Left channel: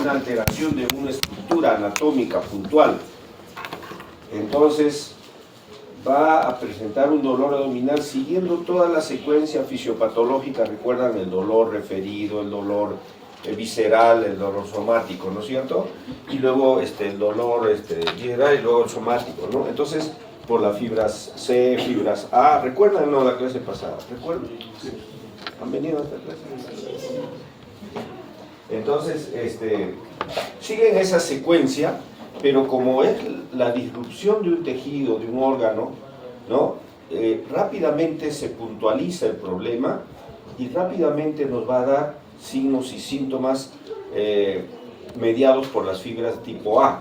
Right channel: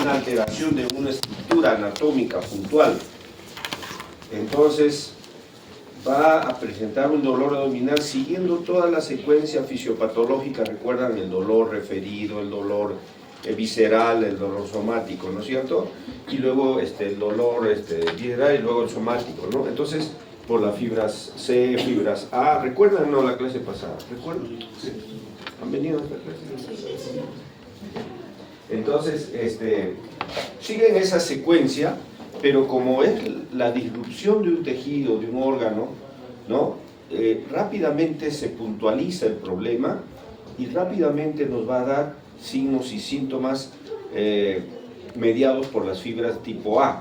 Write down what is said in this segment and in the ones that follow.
una alteración de una estructura anatómica puntual. Entonces va a presentar un dolor abdominal siguiendo toda la secuencia fisiopatológica. Recuerdan el dolor referido, el dolor visceral, el dolor somático, ¿no es cierto? Y luego el dolor visceral y luego el somático, ¿no? Entonces, por las fibras C, fibras A. ¿Recuerdan, no, la clase pasada? ¿Recuerdan? Sí. ¿Han venido a esta clase? Entonces, siguen esa secuencia, pero como es la disrupción de un tejido, de un órgano, ¿no? Rápidamente se puntualiza el problema y rápidamente nos va a dar signos y síntomas mediados por las fibras tipo A,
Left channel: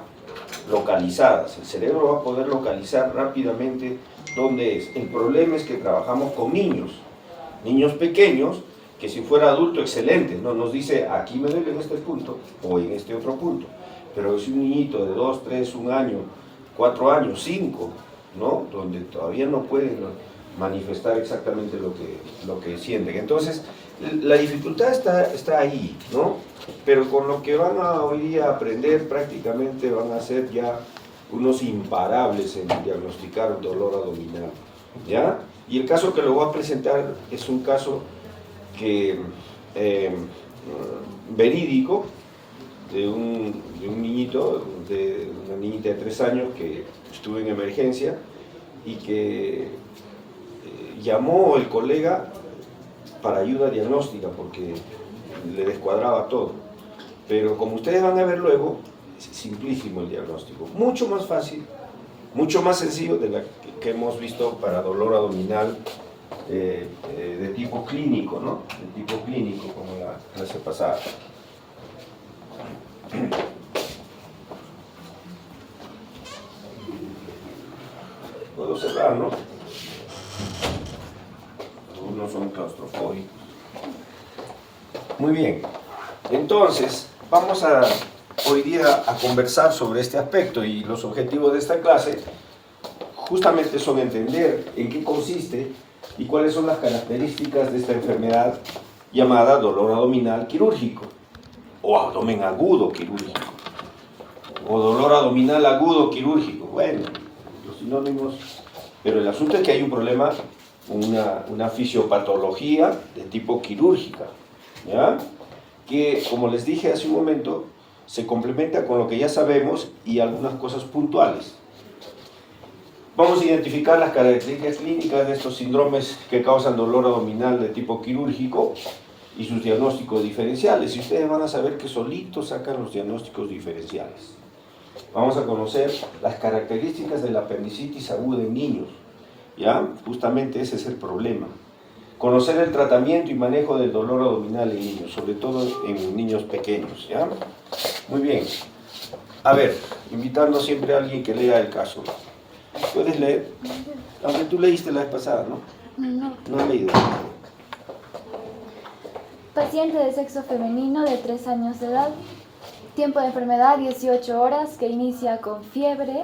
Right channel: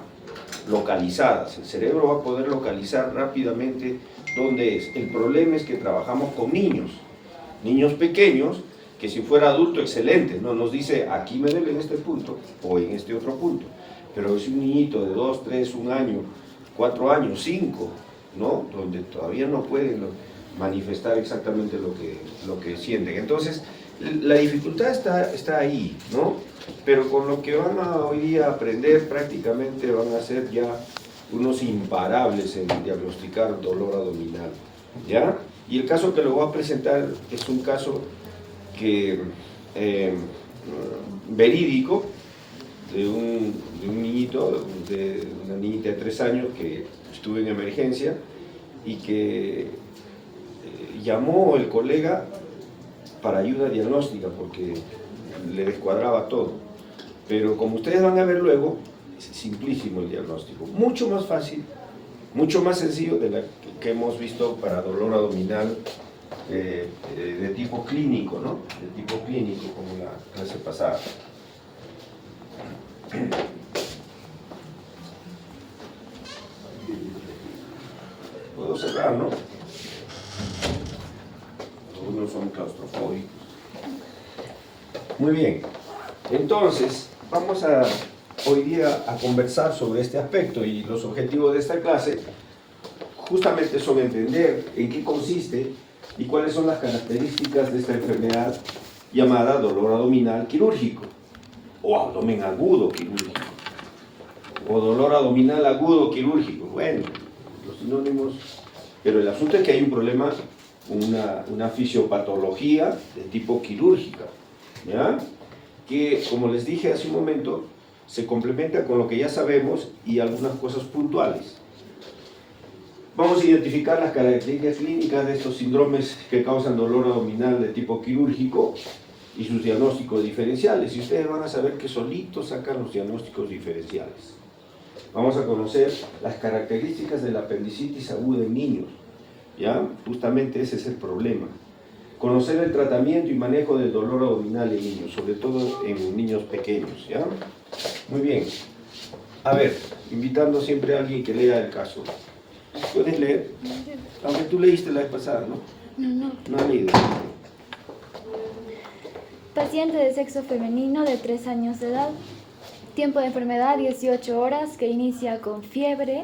localizadas. El cerebro va a poder localizar rápidamente dónde es. El problema es que trabajamos con niños pequeños, que si fuera adulto, excelente, ¿no? Nos dice, aquí me duele en este punto o en este otro punto. Pero es un niñito de 2, 3, 1 año, 4 años, 5, ¿no? Donde todavía no pueden manifestar exactamente lo que sienten. Entonces, la dificultad está ahí, ¿no? Pero con lo que van a hoy día aprender, prácticamente van a ser ya unos imparables en diagnosticar dolor abdominal, ¿ya? Y el caso que le voy a presentar es un caso que, verídico, de un niñito, de una niñita de 3 años que estuvo en emergencia y que llamó el colega para ayuda diagnóstica porque le descuadraba todo. Pero como ustedes van a ver luego, es simplísimo el diagnóstico, mucho más fácil, mucho más sencillo de la que hemos visto para dolor abdominal de tipo clínico, ¿no? De tipo clínico, como la clase pasada. Puedo cerrar, ¿no? Algunos son claustrofóbicos. Muy bien. Entonces, vamos hoy día a conversar sobre este aspecto, y los objetivos de esta clase justamente son entender en qué consiste y cuáles son las características de esta enfermedad llamada dolor abdominal quirúrgico o abdomen agudo quirúrgico o dolor abdominal agudo quirúrgico. Bueno, los sinónimos, pero el asunto es que hay un problema, una fisiopatología de tipo quirúrgica, ¿ya? Que, como les dije hace un momento, se complementa con lo que ya sabemos y algunas cosas puntuales. Vamos a identificar las características clínicas de estos síndromes que causan dolor abdominal de tipo quirúrgico y sus diagnósticos diferenciales. Y ustedes van a saber que solitos sacan los diagnósticos diferenciales. Vamos a conocer las características de la apendicitis aguda en niños, ¿ya? Justamente ese es el problema. Conocer el tratamiento y manejo del dolor abdominal en niños, sobre todo en niños pequeños, ¿ya? Muy bien. A ver, invitando siempre a alguien que lea el caso. ¿Puedes leer? Aunque tú leíste la vez pasada, ¿no? No. No he leído. Paciente de sexo femenino de 3 años de edad. Tiempo de enfermedad 18 horas, que inicia con fiebre,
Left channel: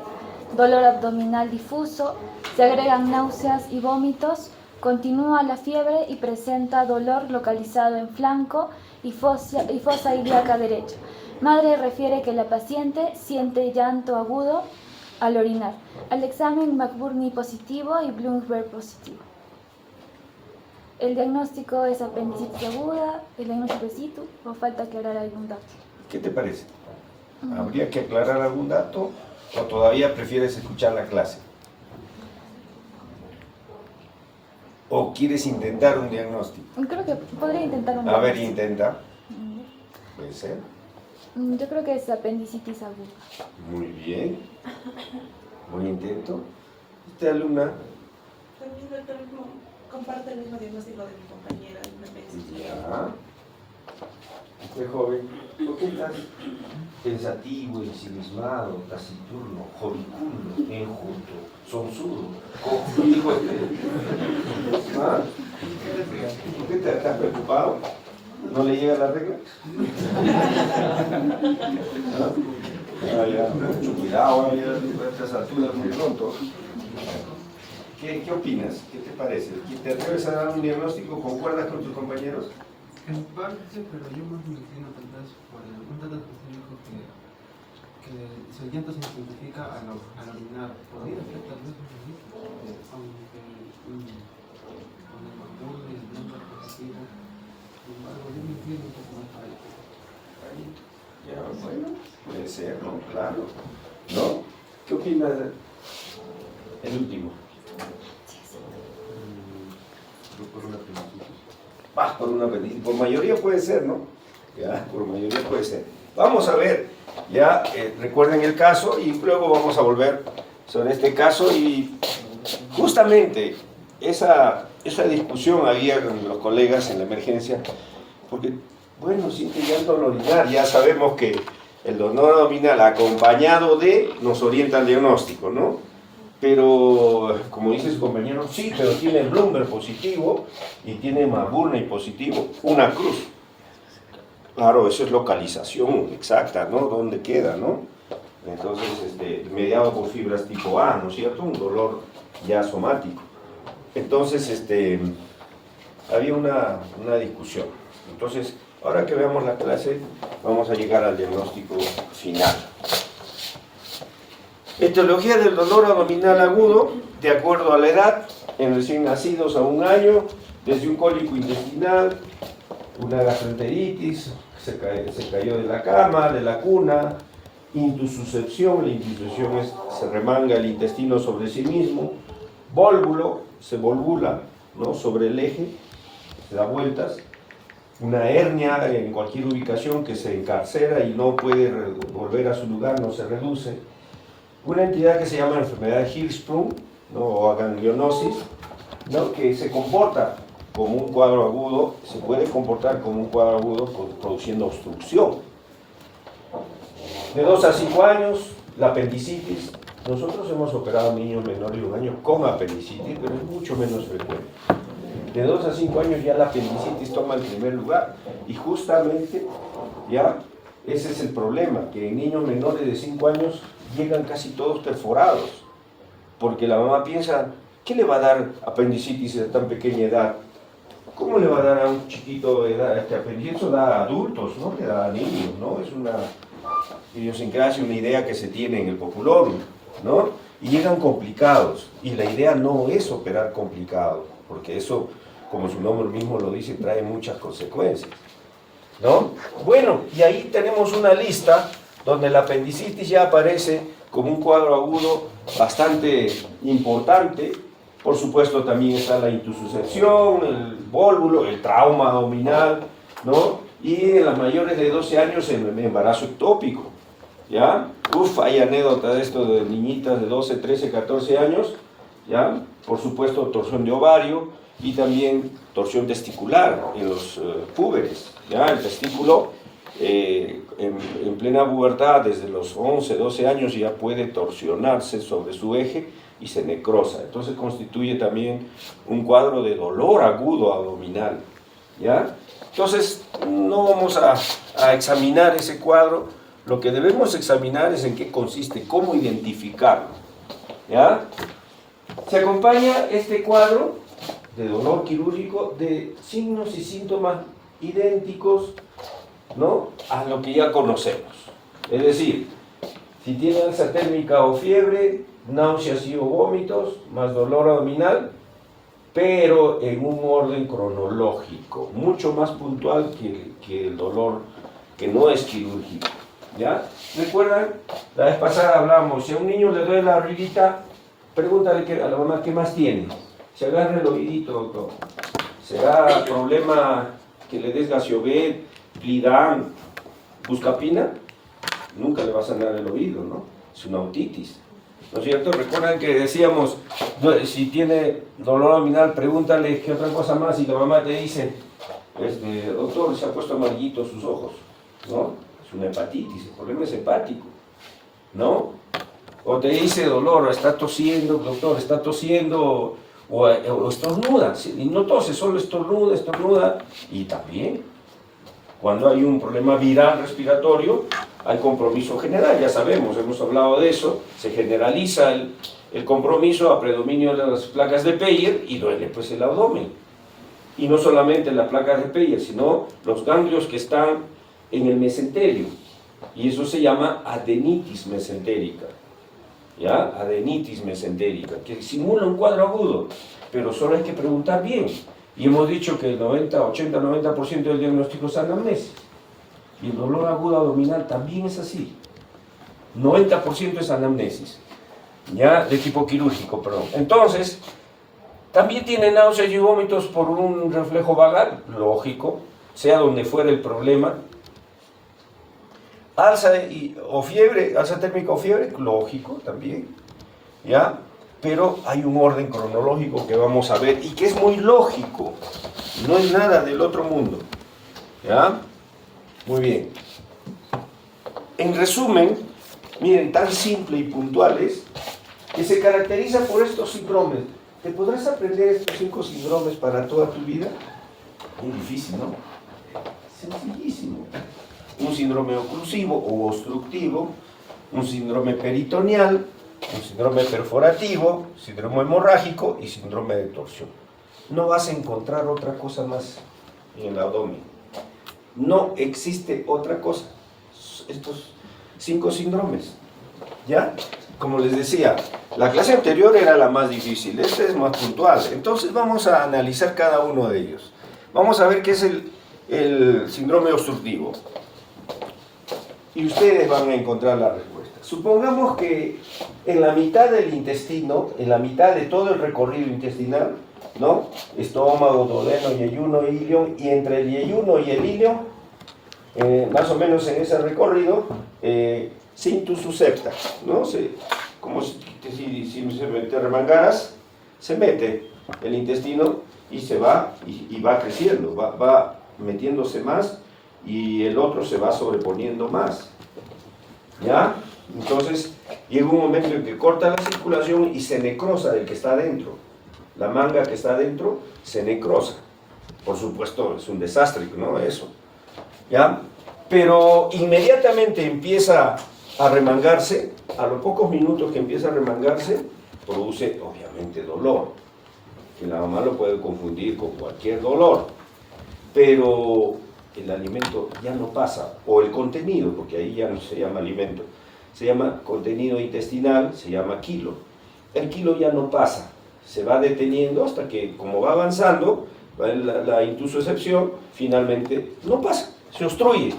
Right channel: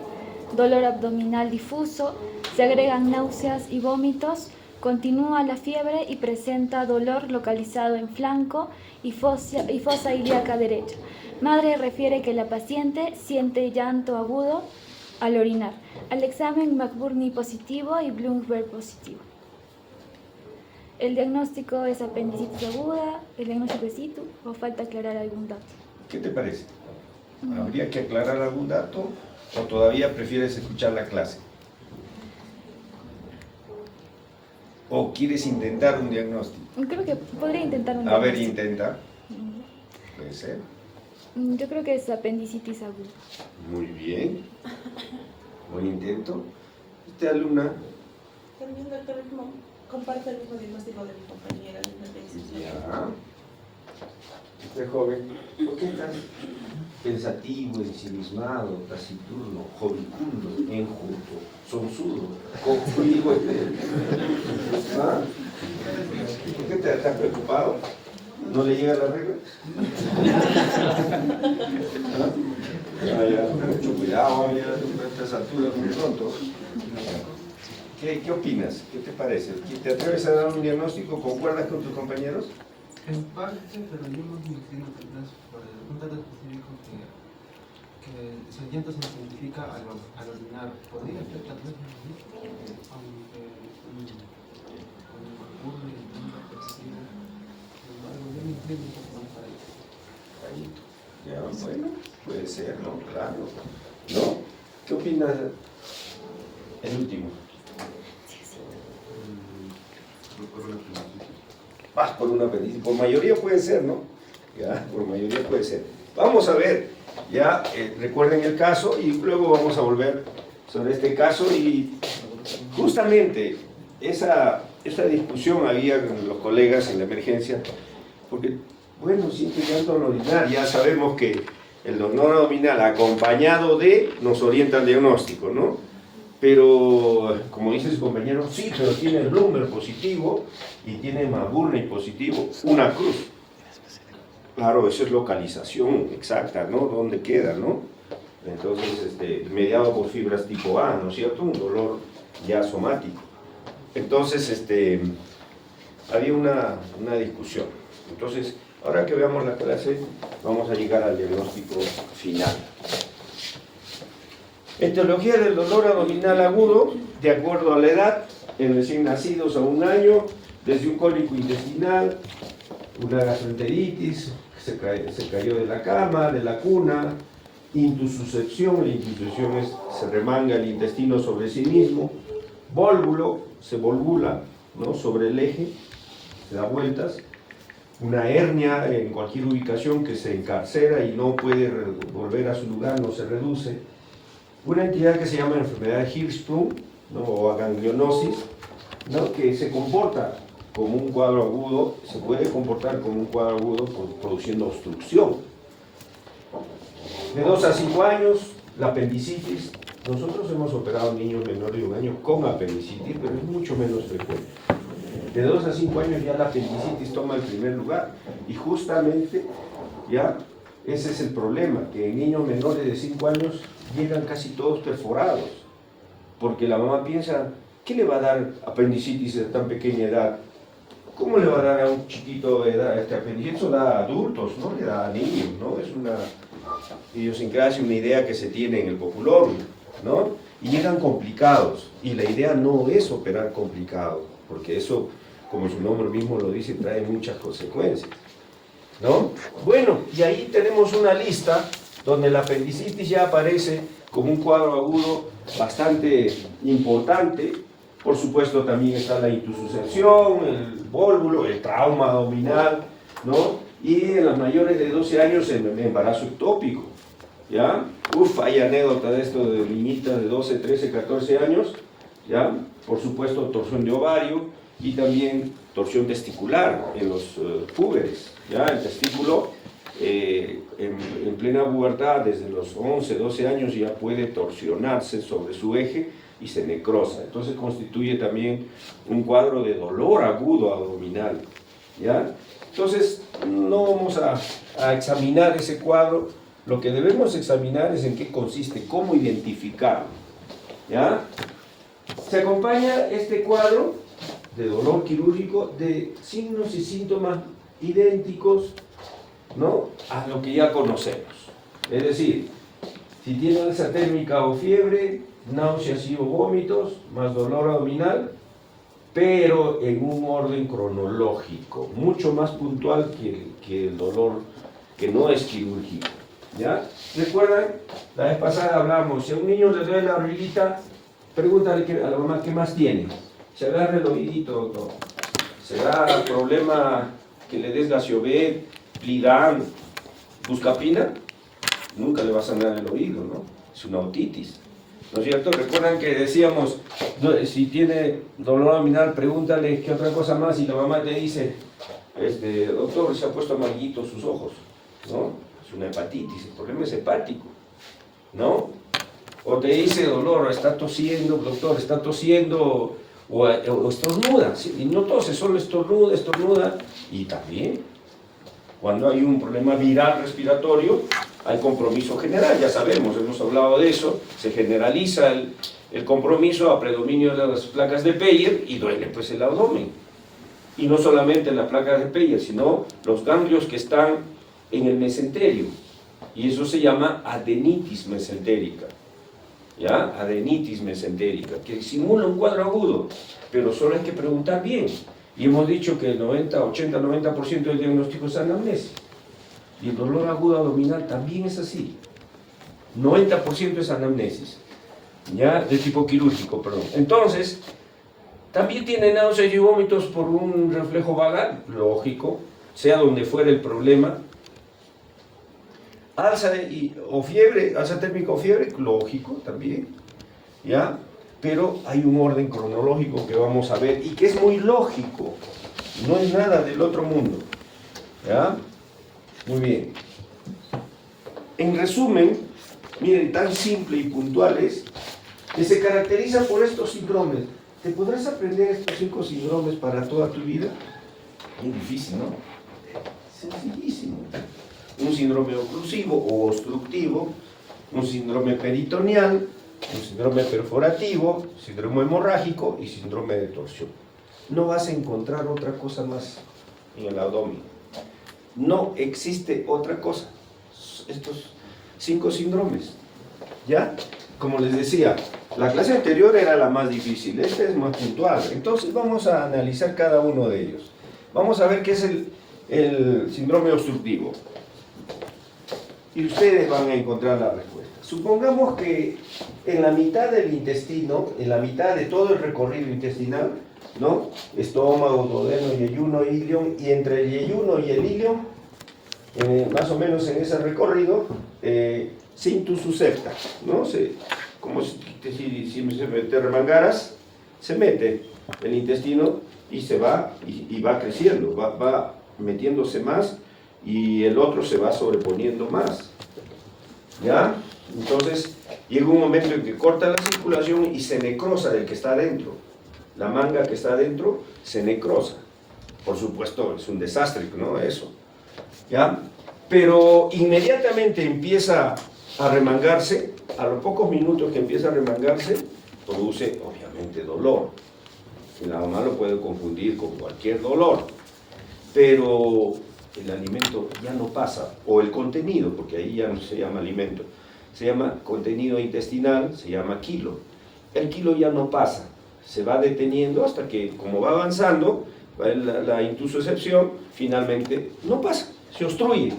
dolor abdominal difuso, se agregan náuseas y vómitos, continúa la fiebre y presenta dolor localizado en flanco y fosa ilíaca derecha. Madre refiere que la paciente siente llanto agudo al orinar. Al examen McBurney positivo y Bloomberg positivo. El diagnóstico es apendicitis aguda, el diagnóstico es situ, o falta aclarar algún dato. ¿Qué te parece? ¿Habría que aclarar algún dato o todavía prefieres escuchar la clase? ¿O quieres intentar un diagnóstico? Creo que podría intentar un diagnóstico. A ver, intenta. Puede ser. Yo creo que es apendicitis aguda. Muy bien. Buen intento. ¿Esta alumna? También, doctor, comparte el mismo diagnóstico de mi compañera. Ya. Este joven, ¿por qué tan pensativo, ensimismado, taciturno, jovicundo, enjuto, sonsudo, conmigo? ¿Ah? ¿Por qué te has preocupado? ¿No le llega la regla? ¿Ah? Ya, mucho cuidado, a estas alturas muy pronto. ¿Qué opinas? ¿Qué te parece? ¿Te atreves a dar un diagnóstico? ¿Concuerdas con tus compañeros? En parte, pero yo más me inclino tal vez por un dato específico el llanto se simplifica al orinar. ¿Podría afectar tal vez aunque una es positiva? Sin embargo, yo me entiendo un poco más ahí. Ya, bueno, puede ser, ¿no? Claro. ¿No? ¿Qué opinas? El último. Yo por una apendicitis. Por una apendicitis. Por mayoría puede ser, ¿no? Ya, por mayoría puede ser. Vamos a ver, ya recuerden el caso y luego vamos a volver sobre este caso y justamente esa discusión había con los colegas en la emergencia, porque, bueno, siente llanto al orinar, ya sabemos que el dolor abdominal acompañado de nos orienta al diagnóstico, ¿no? Pero, como dice su compañero, sí, pero tiene Bloomberg positivo y tiene Maburney positivo, una cruz. Claro, eso es localización exacta, ¿no? ¿Dónde queda, no? Entonces, mediado por fibras tipo A, ¿no es cierto? Un dolor ya somático. Entonces, había una discusión. Entonces, ahora que veamos la clase, vamos a llegar al diagnóstico final. Etiología del dolor abdominal agudo, de acuerdo a la edad, en recién nacidos a 1 año, desde un cólico intestinal, una gastroenteritis, se cayó de la cama, de la cuna, intususcepción, la intususcepción se remanga el intestino sobre sí mismo, vólvulo, se volvula, ¿no? Sobre el eje, se da vueltas, una hernia en cualquier ubicación que se encarcera y no puede volver a su lugar, no se reduce, una entidad que se llama enfermedad de Hirschsprung, ¿no? O aganglionosis, ¿no? Que se comporta como un cuadro agudo, se puede comportar como un cuadro agudo produciendo obstrucción. De 2 a 5 años, la apendicitis. Nosotros hemos operado niños menores de 1 año con apendicitis, pero es mucho menos frecuente. De 2 a 5 años ya la apendicitis toma el primer lugar. Y justamente ya ese es el problema, que en niños menores de 5 años llegan casi todos perforados. Porque la mamá piensa, ¿qué le va a dar apendicitis a tan pequeña edad? ¿Cómo le va a dar a un chiquito de edad este apendicitis? Eso da a adultos, no le da a niños, ¿no? Es una idiosincrasia, una idea que se tiene en el populorum, ¿no? Y llegan complicados, y la idea no es operar complicado, porque eso, como su nombre mismo lo dice, trae muchas consecuencias, ¿no? Bueno, y ahí tenemos una lista donde la apendicitis ya aparece como un cuadro agudo bastante importante. Por supuesto también está la intususcepción, el vólvulo, el trauma abdominal, ¿no? Y en las mayores de 12 años el embarazo ectópico, ¿ya? Hay anécdota de esto de niñitas de 12, 13, 14 años, ¿ya? Por supuesto torsión de ovario y también torsión testicular en los púberes, ¿ya? El testículo en plena pubertad, desde los 11, 12 años ya puede torsionarse sobre su eje y se necrosa. Entonces constituye también un cuadro de dolor agudo abdominal, ¿ya? Entonces no vamos a examinar ese cuadro. Lo que debemos examinar es en qué consiste, cómo identificarlo, ¿ya? Se acompaña este cuadro de dolor quirúrgico de signos y síntomas idénticos, ¿no? A lo que ya conocemos. Es decir, si tiene alza térmica o fiebre, náuseas y o vómitos, más dolor abdominal, pero en un orden cronológico, mucho más puntual que el dolor que no es quirúrgico, ¿ya? ¿Recuerdan? La vez pasada hablamos, si a un niño le duele la oreillita, pregúntale a la mamá qué más tiene. Se agarra el oídito, doctor. ¿Será problema que le des Gasiovet, Plidan, Buscapina? Nunca le va a sanar el oído, ¿no? Es una otitis, ¿no es cierto? Recuerdan que decíamos, si tiene dolor abdominal, pregúntale qué otra cosa más, y la mamá te dice, doctor, se ha puesto amarillitos sus ojos, ¿no? Es una hepatitis, el problema es hepático, ¿no? O te dice dolor, está tosiendo, doctor, está tosiendo, o estornuda, ¿sí? Y no tose, solo estornuda, y también, cuando hay un problema viral respiratorio, hay compromiso general, ya sabemos, hemos hablado de eso, se generaliza el compromiso a predominio de las placas de Peyer y duele pues el abdomen. Y no solamente las placas de Peyer, sino los ganglios que están en el mesenterio, Y eso se llama adenitis mesentérica. ¿Ya? Adenitis mesentérica, que simula un cuadro agudo, pero solo hay que preguntar bien. Y hemos dicho que el 80-90% del diagnóstico es anamnesis. Y el dolor agudo abdominal también es así. 90% es anamnesis. ¿Ya? De tipo quirúrgico, perdón. Entonces, también tiene náuseas y vómitos por un reflejo vagal, lógico, sea donde fuera el problema. Alza o fiebre, alza térmica o fiebre, lógico también, ¿ya? Pero hay un orden cronológico que vamos a ver y que es muy lógico, no es nada del otro mundo, ¿ya? Muy bien. En resumen, miren, tan simple y puntuales, que se caracteriza por estos síndromes. ¿Te podrás aprender estos 5 síndromes para toda tu vida? Muy difícil, ¿no? Sencillísimo. Un síndrome oclusivo o obstructivo, un síndrome peritoneal, un síndrome perforativo, síndrome hemorrágico y síndrome de torsión. No vas a encontrar otra cosa más en el abdomen. No existe otra cosa. Estos 5 síndromes. ¿Ya? Como les decía, la clase anterior era la más difícil, esta es más puntual. Entonces vamos a analizar cada uno de ellos. Vamos a ver qué es el síndrome obstructivo. Y ustedes van a encontrar la respuesta. Supongamos que en la mitad del intestino, en la mitad de todo el recorrido intestinal, ¿no? Estómago, duodeno, yeyuno, ilion, y entre el yeyuno y el ilion, más o menos en ese recorrido, cintus septa, ¿no? Como si te remangaras, se mete el intestino y se va, y va creciendo, va metiéndose más, y el otro se va sobreponiendo más, ¿ya? Entonces llega un momento en que corta la circulación y se necrosa el que está adentro. La manga que está adentro se necrosa. Por supuesto, es un desastre, ¿no? Eso, ¿ya? Pero inmediatamente empieza a remangarse, a los pocos minutos que empieza a remangarse, produce obviamente dolor. Y la mamá lo puede confundir con cualquier dolor, pero el alimento ya no pasa, o el contenido, porque ahí ya no se llama alimento, se llama contenido intestinal, se llama quilo. El quilo ya no pasa, se va deteniendo hasta que, como va avanzando, la intusocepción, finalmente no pasa, se obstruye.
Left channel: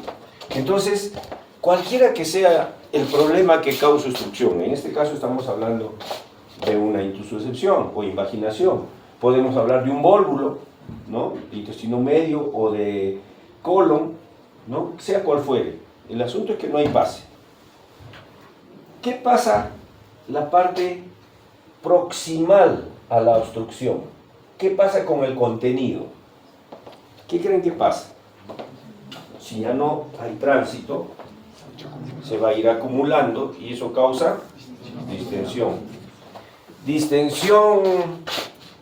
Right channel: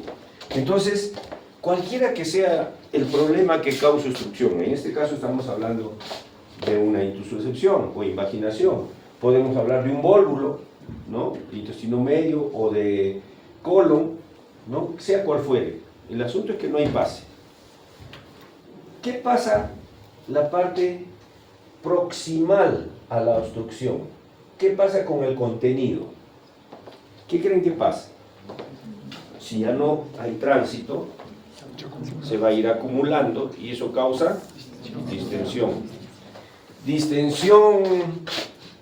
Entonces, cualquiera que sea el problema que causa obstrucción, en este caso estamos hablando de una intusocepción o invaginación, podemos hablar de un vólvulo, ¿no? De intestino medio o de colon, ¿no? Sea cual fuere. El asunto es que no hay pase. ¿Qué pasa la parte proximal a la obstrucción? ¿Qué pasa con el contenido? ¿Qué creen que pasa? Si ya no hay tránsito, se va a ir acumulando y eso causa distensión. ¿Distensión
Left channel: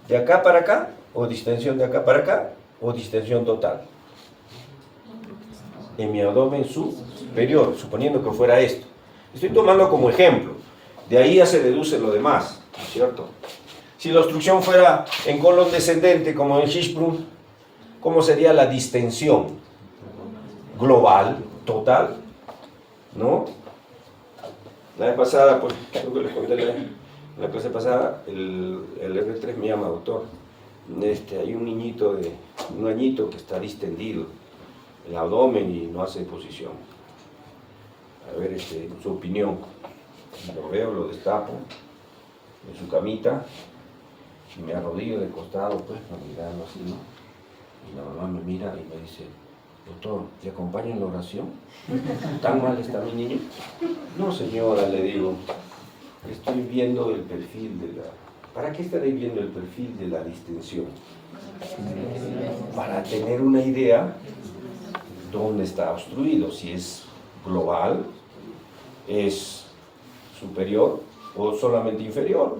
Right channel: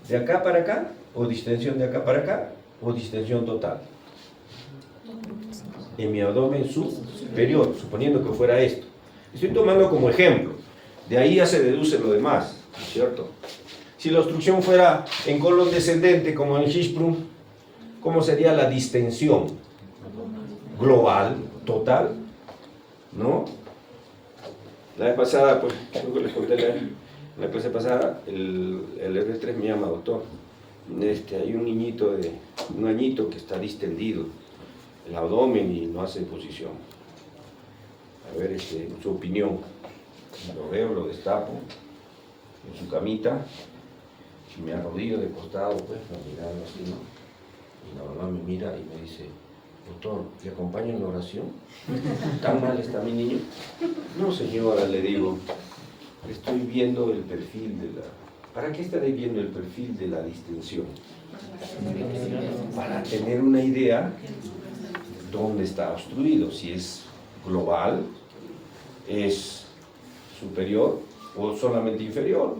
de acá para acá? ¿O distensión de acá para acá? ¿O distensión total? En mi abdomen superior, suponiendo que fuera esto. Estoy tomando como ejemplo. De ahí ya se deduce lo demás, ¿no es cierto? Si la obstrucción fuera en colon descendente, como en Hirschsprung, ¿cómo sería la distensión? Global, total, ¿no? La vez pasada, pues, creo que les conté en la clase pasada, el R3 me llama, doctor. Hay un niñito de un añito que está distendido el abdomen y no hace posición. A ver, su opinión. Lo veo, lo destapo en su camita y me arrodillo de costado, pues, mirando así, ¿no? Y la mamá me mira y me dice: doctor, ¿te acompaño en la oración? ¿Tan mal está mi niño? No, señora, le digo, estoy viendo el perfil de la... ¿Para qué estaré viendo el perfil de la distensión? Para tener una idea dónde está obstruido, si es global, es superior o solamente inferior,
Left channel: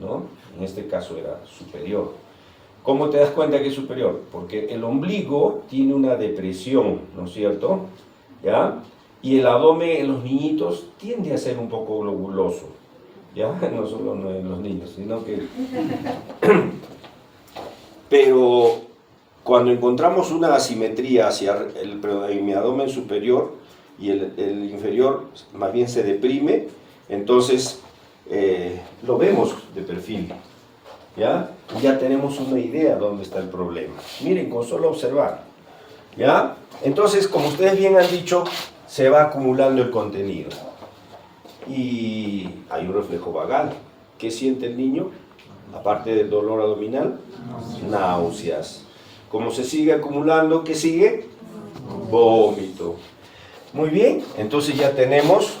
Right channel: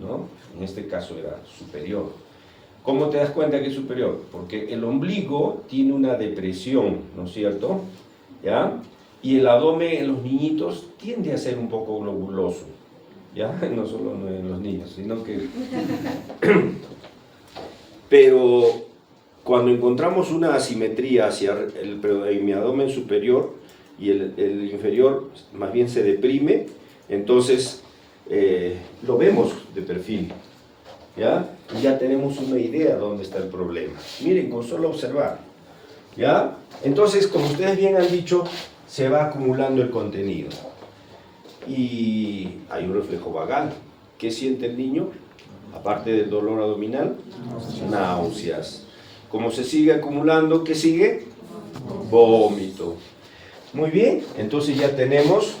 ¿no? En este caso era superior. ¿Cómo te das cuenta que es superior? Porque el ombligo tiene una depresión, ¿no es cierto? ¿Ya? Y el abdomen en los niñitos tiende a ser un poco globuloso, ¿ya? No solo en los niños, sino que... Pero cuando encontramos una asimetría en mi abdomen superior, y el inferior más bien se deprime, entonces lo vemos de perfil, ¿ya? Y ya tenemos una idea de dónde está el problema. Miren, con solo observar, ¿ya? Entonces, como ustedes bien han dicho, se va acumulando el contenido. Y hay un reflejo vagal. ¿Qué siente el niño? Aparte del dolor abdominal, náuseas. Como se sigue acumulando, ¿qué sigue? Vómito. Muy bien, entonces ya tenemos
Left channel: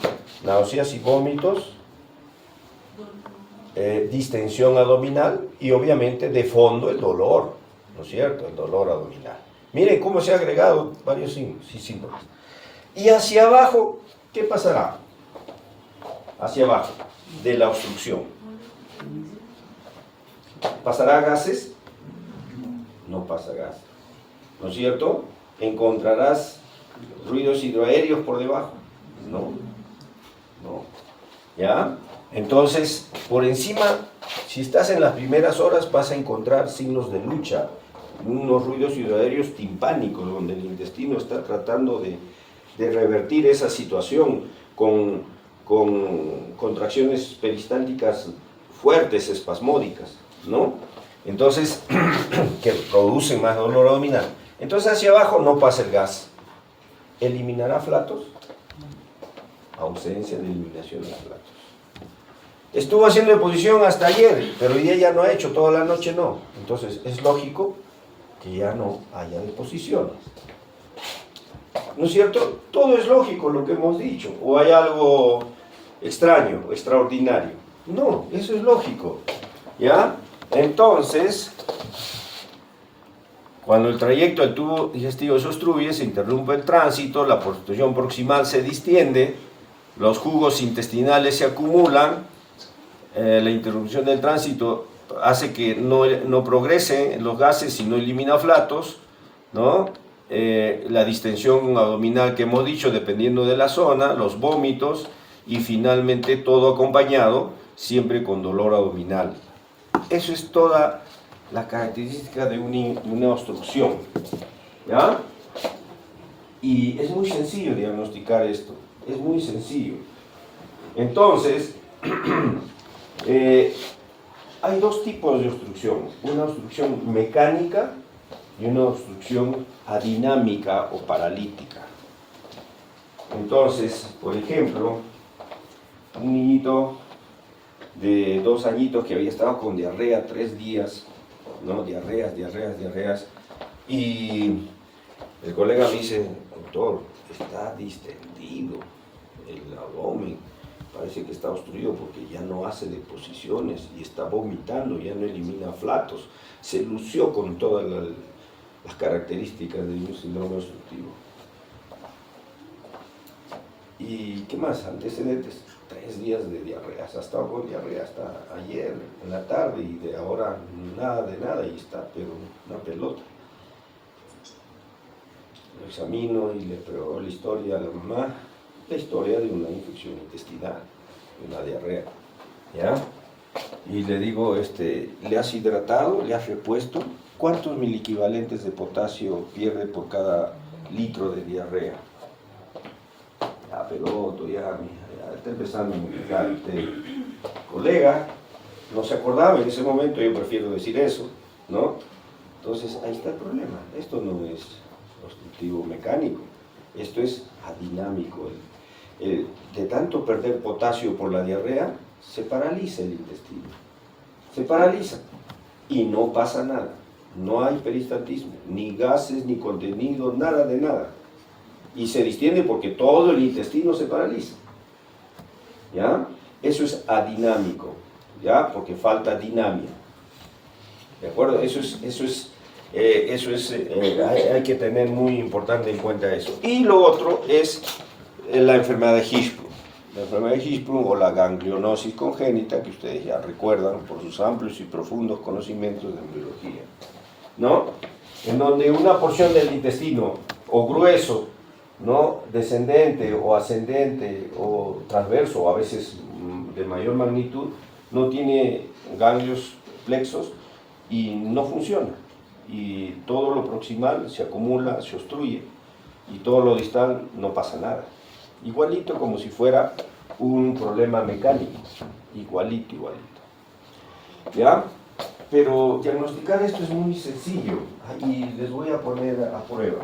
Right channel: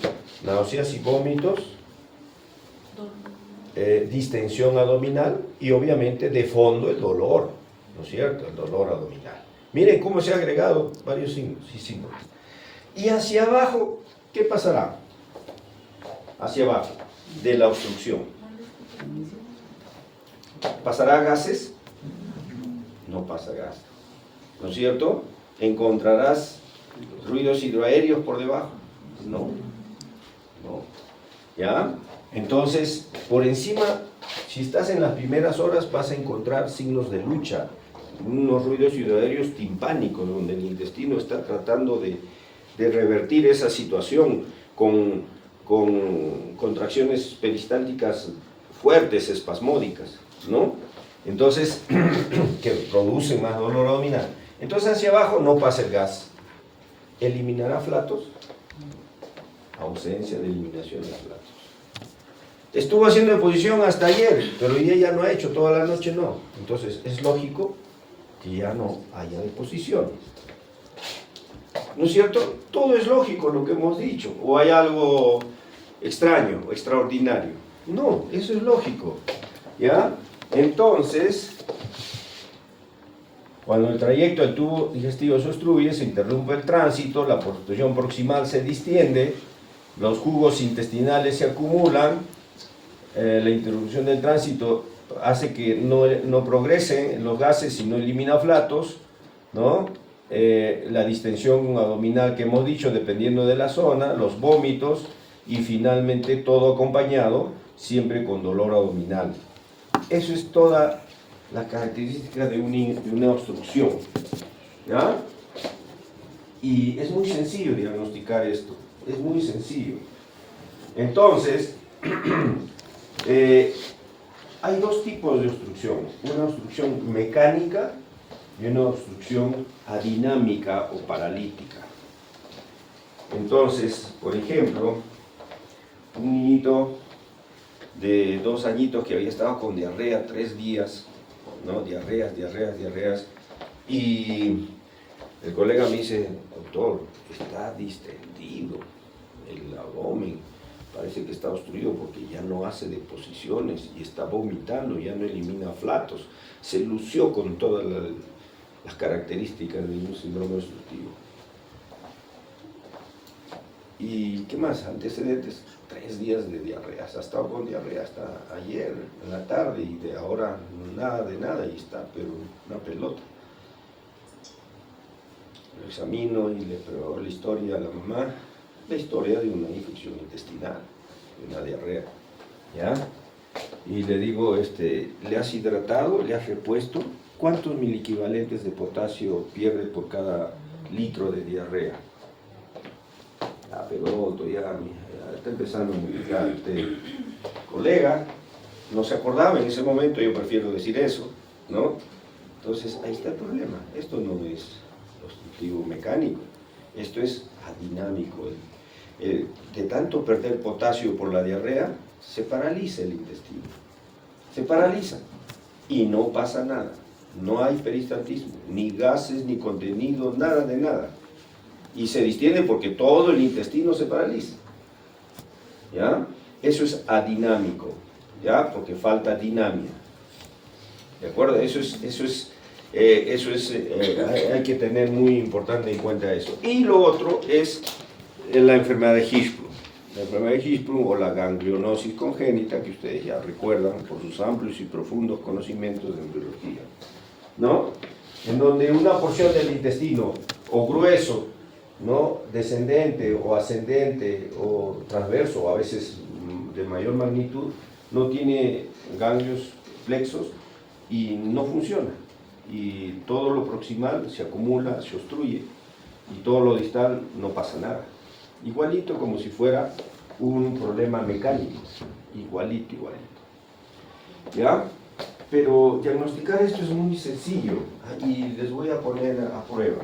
náuseas y vómitos, distensión abdominal y obviamente de fondo el dolor, ¿no es cierto? El dolor abdominal. Miren cómo se han agregado varios signos y síntomas. Y hacia abajo, ¿qué pasará? Hacia abajo, de la obstrucción. ¿Pasará gases? No pasa gases, ¿no es cierto? ¿Encontrarás ruidos hidroaéreos por debajo? No, no. ¿Ya? Entonces, por encima, si estás en las primeras horas, vas a encontrar signos de lucha, unos ruidos hidroaéreos timpánicos, donde el intestino está tratando de revertir esa situación con contracciones peristálticas fuertes, espasmódicas, ¿no? Entonces, que producen más dolor abdominal. Entonces, hacia abajo no pasa el gas. ¿Eliminará flatos? Ausencia de eliminación de flatos. Estuvo haciendo deposición hasta ayer, pero hoy día ya no ha hecho, toda la noche no. Entonces, es lógico que ya no haya deposiciones. ¿No es cierto? Todo es lógico lo que hemos dicho. ¿O hay algo extraño, extraordinario? No, eso es lógico. ¿Ya? Entonces, cuando el trayecto del tubo digestivo se obstruye, se interrumpe el tránsito, la porción proximal se distiende, los jugos intestinales se acumulan, la interrupción del tránsito hace que no progresen los gases y no elimina flatos, ¿no? La distensión abdominal que hemos dicho, dependiendo de la zona, los vómitos y finalmente todo acompañado, siempre con dolor abdominal. Eso es toda la característica de una obstrucción, ¿ya? Y es muy sencillo diagnosticar esto, es muy sencillo. Entonces, hay dos tipos de obstrucción, una obstrucción mecánica y una obstrucción adinámica o paralítica. Entonces, por ejemplo, un niñito de 2 añitos que había estado con diarrea 3 días, ¿no? Diarreas, y el colega me dice, doctor, está distendido el abdomen, parece que está obstruido porque ya no hace deposiciones y está vomitando, ya no elimina flatos, se lució con todas las características de un síndrome obstructivo. ¿Y qué más? Antecedentes, 3 días de diarrea, ha estado con diarrea hasta ayer en la tarde y de ahora nada de nada y está, pero una pelota. Lo examino y le pregunto la historia a la mamá, la historia de una infección intestinal, de una diarrea, ¿ya? Y le digo, ¿le has hidratado? ¿Le has repuesto? ¿Cuántos miliequivalentes de potasio pierde por cada litro de diarrea? Pero ya está empezando a indicar el colega, no se acordaba en ese momento, yo prefiero decir eso, ¿no? Entonces ahí está el problema, esto no es obstructivo mecánico, esto es adinámico. De tanto perder potasio por la diarrea, se paraliza el intestino, se paraliza y no pasa nada, no hay peristaltismo, ni gases, ni contenido, nada de nada. Y se distiende porque todo el intestino se paraliza, ¿ya? Eso es adinámico, ¿ya? Porque falta dinamia, ¿de acuerdo? Hay que tener muy importante en cuenta eso. Y lo otro es la enfermedad de Hirschsprung. La enfermedad de Hirschsprung o la ganglionosis congénita, que ustedes ya recuerdan por sus amplios y profundos conocimientos de embriología, ¿no? En donde una porción del intestino, o grueso, ¿no? Descendente o ascendente o transverso, o a veces de mayor magnitud, no tiene ganglios plexos y no funciona. Y todo lo proximal se acumula, se obstruye, y todo lo distal no pasa nada. igualito como si fuera un problema mecánico, igualito. ¿Ya? Pero diagnosticar esto es muy sencillo y les voy a poner a prueba.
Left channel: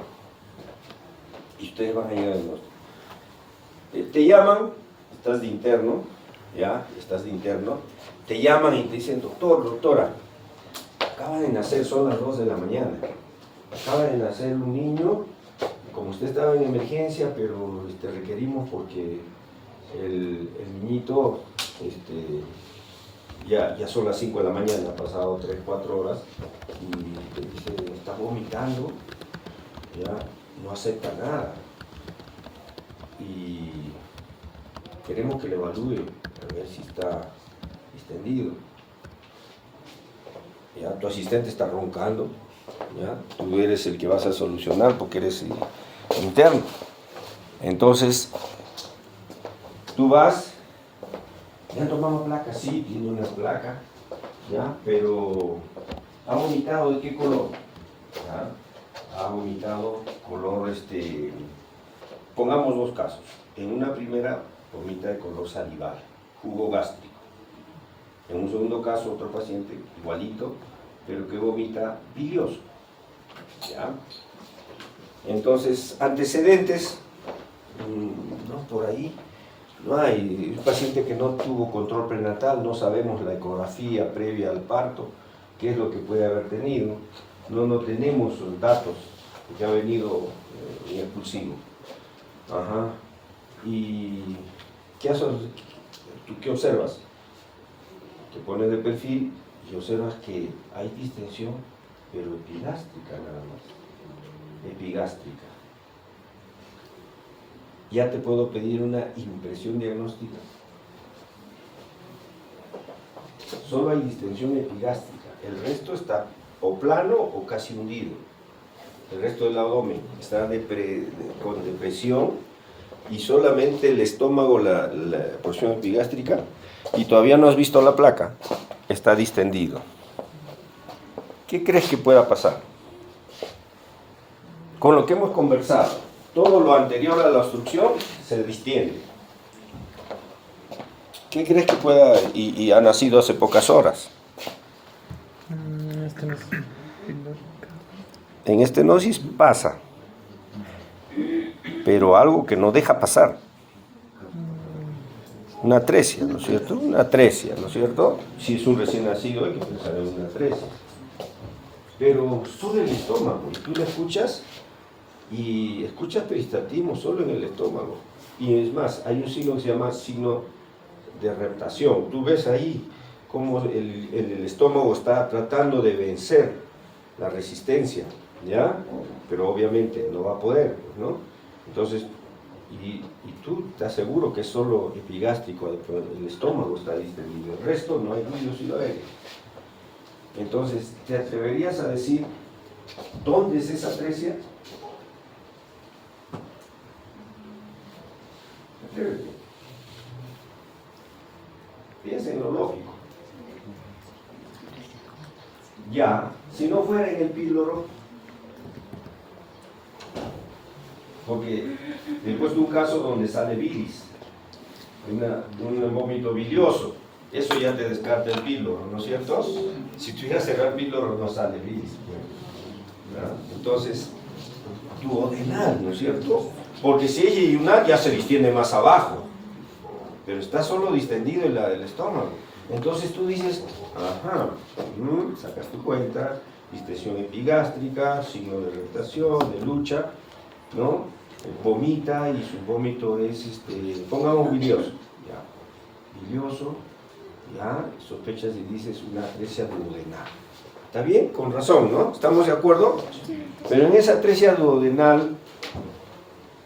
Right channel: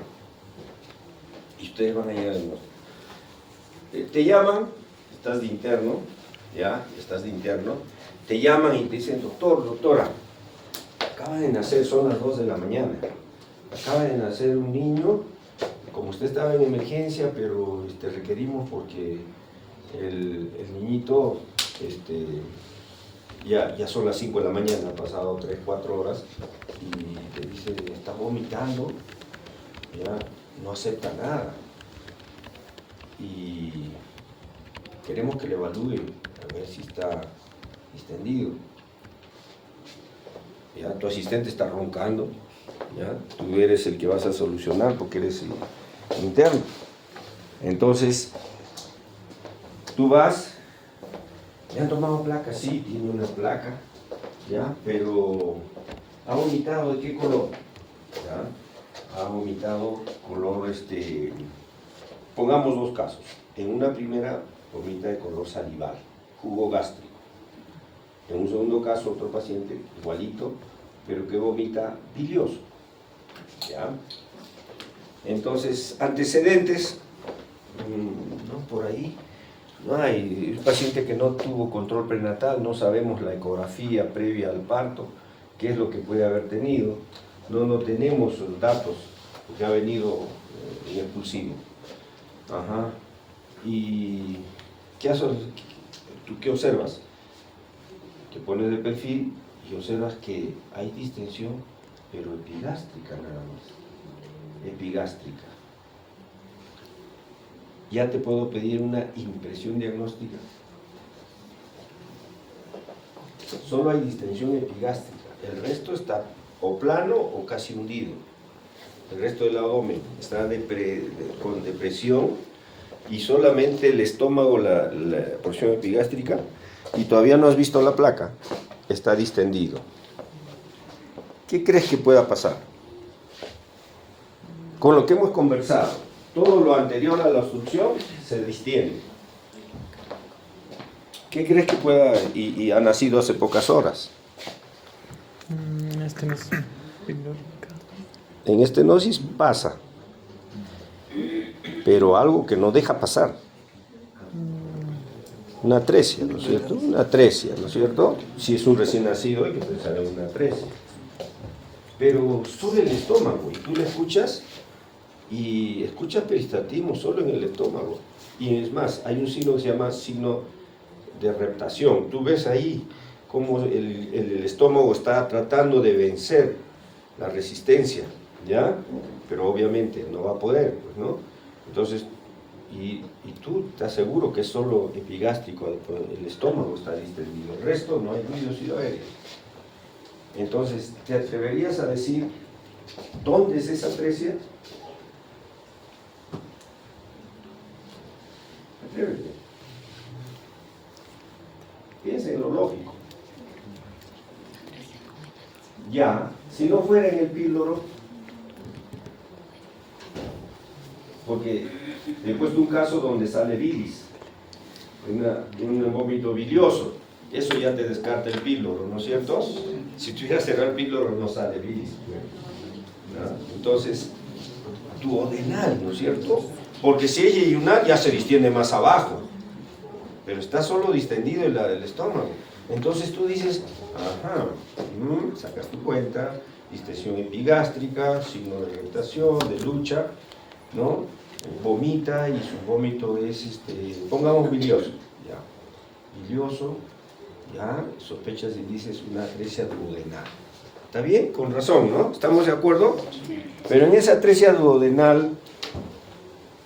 Y ustedes van a llegar al diagnóstico. Te llaman, estás de interno, ¿ya? Estás de interno, te llaman y te dicen, doctora, acaba de nacer, son las 2 de la mañana, acaba de nacer un niño, como usted estaba en emergencia, pero requerimos porque el niñito, ya son las 5 de la mañana, ha pasado 3, 4 horas, y te dice, está vomitando, ya no acepta nada. Y queremos que le evalúe a ver si está distendido. Ya, tu asistente está roncando, ya, tú eres el que vas a solucionar porque eres interno. Entonces, tú vas, ¿le han tomado placa? Sí, tiene una placa, ya, pero ¿ha vomitado de qué color? Ya, ha vomitado color, pongamos 2 casos. En una primera, vomita de color salival, jugo gástrico. En un segundo caso, otro paciente igualito, pero que vomita bilioso. ¿Ya? Entonces, antecedentes, no, por ahí no hay. Un paciente que no tuvo control prenatal, no sabemos la ecografía previa al parto, qué es lo que puede haber tenido. No tenemos los datos, porque ha venido impulsivo. Ajá. ¿Y tú qué observas? Te pones de perfil y observas que hay distensión, pero epigástrica nada más. Epigástrica. Ya te puedo pedir una impresión diagnóstica. Solo hay distensión epigástrica. El resto está o plano o casi hundido. El resto del abdomen está con depresión y solamente el estómago, la porción epigástrica, y todavía no has visto la placa, está distendido. ¿Qué crees que pueda pasar? Con lo que hemos conversado, todo lo anterior a la obstrucción se distiende. ¿Qué crees que pueda, y ha nacido hace pocas horas? En estenosis pasa, pero algo que no deja pasar. Una atresia, ¿no es cierto? Una atresia, ¿no es cierto? Si es un recién nacido, hay que pensar en una atresia. Pero solo el estómago, y tú la escuchas, y escuchas peristaltismo solo en el estómago. Y es más, hay un signo que se llama signo de reptación. Tú ves ahí cómo el estómago está tratando de vencer la resistencia, ¿ya? Pero obviamente no va a poder, ¿no? Entonces, y tú estás seguro que es solo epigástrico, el estómago está distendido, el resto no hay ruido aéreo. Entonces, ¿te atreverías a decir dónde es esa atresia? Atrévete. Piensa en lo lógico. Ya, si no fuera en el píloro, porque después de un caso donde sale bilis, un vómito bilioso, eso ya te descarta el píloro, ¿no es cierto? Si tú ibas a cerrar el píloro no sale bilis, ¿no? Entonces, duodenal, ¿no es cierto? Porque si es yeyunal ya se distiende más abajo, pero está solo distendido el estómago. Entonces tú dices, ajá, sacas tu cuenta, distensión epigástrica, signo de irritación, de lucha, ¿no? Vomita y su vómito es, pongamos bilioso, ya, bilioso, ya, sospechas y dices una atresia duodenal. ¿Está bien? Con razón, ¿no? ¿Estamos de acuerdo? Pero en esa atresia duodenal,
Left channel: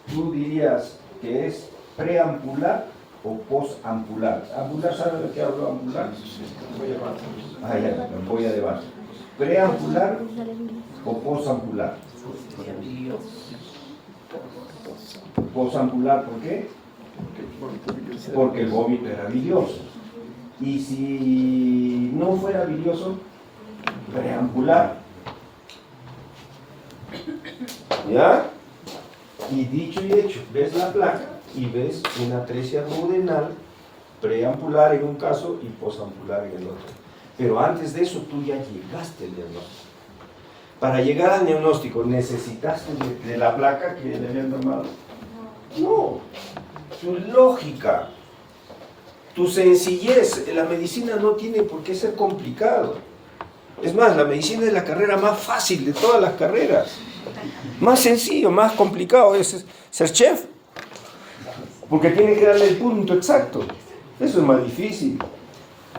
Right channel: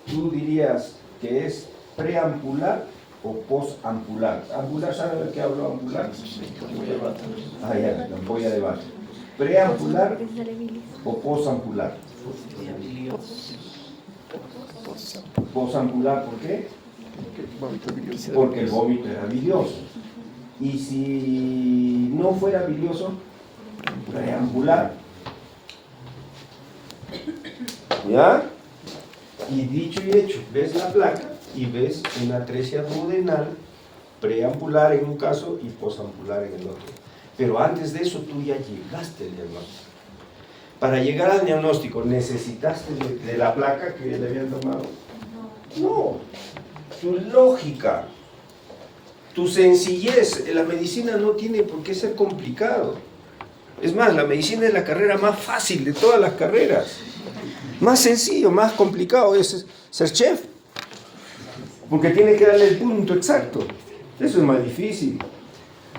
tú dirías que es preampular o posampular. ¿Ampular? ¿Saben de qué hablo? ¿Ampular? Ah, ya, la ampolla de vaso. ¿Preampular o posampular? Posampular, ¿por qué? Porque el vómito era bilioso. Y si no fuera bilioso, preampular. ¿Ya? Y dicho y hecho, ves la placa y ves una atresia duodenal preampular en un caso y posampular en el otro. Pero antes de eso tú ya llegaste al diagnóstico. Para llegar al diagnóstico, ¿necesitaste de la placa que le habían tomado? No. Tu lógica, tu sencillez. La medicina no tiene por qué ser complicado. Es más, la medicina es la carrera más fácil de todas las carreras. Más sencillo, más complicado es ser chef. Porque tiene que darle el punto exacto. Eso es más difícil.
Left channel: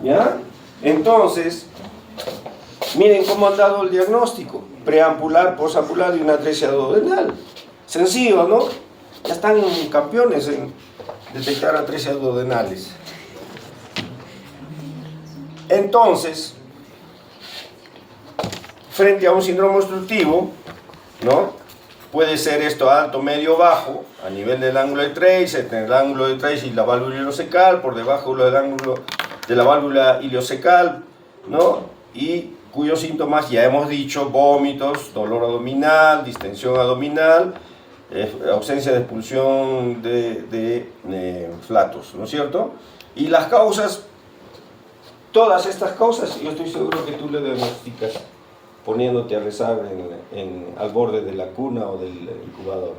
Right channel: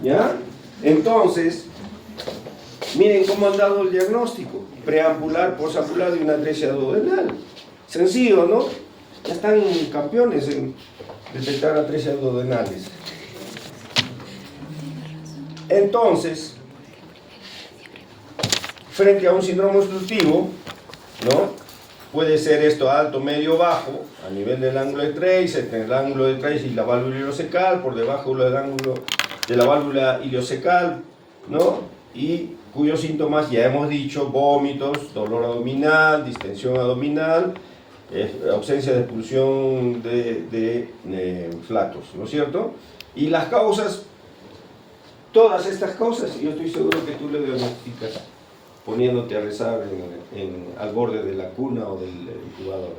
¿Ya? Entonces, miren cómo han dado el diagnóstico. Preampular, posampular y una atresia duodenal. Sencillo, ¿no? Ya están campeones en detectar atresias duodenales. Entonces, frente a un síndrome obstructivo, ¿no? Puede ser esto alto, medio, bajo, a nivel del ángulo de Trace, entre el ángulo de Trace y la válvula ileocecal, por debajo del ángulo de la válvula ileocecal, ¿no? Y cuyos síntomas ya hemos dicho: vómitos, dolor abdominal, distensión abdominal, ausencia de expulsión de flatos, ¿no es cierto? Y las causas, todas estas causas, yo estoy seguro que tú le diagnosticas poniéndote a rezar al borde de la cuna o del incubador.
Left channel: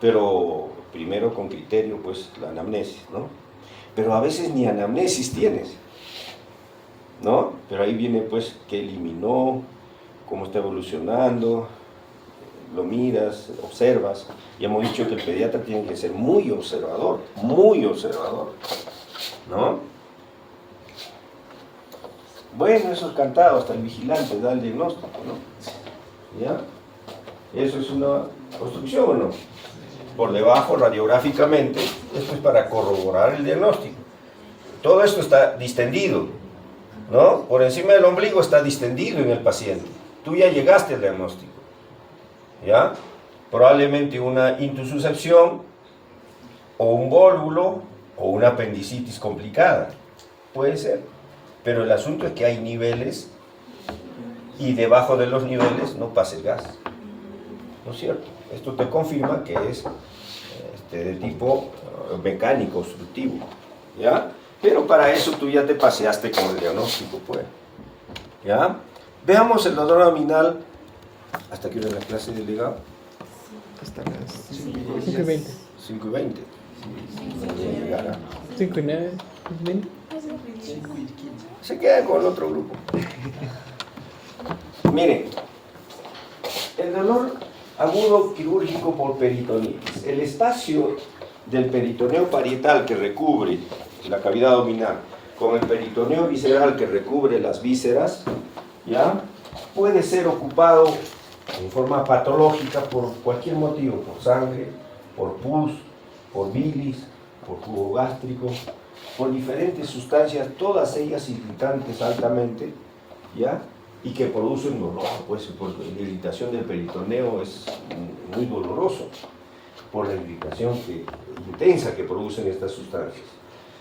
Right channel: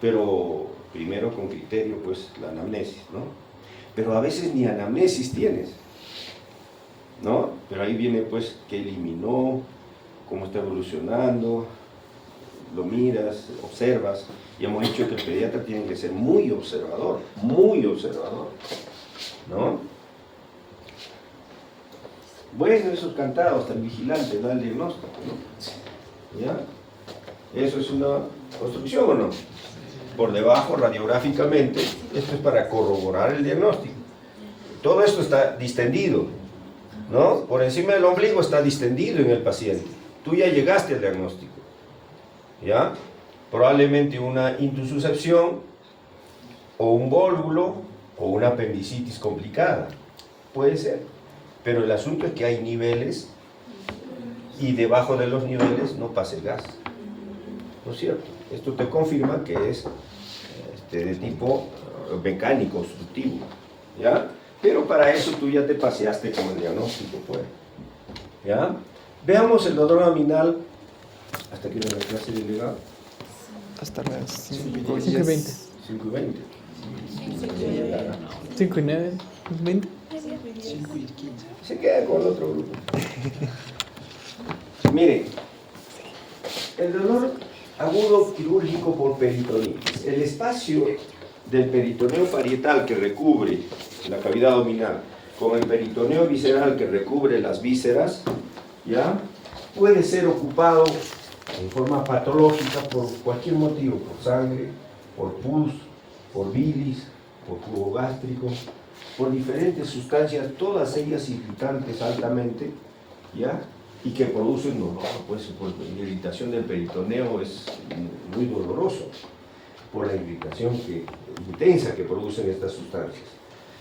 Pero primero con criterio, pues, la anamnesis, ¿no? Pero a veces ni anamnesis tienes, ¿no? Pero ahí viene, pues, qué eliminó, cómo está evolucionando, lo miras, observas. Y hemos dicho que el pediatra tiene que ser muy observador, ¿no? Bueno, eso es cantado, hasta el vigilante da el diagnóstico, ¿no? ¿Ya? ¿Eso es una obstrucción o no? Por debajo, radiográficamente, esto es para corroborar el diagnóstico. Todo esto está distendido, ¿no? Por encima del ombligo está distendido en el paciente. Tú ya llegaste al diagnóstico, ¿ya? Probablemente una intususcepción, o un vólvulo, o una apendicitis complicada. Puede ser. Pero el asunto es que hay niveles y debajo de los niveles no pasa el gas. ¿No es cierto? Esto te confirma que es de tipo mecánico, obstructivo. ¿Ya? Pero para eso tú ya te paseaste con el diagnóstico, pues. ¿Ya? Veamos el dolor abdominal. ¿Hasta qué hora la clase de delegado? Hasta las 5:20. 5:20. 5:09. 20. Se quedan con el otro grupo. Miren, el dolor agudo quirúrgico por peritonitis. El espacio del peritoneo parietal que recubre la cavidad abdominal con el peritoneo visceral que recubre las vísceras, ¿ya? Puede ser ocupado en forma patológica por cualquier motivo, por sangre, por pus, por bilis, por jugo gástrico, por diferentes sustancias, todas ellas irritantes altamente, ¿ya? Y que producen dolor, pues por la irritación del peritoneo es muy doloroso, por la irritación intensa que producen estas sustancias.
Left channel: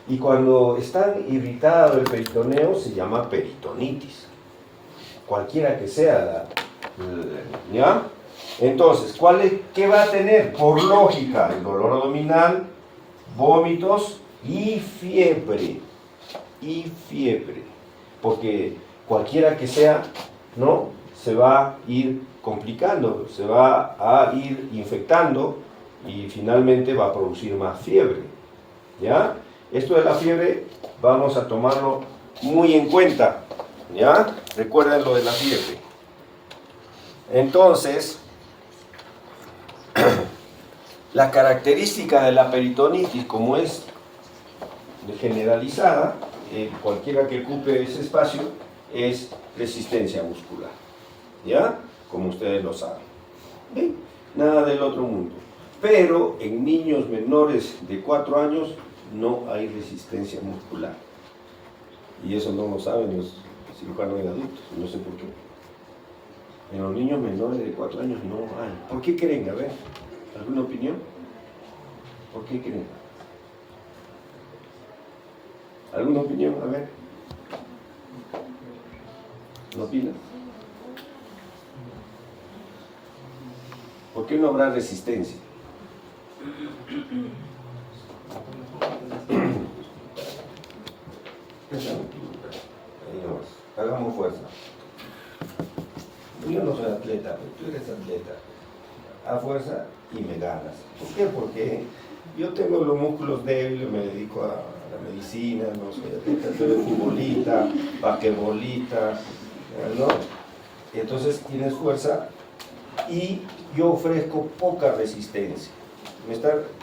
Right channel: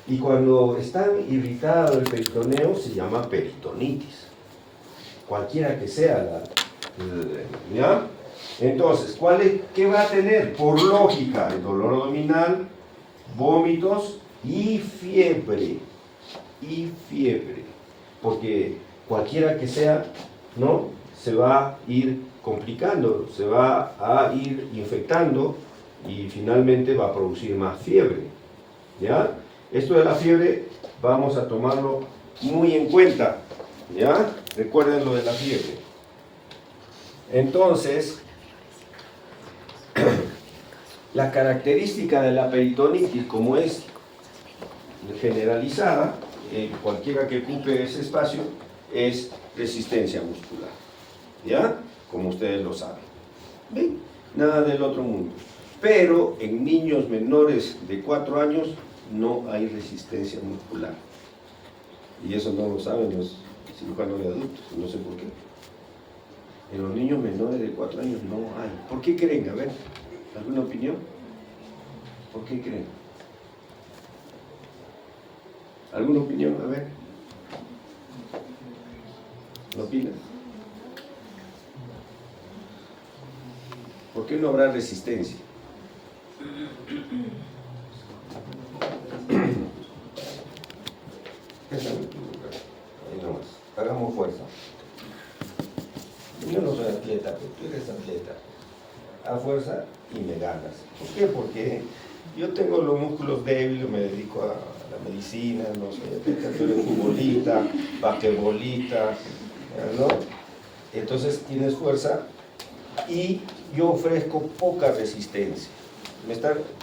Y cuando está irritado el peritoneo se llama peritonitis, cualquiera que sea ¿ya? Entonces, ¿qué va a tener? Por lógica, el dolor abdominal, vómitos y fiebre, porque cualquiera que sea, ¿no? Se va a ir complicando, se va a ir infectando y finalmente va a producir más fiebre, ¿ya? Esto de la fiebre vamos a tomarlo muy en cuenta, ¿ya? Recuerden lo de la fiebre. Entonces, la característica de la peritonitis, como es generalizada, cualquiera que ocupe ese espacio, es resistencia muscular, ¿ya? Como ustedes lo saben. ¿Ven? Nada del otro mundo. Pero en niños menores de 4 años no hay resistencia muscular. Y eso no lo saben los cirujanos de adultos, no sé por qué. En los niños menores de 4 años no hay. ¿Por qué creen? A ver, ¿alguna opinión? ¿Por qué creen? ¿Alguna opinión? A ver. ¿No opinan? ¿Por qué no habrá resistencia? eres atleta, a fuerza y me ganas. ¿Por qué? Porque yo tengo los músculos débiles, me dedico a la medicina, no soy atleta, soy futbolista, basquetbolista, ¿no? Entonces tienes fuerza y yo ofrezco poca resistencia.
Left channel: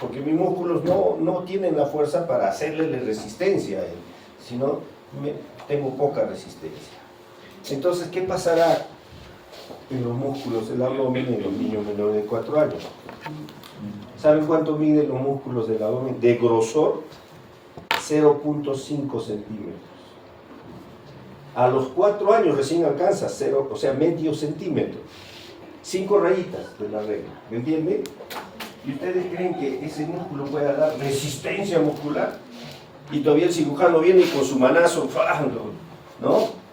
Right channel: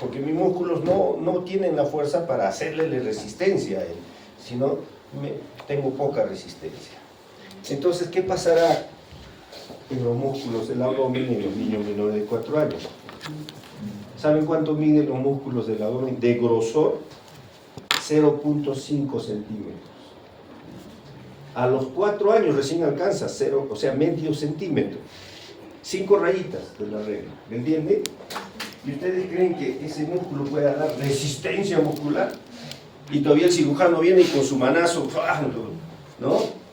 Porque mis músculos no tienen la fuerza para hacerle resistencia a él, sino tengo poca resistencia. Entonces, ¿qué pasará en los músculos del abdomen en los niños menores de 4 años? ¿Saben cuánto miden los músculos del abdomen? De grosor, 0.5 centímetros. A los 4 años recién alcanza 0, o sea, medio centímetro. 5 rayitas de la regla, ¿me entienden? ¿Y ustedes creen que ese músculo pueda dar resistencia muscular? Y todavía el cirujano viene y con su manazo, ¿no?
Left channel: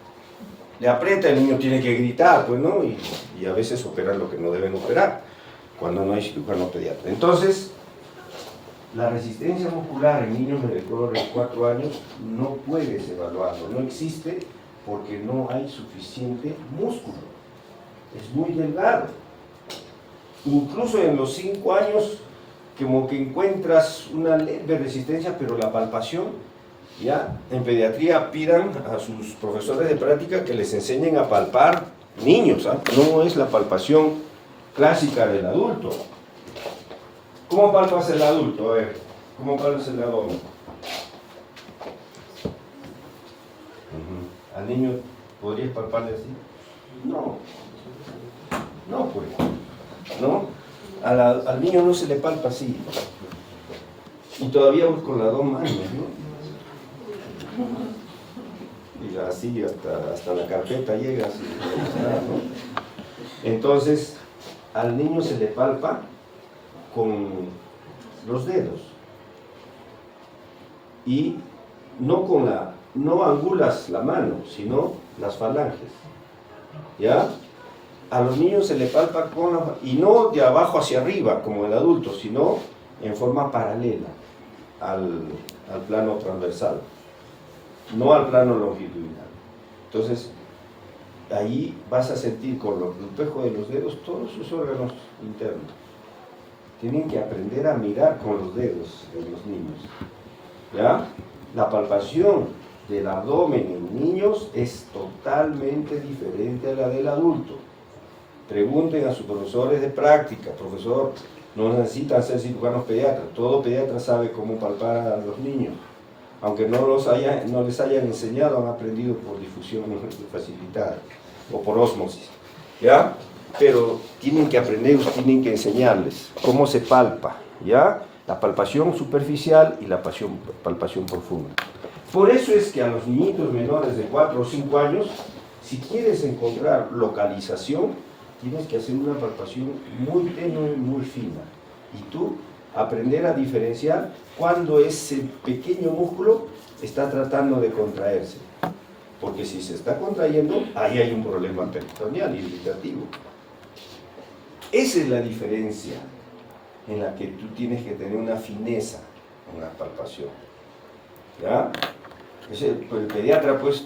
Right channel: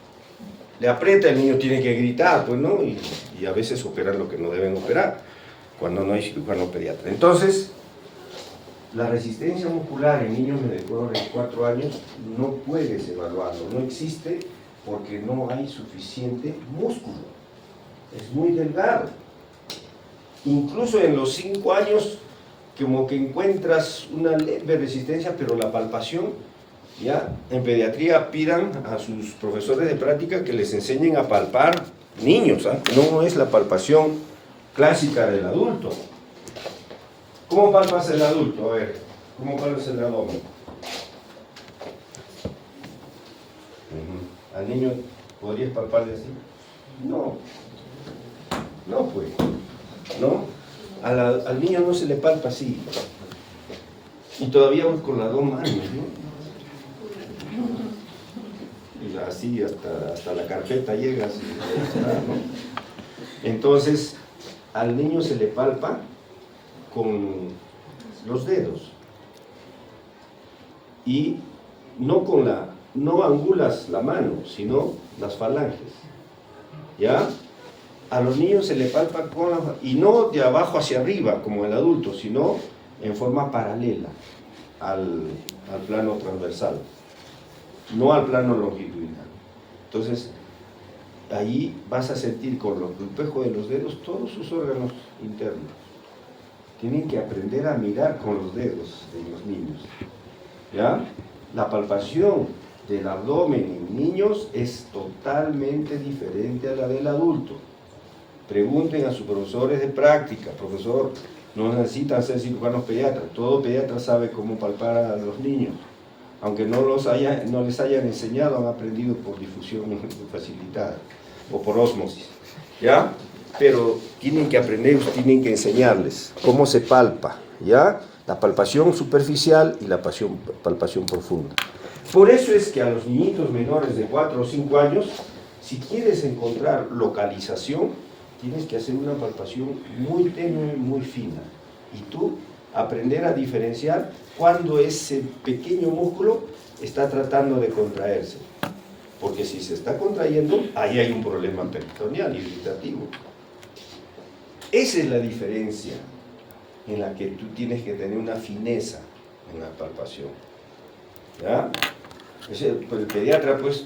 Le aprieta, el niño tiene que gritar, pues, ¿no? Y a veces operan lo que no deben operar, cuando no hay cirujano pediatra. Entonces, la resistencia muscular en niños de 4 años no puedes evaluarlo, no existe porque no hay suficiente músculo. Es muy delgado. Incluso en los 5 años, como que encuentras una leve resistencia, pero la palpación, ya, en pediatría pidan a sus profesores de práctica que les enseñen a palpar niños, ¿ah? No es la palpación clásica del adulto. ¿Cómo palpas el adulto? A ver, ¿cómo palpas el abdomen? ¿Al niño podrías palparle así? No. No, pues. ¿No? Al niño no se le palpa así. Y todavía con las 2 manos, ¿no? Y así hasta la carpeta llega. Así, ¿no? Entonces, al niño se le palpa con los dedos. Y no angulas la mano, sino las falanges. ¿Ya? A los niños se le palpa y no de abajo hacia arriba como el adulto, sino en forma paralela al plano transversal, no al plano longitudinal. Entonces, ahí vas a sentir con el espejo de los dedos todos sus órganos internos. Tienen que aprender a mirar con los dedos de los niños. ¿Ya? La palpación del abdomen en niños es totalmente diferente a la del adulto. Pregunten a sus profesores de práctica. Profesor, no necesitan ser cirujanos pediatras. Todo pediatra sabe cómo palpar a los niños. Aunque no les hayan enseñado, han aprendido por difusión facilitada o por ósmosis. ¿Ya? Pero tienen que aprender, tienen que enseñarles cómo se palpa. ¿Ya? La palpación superficial y la palpación profunda. Por eso es que a los niñitos menores de 4 o 5 años, si quieres encontrar localización, tienes que hacer una palpación muy tenue, muy fina. Y tú aprender a diferenciar cuando ese pequeño músculo está tratando de contraerse. Porque si se está contrayendo, ahí hay un problema peritoneal irritativo. Esa es la diferencia en la que tú tienes que tener una fineza en la palpación. ¿Ya? El pediatra, pues,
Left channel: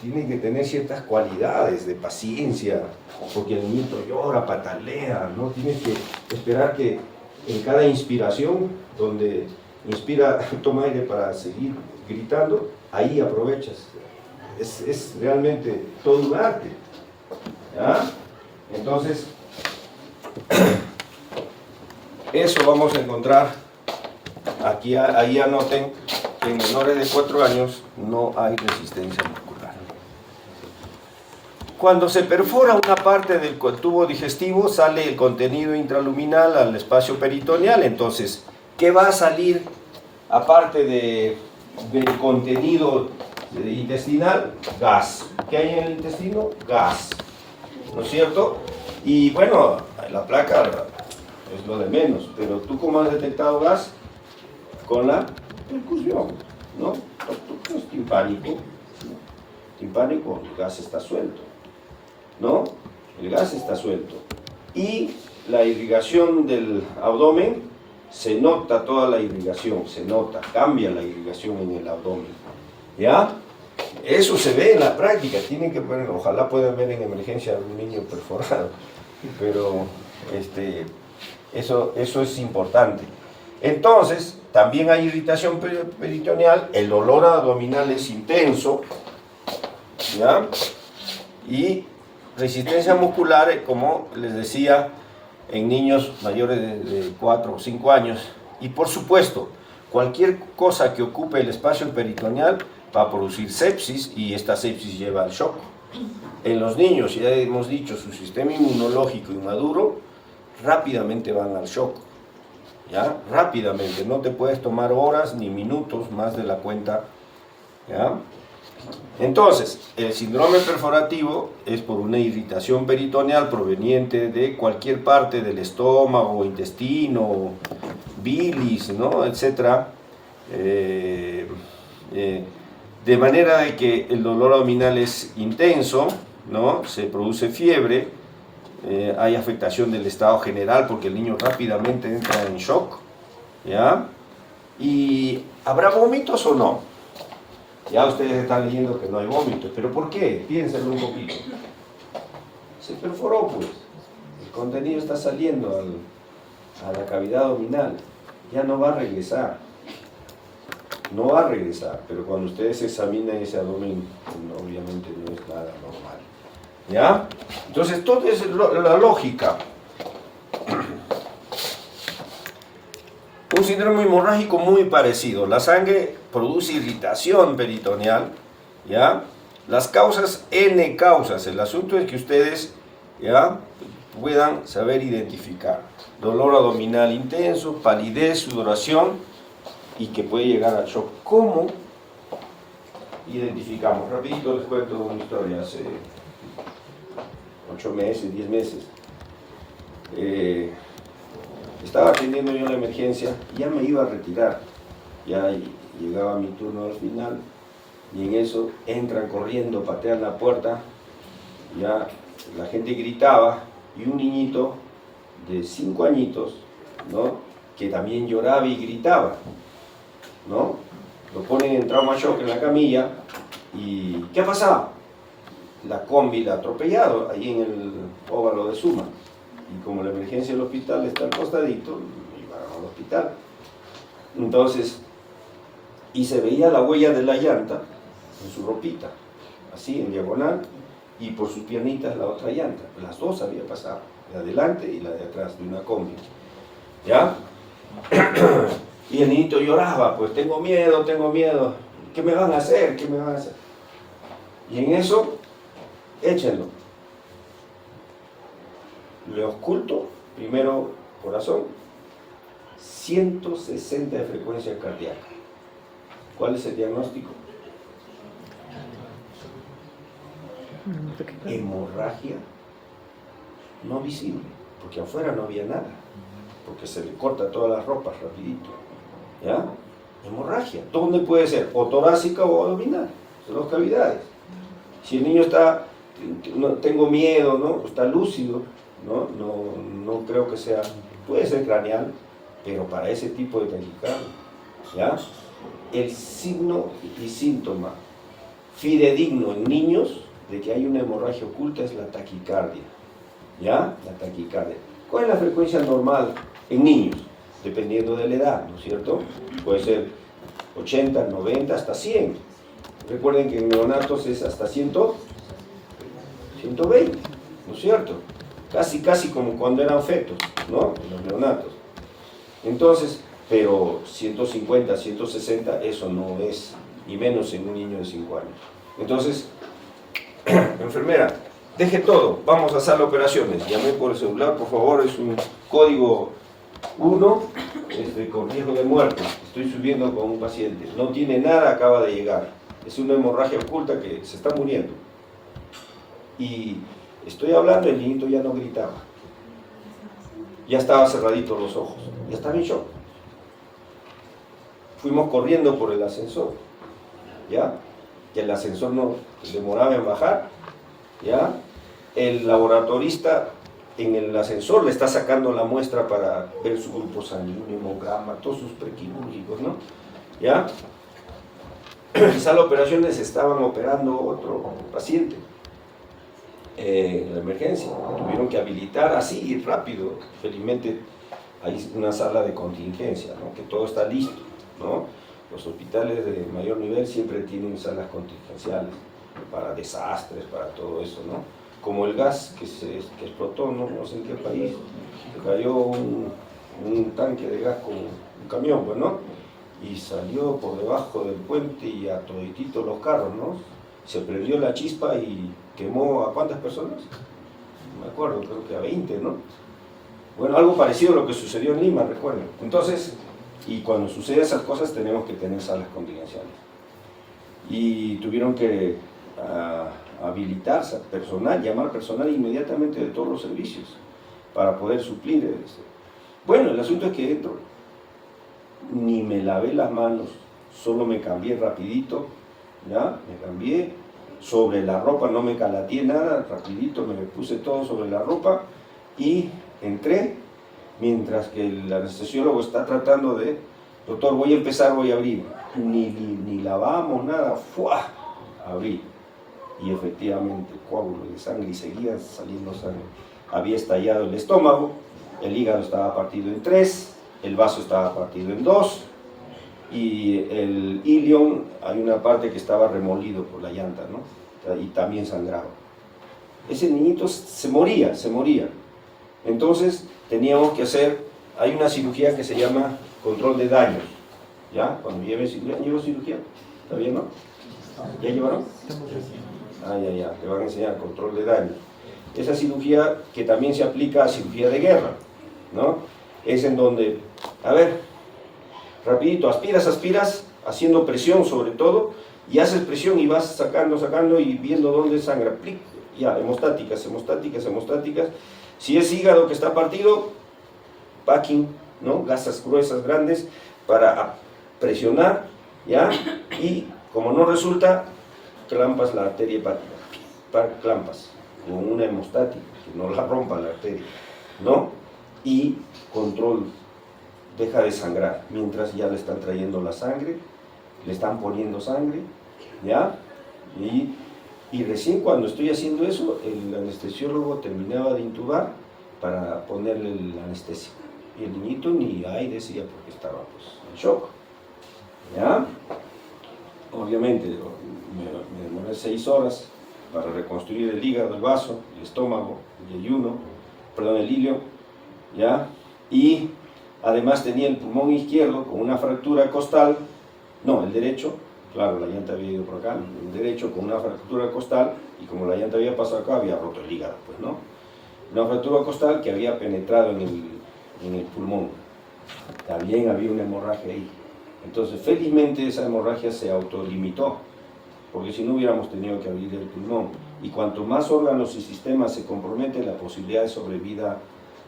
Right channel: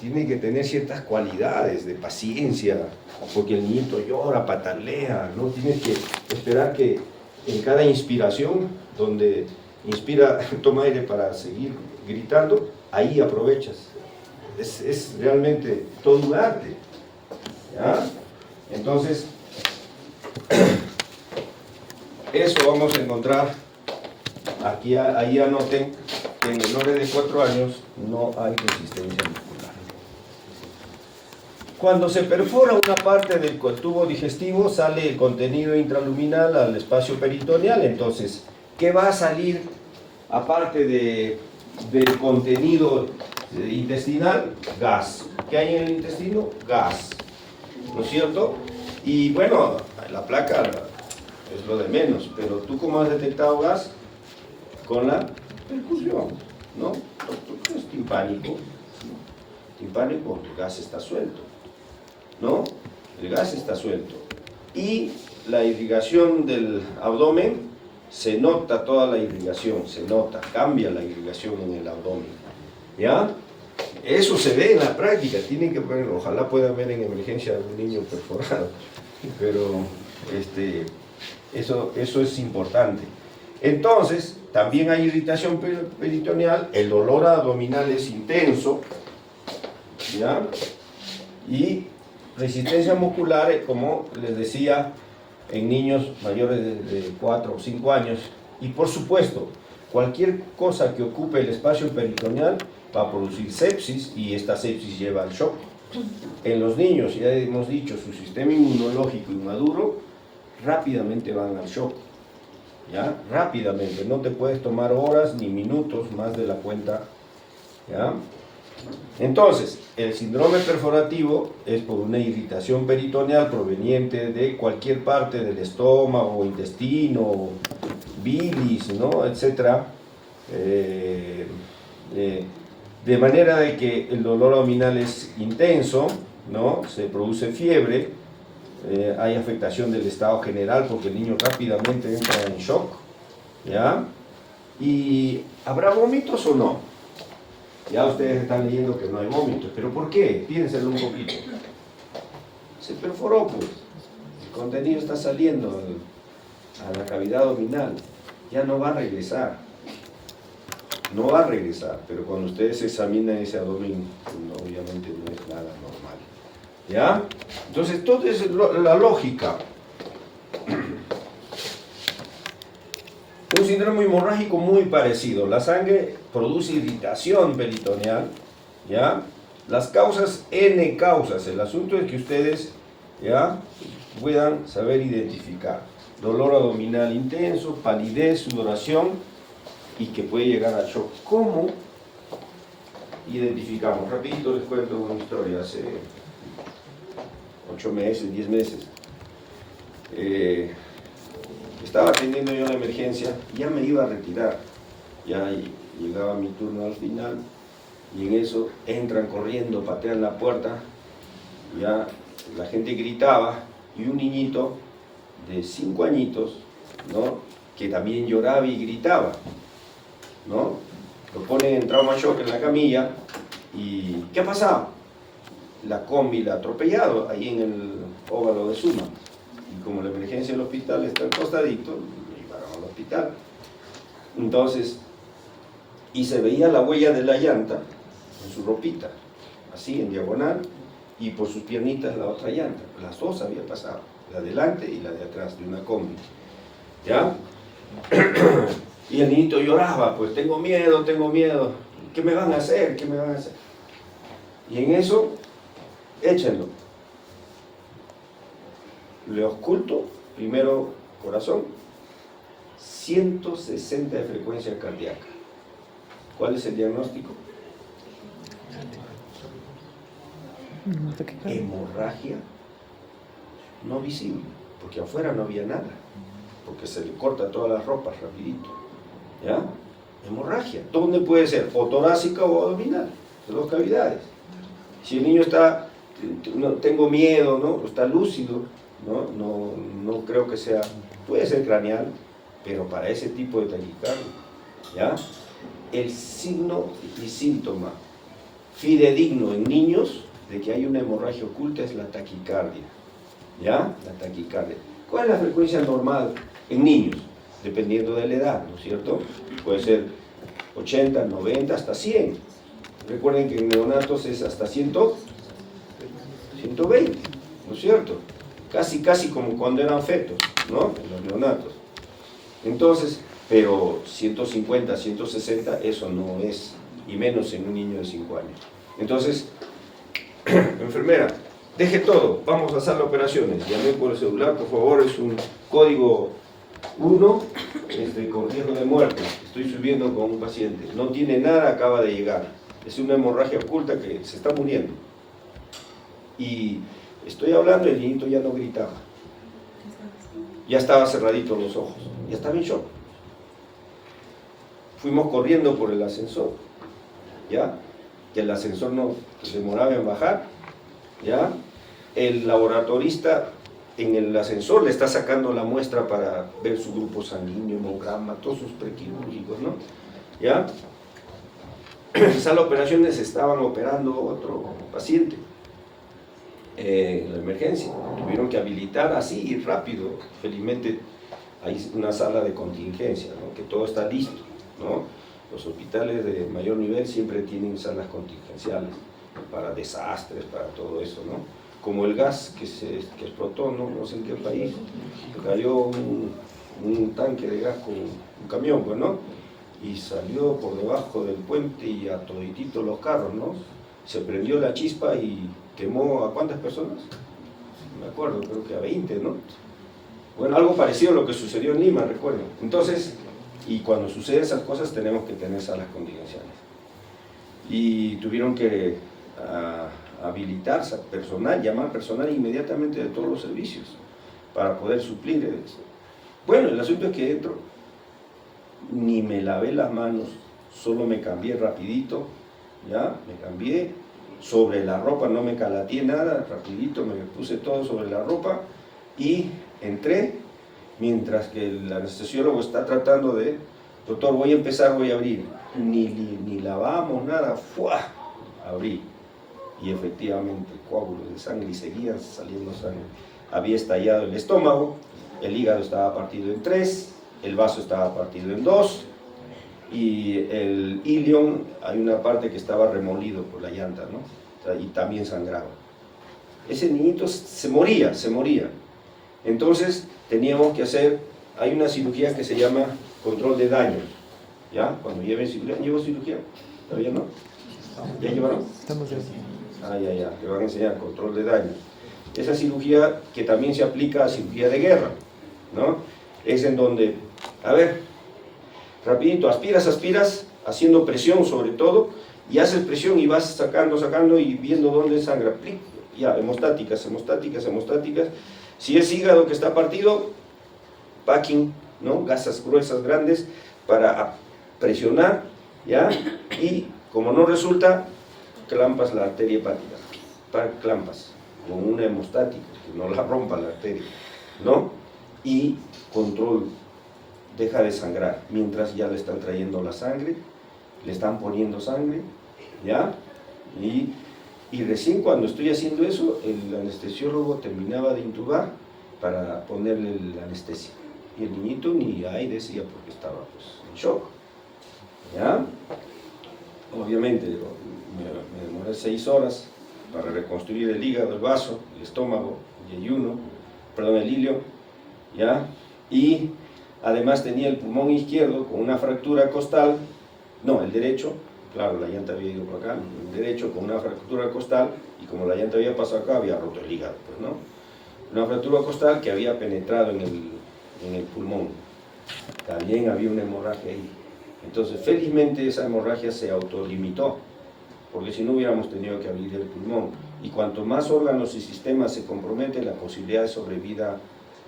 tiene que tener ciertas cualidades de paciencia, porque el niño llora, patalea, ¿no? Tienes que esperar que en cada inspiración, donde inspira, toma aire para seguir gritando, ahí aprovechas. Es realmente todo un arte. ¿Ya? Entonces, eso vamos a encontrar. Aquí, ahí anoten que en menores de 4 años no hay resistencia muscular. Cuando se perfora una parte del tubo digestivo, sale el contenido intraluminal al espacio peritoneal. Entonces, ¿qué va a salir aparte del contenido intestinal? Gas. ¿Qué hay en el intestino? Gas. ¿No es cierto? Y bueno, la placa es lo de menos, pero ¿tú cómo has detectado gas? Con la percusión, ¿no? Es timpánico, ¿no? Timpánico, el gas está suelto, ¿no? El gas está suelto. Y la irrigación del abdomen, se nota toda la irrigación, se nota, cambia la irrigación en el abdomen, ¿ya? Eso se ve en la práctica, tienen que ver, ojalá puedan ver en emergencia a un niño perforado, pero eso es importante. Entonces, también hay irritación peritoneal, el dolor abdominal es intenso, ¿ya? Y resistencia muscular, como les decía, en niños mayores de 4 o 5 años. Y por supuesto, cualquier cosa que ocupe el espacio peritoneal va a producir sepsis, y esta sepsis lleva al shock. En los niños, ya hemos dicho, su sistema inmunológico inmaduro, rápidamente van al shock. ¿Ya? Rápidamente, no te puedes tomar horas ni minutos más de la cuenta. ¿Ya? Entonces, el síndrome perforativo es por una irritación peritoneal proveniente de cualquier parte del estómago, intestino, bilis, ¿no? Etcétera. De manera de que el dolor abdominal es intenso, ¿no? Se produce fiebre, hay afectación del estado general porque el niño rápidamente entra en shock, ¿ya? ¿Y habrá vómitos o no? Ya ustedes están leyendo que no hay vómitos, pero ¿por qué? Piénsenlo un poquito. Se perforó, pues. El contenido está saliendo a la cavidad abdominal. Ya no va a regresar. No va a regresar, pero cuando ustedes examinan ese abdomen, obviamente no es nada normal. ¿Ya? Entonces, todo es la lógica. Un síndrome hemorrágico muy parecido. La sangre produce irritación peritoneal, ¿ya? Las causas, N causas. El asunto es que ustedes, ¿ya?, puedan saber identificar. Dolor abdominal intenso, palidez, sudoración, y que puede llegar al shock. ¿Cómo identificamos? Rapidito les cuento una historia. Hace 8 meses, 10 meses. Estaba atendiendo yo la emergencia y ya me iba a retirar. Ya llegaba mi turno al final y en eso entran corriendo, patean la puerta. Ya la gente gritaba y un niñito de 5 añitos, ¿no?, que también lloraba y gritaba, ¿no? Lo ponen en trauma shock en la camilla y ¿qué ha pasado? La combi la ha atropellado ahí en el óvalo de Suma. Y como la emergencia del hospital está al costadito, me llevaron al hospital. Entonces, y se veía la huella de la llanta en su ropita, así en diagonal, y por sus piernitas la otra llanta. Las dos había pasado, la de adelante y la de atrás, de una combi. ¿Ya? Y el niñito lloraba, pues tengo miedo, ¿qué me van a hacer? ¿Qué me van a hacer? Y en eso, échenlo. Le oculto, primero corazón, 160 de frecuencia cardíaca. ¿Cuál es el diagnóstico? Hemorragia no visible, porque afuera no había nada, porque se le corta todas las ropas rapidito. ¿Ya? Hemorragia. ¿Dónde puede ser? O torácica o abdominal. Son dos cavidades. Si el niño está, no, tengo miedo, ¿no?, está lúcido, no creo que sea, puede ser craneal, pero para ese tipo de taquicardia, ¿ya? El signo y síntoma fidedigno en niños de que hay una hemorragia oculta es la taquicardia, ¿ya? La taquicardia. ¿Cuál es la frecuencia normal en niños? Dependiendo de la edad, ¿no es cierto? Puede ser 80, 90, hasta 100. Recuerden que en neonatos es hasta 120, ¿no es cierto? Casi como cuando eran fetos, ¿no?, en los neonatos. Entonces, pero 150, 160, eso no es, y menos en un niño de 5 años. Entonces, enfermera, deje todo, vamos a hacer operaciones. Llamé por el celular, por favor, es un código 1 con riesgo de muerte. Estoy subiendo con un paciente. No tiene nada, acaba de llegar. Es una hemorragia oculta que se está muriendo. Y estoy hablando, el niñito ya no gritaba. Ya estaba cerradito los ojos. Ya estaba en shock. Fuimos corriendo por el ascensor. ¿Ya? Que el ascensor no demoraba en bajar. ¿Ya? El laboratorista en el ascensor le está sacando la muestra para ver su grupo sanguíneo, hemograma, todos sus prequirúrgicos, ¿no? ¿Ya? En sala de operaciones estaban operando otro paciente. la emergencia. Tuvieron que habilitar así rápido. Felizmente hay una sala de contingencia, ¿no? Que todo está listo, ¿no? Los hospitales de mayor nivel siempre tienen salas contingenciales para desastres, para todo eso, ¿no? Como el gas que explotó, no sé en qué país, cayó un tanque de gas con un camión, pues, ¿no? Y salió por debajo del puente y a todititos los carros, ¿no? Se prendió la chispa y quemó ¿a cuántas personas? No me acuerdo, creo que a 20, ¿no? Bueno, algo parecido a lo que sucedió en Lima, recuerdo. Entonces, y cuando suceden esas cosas tenemos que tener salas contingenciales. Y tuvieron que habilitar personal, llamar personal inmediatamente de todos los servicios para poder suplir eso. Bueno, el asunto es que entro, ni me lavé las manos, solo me cambié rapidito, ¿ya? Me cambié, sobre la ropa no me calateé nada, rapidito me puse todo sobre la ropa y entré, mientras que el anestesiólogo está tratando de, doctor, voy a empezar, voy a abrir, ni lavamos nada, ¡fua! Abrí, y efectivamente coágulos de sangre y seguía saliendo sangre. Había estallado el estómago, el hígado estaba partido en 3, el vaso estaba partido en 2, y el ilion, hay una parte que estaba remolido por la llanta, ¿no? Y también sangraba. Ese niñito se moría. Entonces teníamos que hacer, hay una cirugía que se llama control de daños, ¿ya? Cuando llevo cirugía, ¿todavía no? ¿Ya llevaron? Ya, te van a enseñar control de daños. Esa cirugía que también se aplica a cirugía de guerra, ¿no? Es en donde, a ver, rapidito, aspiras, haciendo presión sobre todo, y haces presión y vas sacando y viendo dónde sangra. Ya, hemostáticas. Si es hígado que está partido, packing, ¿no? Gasas gruesas, grandes, para presionar, ¿ya? Y como no resulta, clampas la arteria hepática, clampas, con una hemostática, que no la rompa la arteria, ¿no? Y control, deja de sangrar, mientras ya le están trayendo la sangre, le están poniendo sangre, ¿ya? Y recién cuando estoy haciendo eso, el anestesiólogo terminaba de intubar para ponerle la anestesia. Y el niñito ni ahí decía porque estaba pues, en shock, ¿ya? Obviamente, me demoré 6 horas para reconstruir el hígado, el vaso, el estómago, el ilio, ¿ya? Y además tenía el pulmón izquierdo con una fractura costal, no, el derecho, claro, la llanta había ido por acá, el derecho con una fractura costal, y como la llanta había pasado acá, había roto el hígado, pues, ¿no? Una fractura costal que había penetrado en el pulmón. También había una hemorragia ahí. Entonces, felizmente esa hemorragia se autolimitó, porque si no hubiéramos tenido que abrir el pulmón. Y cuanto más órganos y sistemas se comprometen, la posibilidad de sobrevida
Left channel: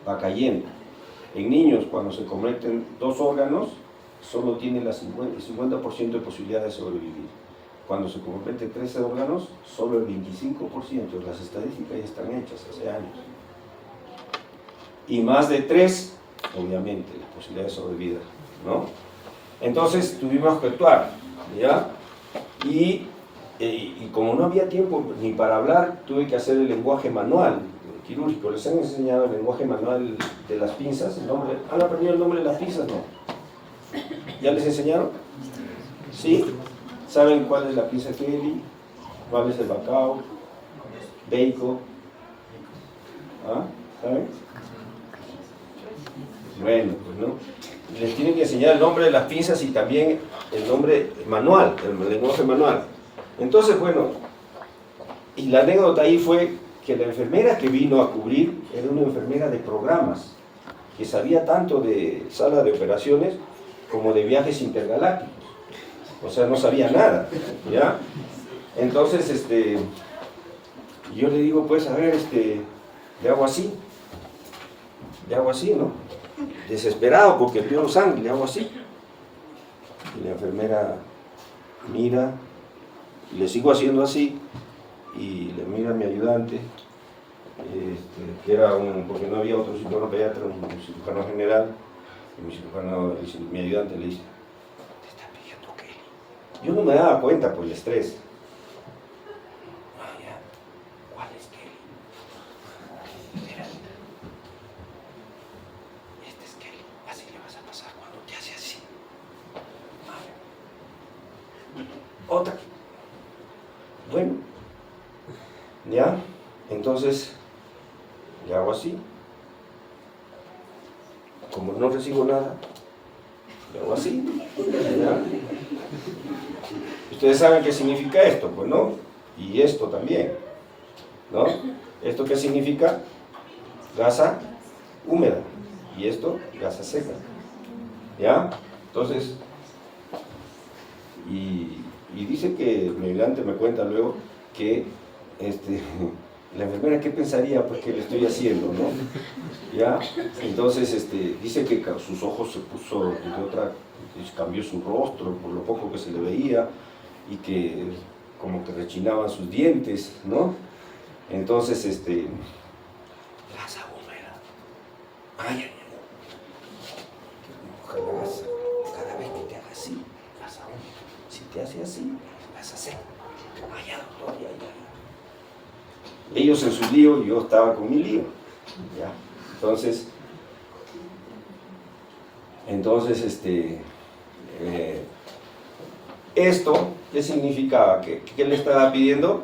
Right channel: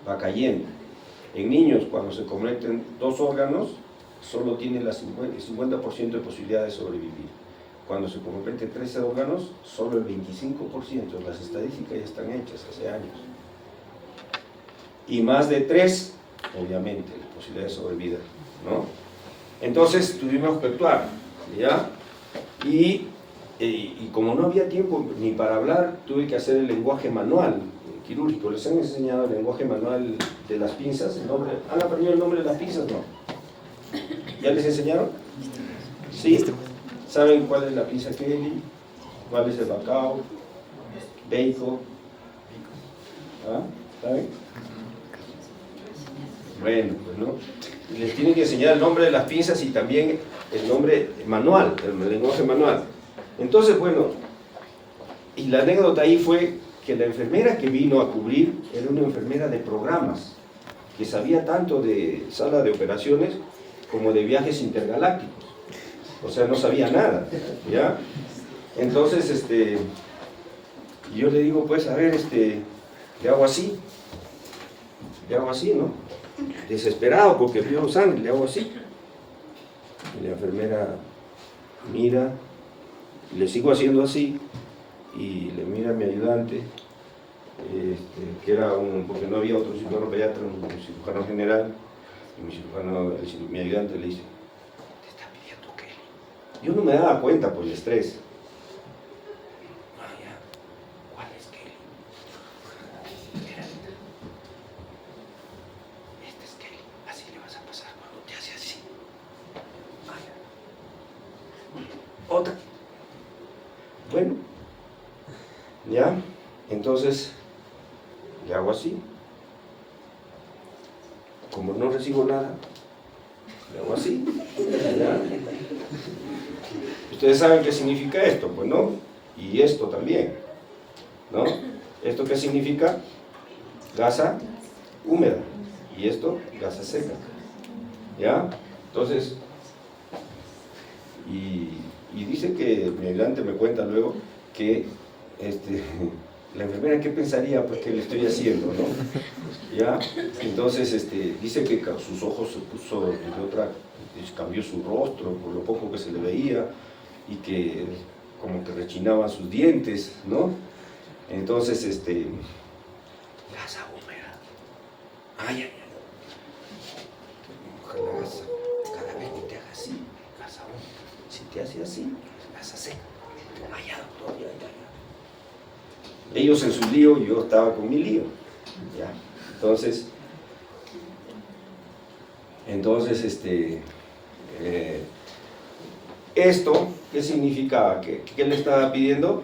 va cayendo. En niños, cuando se comprometen 2 órganos, solo tiene el 50% de posibilidad de sobrevivir. Cuando se comprometen 13 órganos, solo el 25%. Las estadísticas ya están hechas hace años. Y más de 3, obviamente, la posibilidad de sobrevida, ¿no? Entonces tuvimos que actuar, ¿ya? Y como no había tiempo ni para hablar, tuve que hacer el lenguaje manual quirúrgico. ¿Les han enseñado el lenguaje manual de las pinzas? ¿El nombre? ¿Han aprendido el nombre de las pinzas? No. ¿Ya les enseñaron? ¿Sí? ¿Saben cuál es la pinza Kelly? ¿Cuál es el bacao? Beico. ¿Ah? ¿Saben? Bueno, pues no. Les tienen que enseñar el nombre de las pinzas y también el nombre manual, el lenguaje manual. Entonces, bueno, y la anécdota ahí fue que la enfermera que vino a cubrir era una enfermera de programas, que sabía tanto de sala de operaciones como de viajes intergalácticos. O sea, no sabía nada, ¿ya? Entonces, yo le digo, pues, a ver, le hago así, ¿no? Desesperado porque vio sangre, le hago así. Y la enfermera mira, y le sigo haciendo así, y le mira a mi ayudante, que era porque no había otro cirujano pediatra, un cirujano general, y mi ayudante le dice, ¿te está pidiendo qué? Yo no me daba cuenta por el estrés. ¿Cuál es Kelly? otra. Bueno, ¿ya? Entonces, le hago así. Como no recibo nada, le hago así. ¿Ya? Ustedes saben qué significa esto, pues, ¿no? Y esto también, ¿no? ¿Esto qué significa? Gasa húmeda. Y esto, gasa seca. ¿Ya? Entonces, y dice que mi ayudante me cuenta luego que la enfermera, ¿qué pensaría? Pues que le estoy haciendo, ¿no? ¿Ya? Entonces, dice que sus ojos se puso de otra, cambió su rostro por lo poco que se le veía y que como que rechinaban sus dientes, ¿no? Entonces, grasa húmeda. Ay, ay, ay. Ojalá gasa. Cada vez que te haga así, grasa húmeda. Si te hace así, grasa seca. Ay, ya, doctor, ya, ya. Ellos en su lío, yo estaba con mi lío. ¿Ya? Entonces, esto, ¿qué significaba? ¿Qué le estaba pidiendo?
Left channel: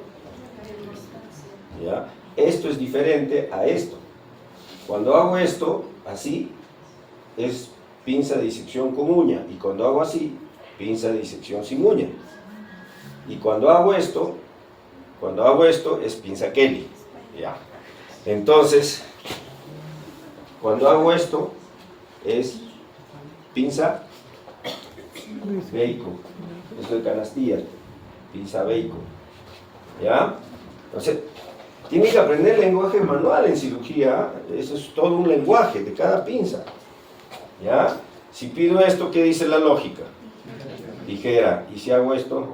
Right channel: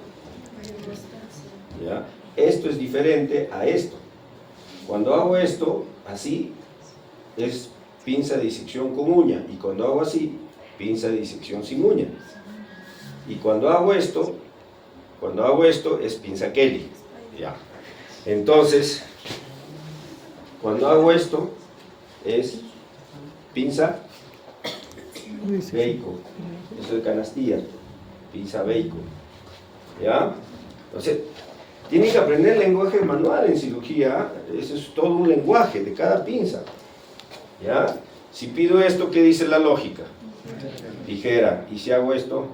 ¿Ya? Esto es diferente a esto. Cuando hago esto, así, es pinza de disección con uña. Y cuando hago así, pinza de disección sin uña. Y cuando hago esto es pinza Kelly. ¿Ya? Entonces, cuando hago esto, es pinza Bacon. Esto de canastilla, pinza Bacon. ¿Ya? Entonces, tienen que aprender lenguaje manual en cirugía. Eso es todo un lenguaje de cada pinza. ¿Ya? Si pido esto, ¿qué dice la lógica? Tijera. Y si hago esto,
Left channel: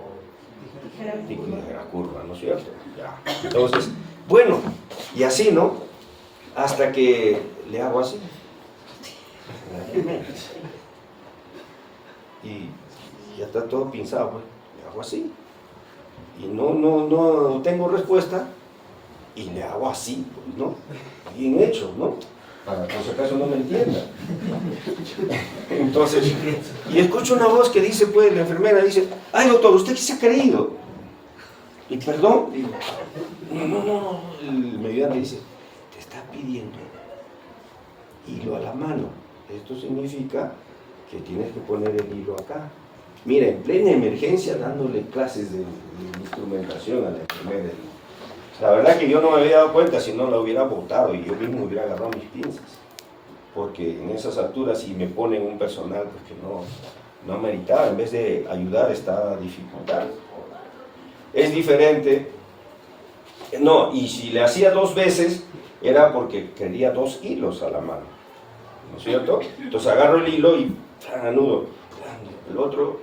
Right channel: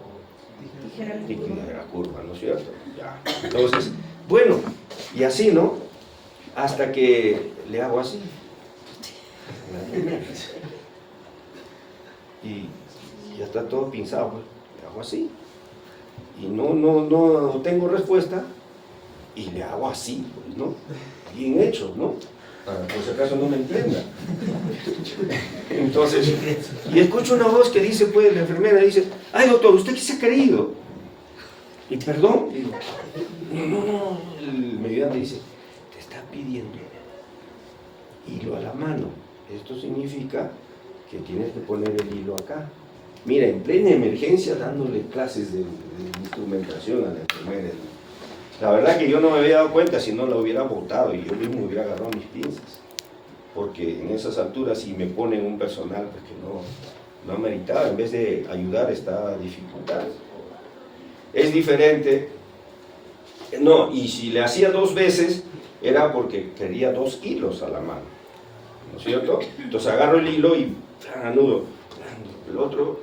tijera curva, ¿no es cierto? Ya. Entonces, bueno, y así, ¿no? Hasta que le hago así. Y ya está todo pinzado, pues. Le hago así. Y no tengo respuesta. Y le hago así, pues, ¿no? Bien hecho, ¿no? Para por si acaso no me entienda. Entonces, y escucho una voz que dice, pues, la enfermera dice, ay, doctor, ¿usted qué se ha creído? Y perdón, digo, no, el mediano dice, te está pidiendo hilo a la mano. Esto significa que tienes que poner el hilo acá. Mira, en plena emergencia dándole clases de instrumentación a la enfermera. La verdad que yo no me había dado cuenta, si no la hubiera botado y yo mismo hubiera agarrado mis pinzas. Porque en esas alturas, si me ponen un personal pues que no meritaba, en vez de ayudar, está dificultando. Es diferente. No, y si le hacía 2 veces, era porque quería 2 hilos a la mano. ¿No es cierto? Entonces agarro el hilo y anudo. El otro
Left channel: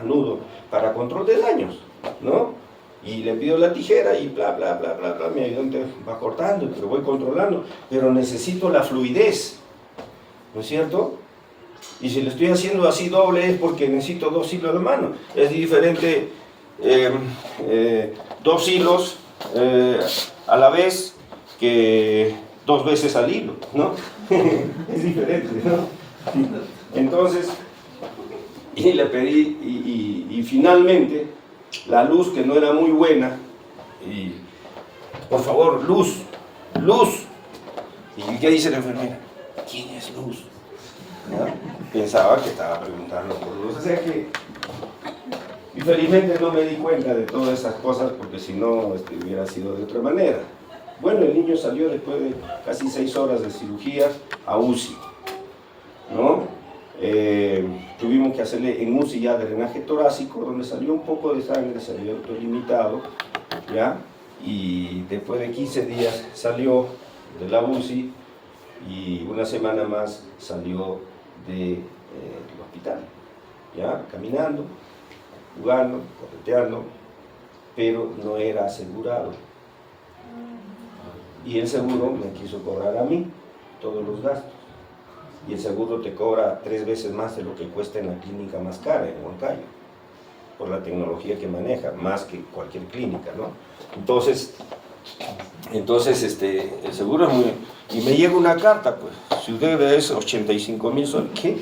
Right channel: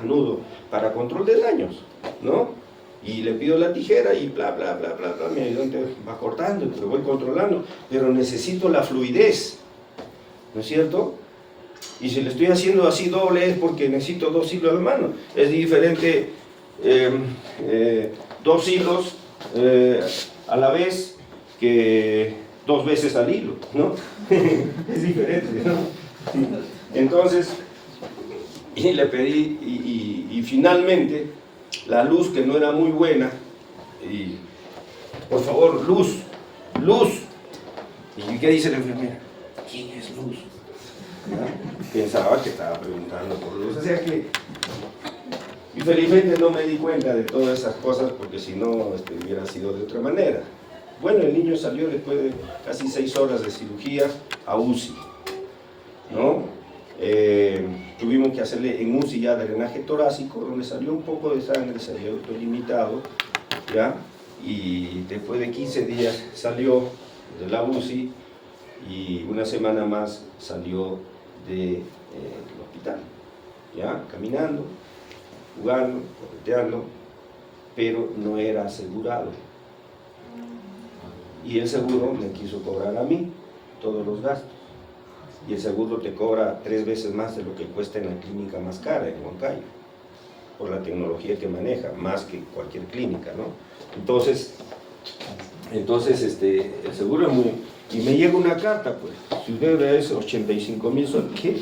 anudo. Para control de daños, ¿no? Y le pido la tijera y bla, bla, bla, bla, bla. Mi ayudante va cortando y lo voy controlando. Pero necesito la fluidez. ¿No es cierto? Y si le estoy haciendo así doble es porque necesito 2 hilos a la mano. Es diferente 2 hilos a la vez que 2 veces al hilo, ¿no? Es diferente, ¿no? Entonces, y le pedí, y finalmente, la luz que no era muy buena, y por favor, luz. ¿Y qué dice la enfermera? ¿Quién es Luz? ¿Ya? Pensaba que estaba preguntando por Luz. O sea que, y felizmente no me di cuenta de todas esas cosas, porque si no, hubiera sido de otra manera. Bueno, el niño salió después de casi 6 horas de cirugía a UCI, ¿no? Tuvimos que hacerle en UCI ya drenaje torácico, donde salió un poco de sangre, salió autolimitado, ¿ya? Y después de 15 días salió de la UCI y una semana más salió del hospital, ¿ya? Caminando, jugando, correteando, pero no era asegurado. Y el seguro me quiso cobrar a mí todos los gastos. Y el seguro te cobra 3 veces más de lo que cuesta en la clínica más cara, en Huancayo, por la tecnología que maneja, más que cualquier clínica, ¿no? Entonces el seguro es muy... Y me llega una carta, pues, su deuda es 85.000 soles. ¿Qué?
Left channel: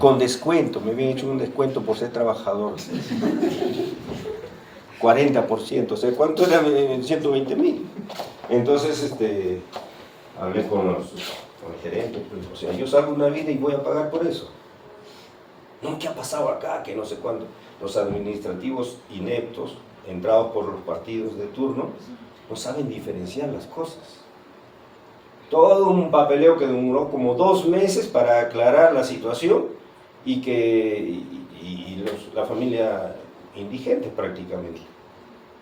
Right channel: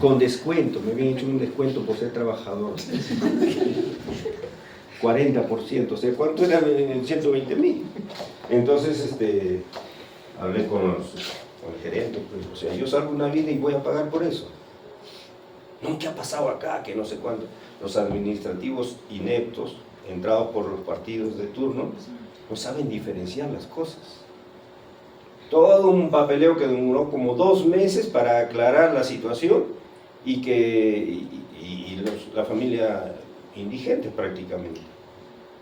con descuento, me habían hecho un descuento por ser trabajador. 40%, o sea, ¿cuánto era? 120.000. Entonces, hablé con el gerente, pues, o sea, yo salgo una vida y voy a pagar por eso. No, ¿qué ha pasado acá? Que no sé cuánto. Los administrativos ineptos, entrados por los partidos de turno, no saben diferenciar las cosas. Todo un papeleo que demoró como 2 meses para aclarar la situación y la familia indigente prácticamente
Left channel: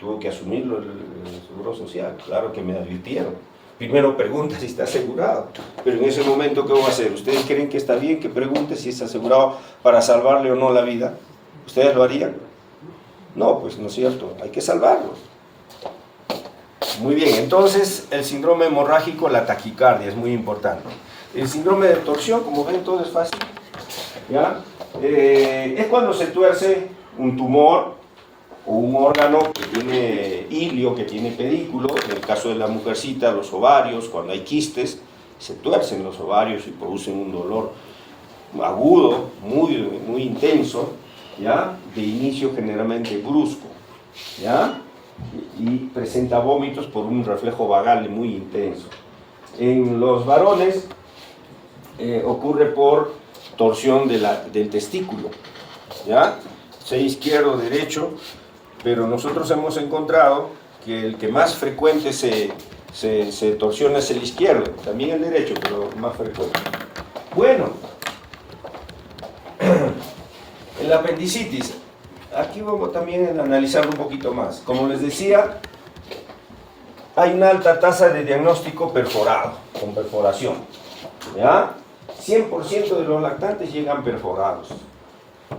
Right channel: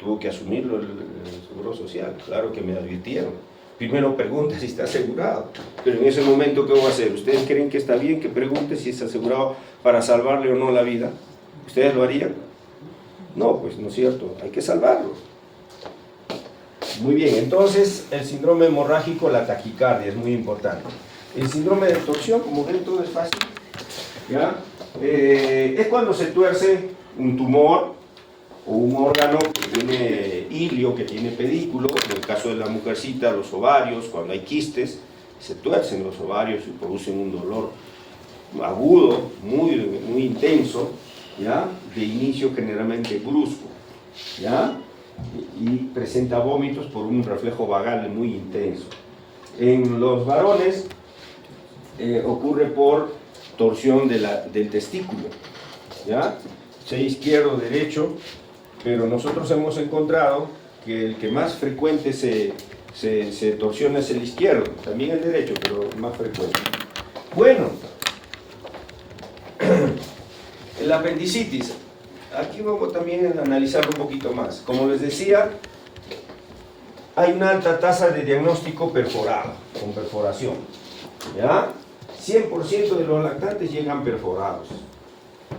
tuvo que asumirlo el Seguro Social. Claro que me advirtieron. Primero pregunta si está asegurado, pero en ese momento, ¿qué va a hacer? ¿Ustedes creen que está bien que pregunte si está asegurado para salvarle o no la vida? ¿Ustedes lo harían? No, pues no es cierto, hay que salvarlo. Muy bien, entonces el síndrome hemorrágico, la taquicardia, es muy importante. El síndrome de torsión, como ven, todo es fácil, ¿ya? Es cuando se tuerce un tumor o un órgano que tiene hilio, que tiene pedículo. En el caso de la mujercita, los ovarios, cuando hay quistes, se tuercen los ovarios y producen un dolor agudo, muy intenso, ¿ya? De inicio generalmente brusco, ¿ya? Y presenta vómitos por un reflejo vagal muy intenso. En los varones ocurre por torsión del testículo, ¿ya? Sea izquierdo o derecho, pero nosotros hemos encontrado que el que más frecuente se torsiona es el izquierdo, también el derecho, pero más frecuente. Bueno, el apendicitis, aquí vamos también a analizarlo un poquito más. Como les decía, hay una alta tasa de diagnóstico perforado, con perforación, ¿ya? 100% de los lactantes llegan perforados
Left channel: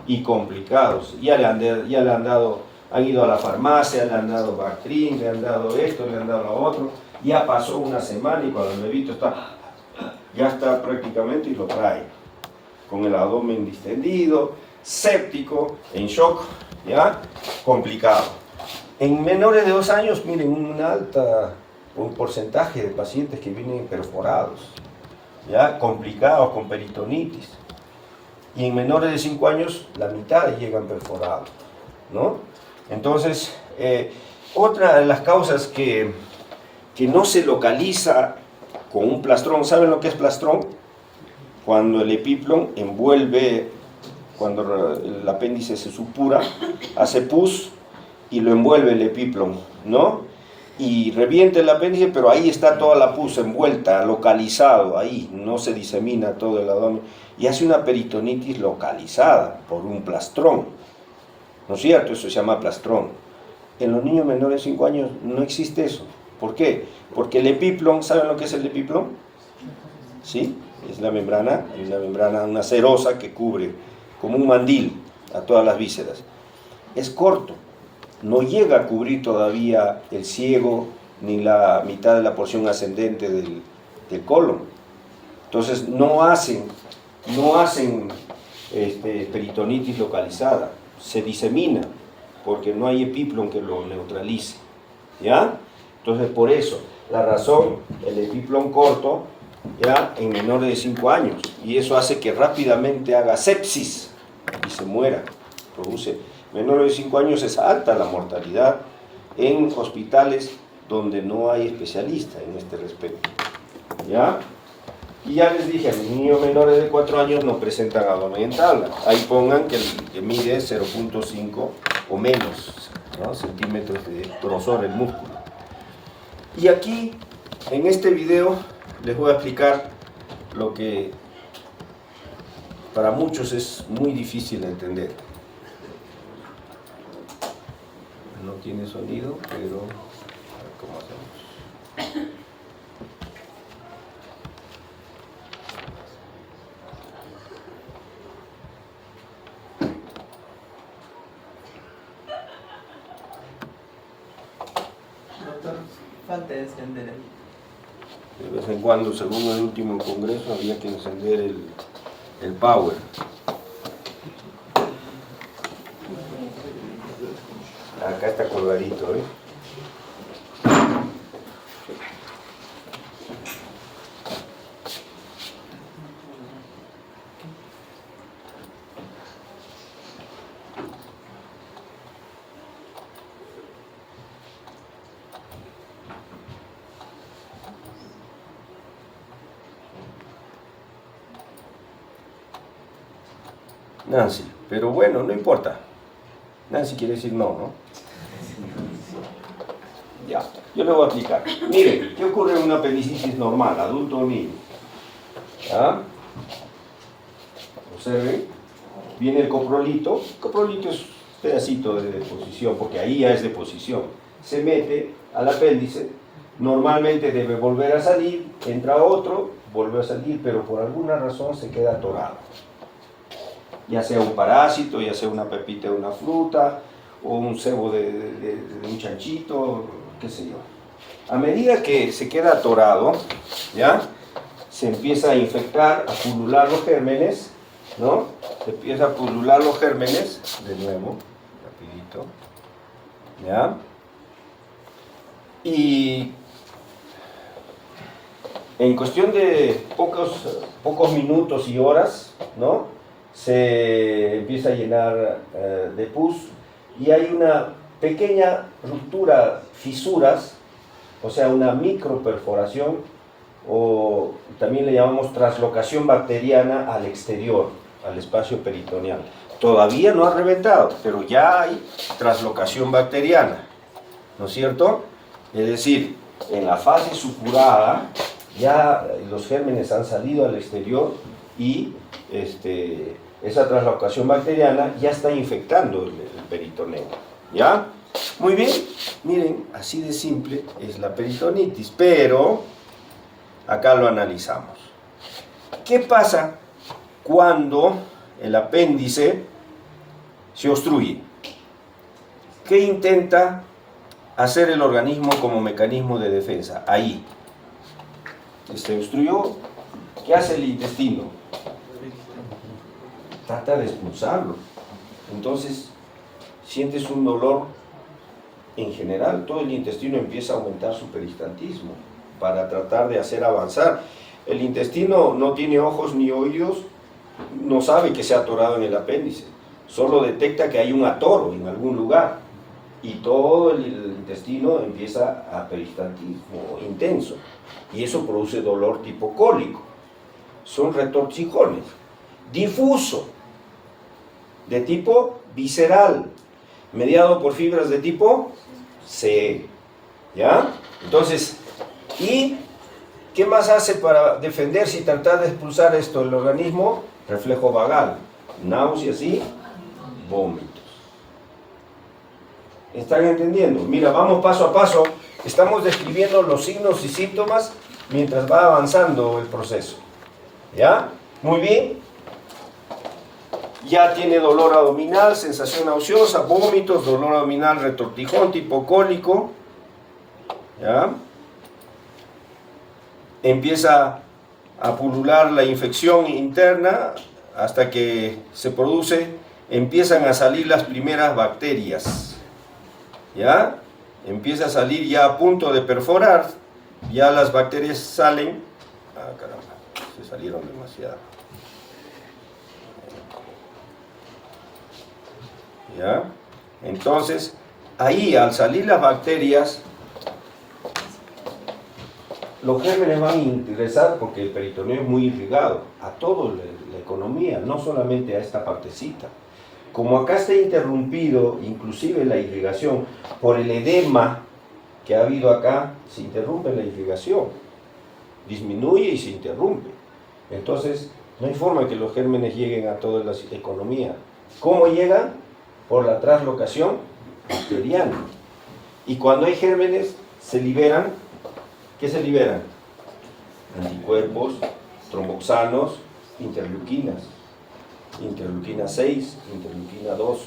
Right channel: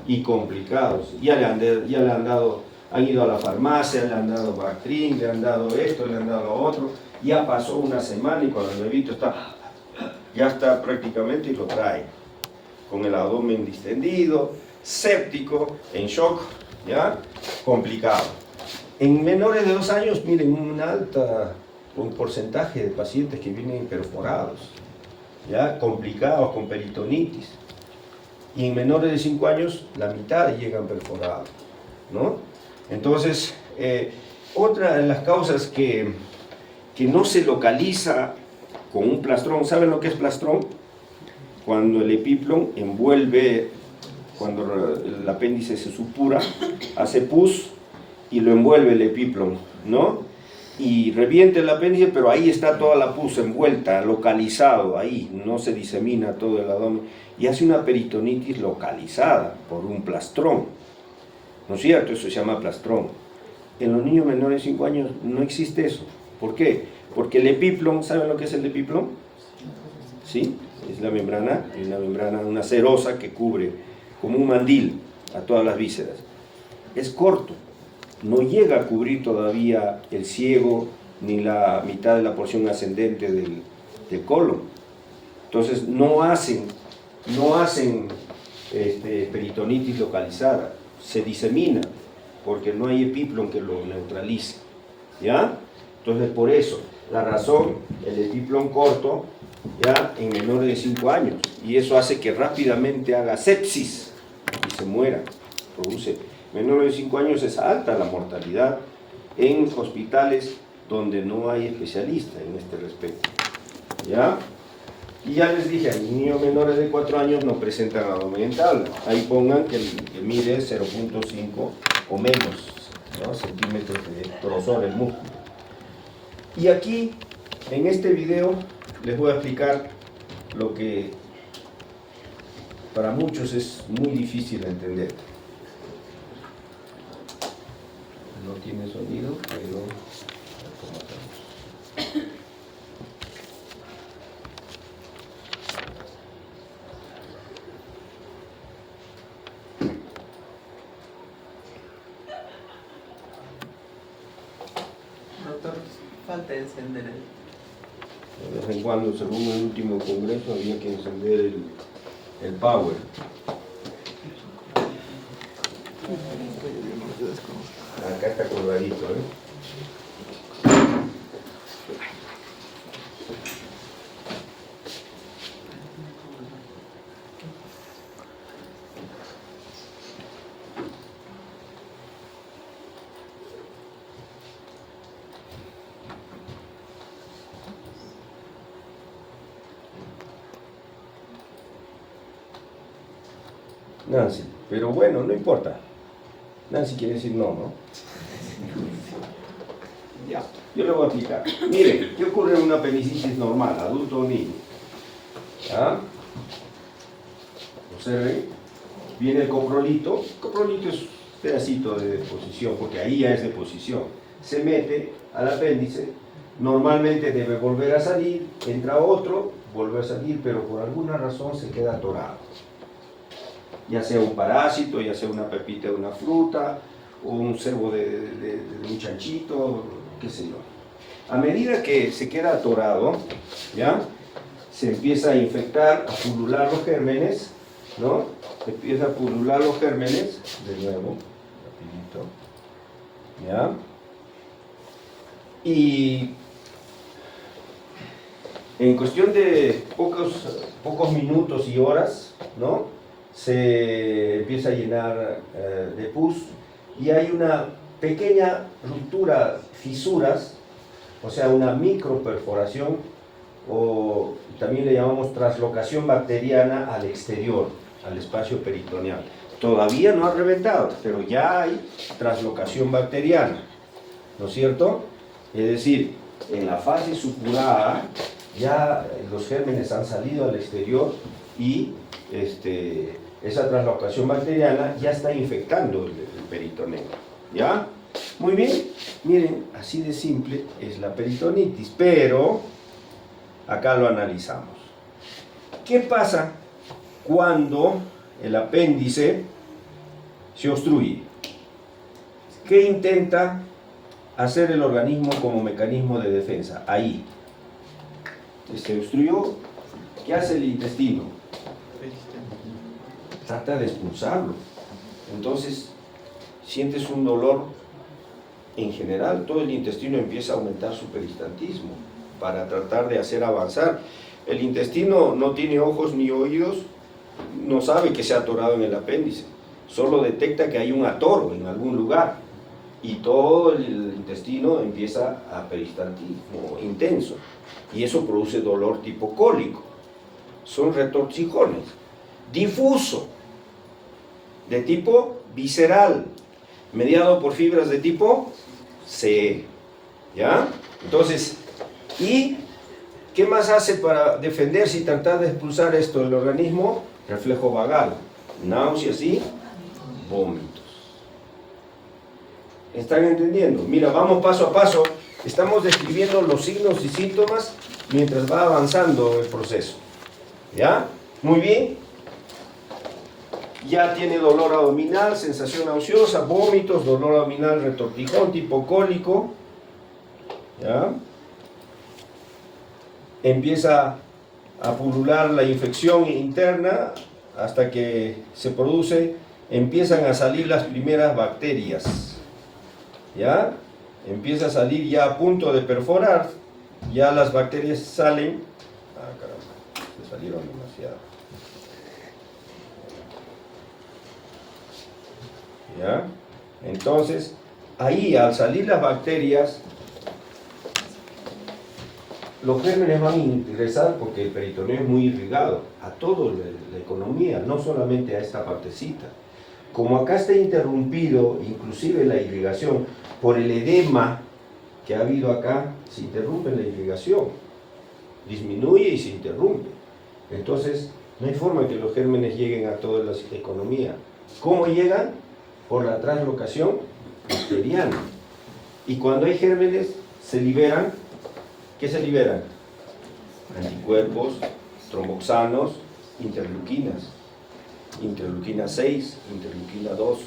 y complicados. Ya le han dado, han ido a la farmacia, le han dado Bactrim, le han dado esto, le han dado lo otro. Ya pasó una semana y cuando el bebito ya está prácticamente y lo trae con el abdomen distendido, séptico, en shock, ¿ya? Complicado. En menores de 2 años, miren, un porcentaje de pacientes que vienen perforados, ¿ya? Complicados, con peritonitis. Y en menores de 5 años, la mitad llegan perforados, ¿no? Entonces, otra de las causas que no se localiza con un plastrón, ¿saben lo que es plastrón? Cuando el epiplón envuelve, cuando el apéndice se supura, hace pus y lo envuelve el epiplón, ¿no? Y revienta el apéndice, pero ahí está toda la pus envuelta, localizado ahí, no se disemina todo el abdomen, y hace una peritonitis localizada por un plastrón, ¿no es cierto? Eso se llama plastrón. En los niños menores de 5 años no existe eso. ¿Por qué? Porque el epiplón, ¿saben lo que es el epiplón? ¿Sí? Es la membrana, una serosa que cubre como un mandil a todas las vísceras. Es corto, no llega a cubrir todavía el ciego ni la mitad de la porción ascendente del colon. Entonces no hacen peritonitis localizada, se disemina porque no hay epiplón que lo neutralice, ¿ya? Entonces por eso, la razón, el epiplón corto, ya en menores de 5 años, y eso hace que rápidamente haga sepsis y se muera, produce. Menores de 5 años es alta la mortalidad en hospitales donde no hay especialistas en este respecto, ¿ya? Y ya les dije, a mis niños menores de 4 años no presentan abdomen en tabla. Ahí pongan que mide 0.5 o menos, ¿no? Centímetros de grosor el músculo. Y aquí, en este video, les voy a explicar lo que para muchos es muy difícil de entender. No tiene sonido, pero a ver cómo hacemos. Doctor, falta encender De vez en cuando, según el último congreso, había que encender el power. Acá está colgadito, ¿eh? Nancy, pero bueno, no importa. Nancy quiere decir no, ¿no? Ya, yo le voy a explicar. Mire, ¿qué ocurre en una apendicitis normal, adulto o niño? ¿Ah? Observen, viene el coprolito. El coprolito es un pedacito de deposición, porque ahí ya es deposición. Se mete al apéndice, normalmente debe volver a salir, entra otro, vuelve a salir, pero por alguna razón se queda atorado. Ya sea un parásito, ya sea una pepita de una fruta, o un cebo de un chanchito, qué sé yo. A medida que se queda atorado, ¿ya? Se empieza a infectar, a pulular los gérmenes, ¿no? Se empieza a pulular los gérmenes, de nuevo, rapidito, ¿ya? Y en cuestión de pocos minutos y horas, ¿no? Se empieza a llenar de pus y hay una pequeña ruptura, fisuras, o sea, una microperforación, o también le llamamos translocación bacteriana al exterior, al espacio peritoneal. Todavía no ha reventado, pero ya hay translocación bacteriana, ¿no es cierto? Es decir, en la fase supurada ya los gérmenes han salido al exterior y esa translocación bacteriana ya está infectando el peritoneo, ¿ya? Muy bien, miren, así de simple es la peritonitis, pero acá lo analizamos. ¿Qué pasa cuando el apéndice se obstruye? ¿Qué intenta hacer el organismo como mecanismo de defensa? Ahí. Se obstruyó. ¿Qué hace el intestino? Trata de expulsarlo. Entonces, sientes un dolor. En general, todo el intestino empieza a aumentar su peristaltismo para tratar de hacer avanzar. El intestino no tiene ojos ni oídos, no sabe que se ha atorado en el apéndice, solo detecta que hay un atoro en algún lugar y todo el intestino empieza a peristaltismo intenso y eso produce dolor tipo cólico. Son retorcijones. Difuso, de tipo visceral, mediado por fibras de tipo C, ¿ya? Entonces, ¿y qué más hace para defenderse y tratar de expulsar esto del organismo? Reflejo vagal, náuseas y vómitos. ¿Están entendiendo? Mira, vamos paso a paso. Estamos describiendo los signos y síntomas mientras va avanzando el proceso, ¿ya? Muy bien. Ya tiene dolor abdominal, sensación nauseosa, vómitos, dolor abdominal, retortijón tipo cólico, ¿ya? Empieza a pulular la infección interna hasta que se produce, empiezan a salir las primeras bacterias, ¿ya? Empieza a salir ya a punto de perforar, ya las bacterias salen, caramba, se salieron demasiado. ¿Ya? Entonces, ahí al salir las bacterias, los gérmenes van a ingresar, porque el peritoneo es muy irrigado, a toda la economía, no solamente a esta partecita. Como acá está interrumpido, inclusive la irrigación, por el edema que ha habido acá, se interrumpe la irrigación, disminuye y se interrumpe. Entonces, no hay forma que los gérmenes lleguen a toda la economía. ¿Cómo llegan? Por la translocación bacteriana. Y cuando hay gérmenes, se liberan. ¿Qué se liberan? Anticuerpos, tromboxanos, interleuquinas. Interleuquina 6, interleuquina 2.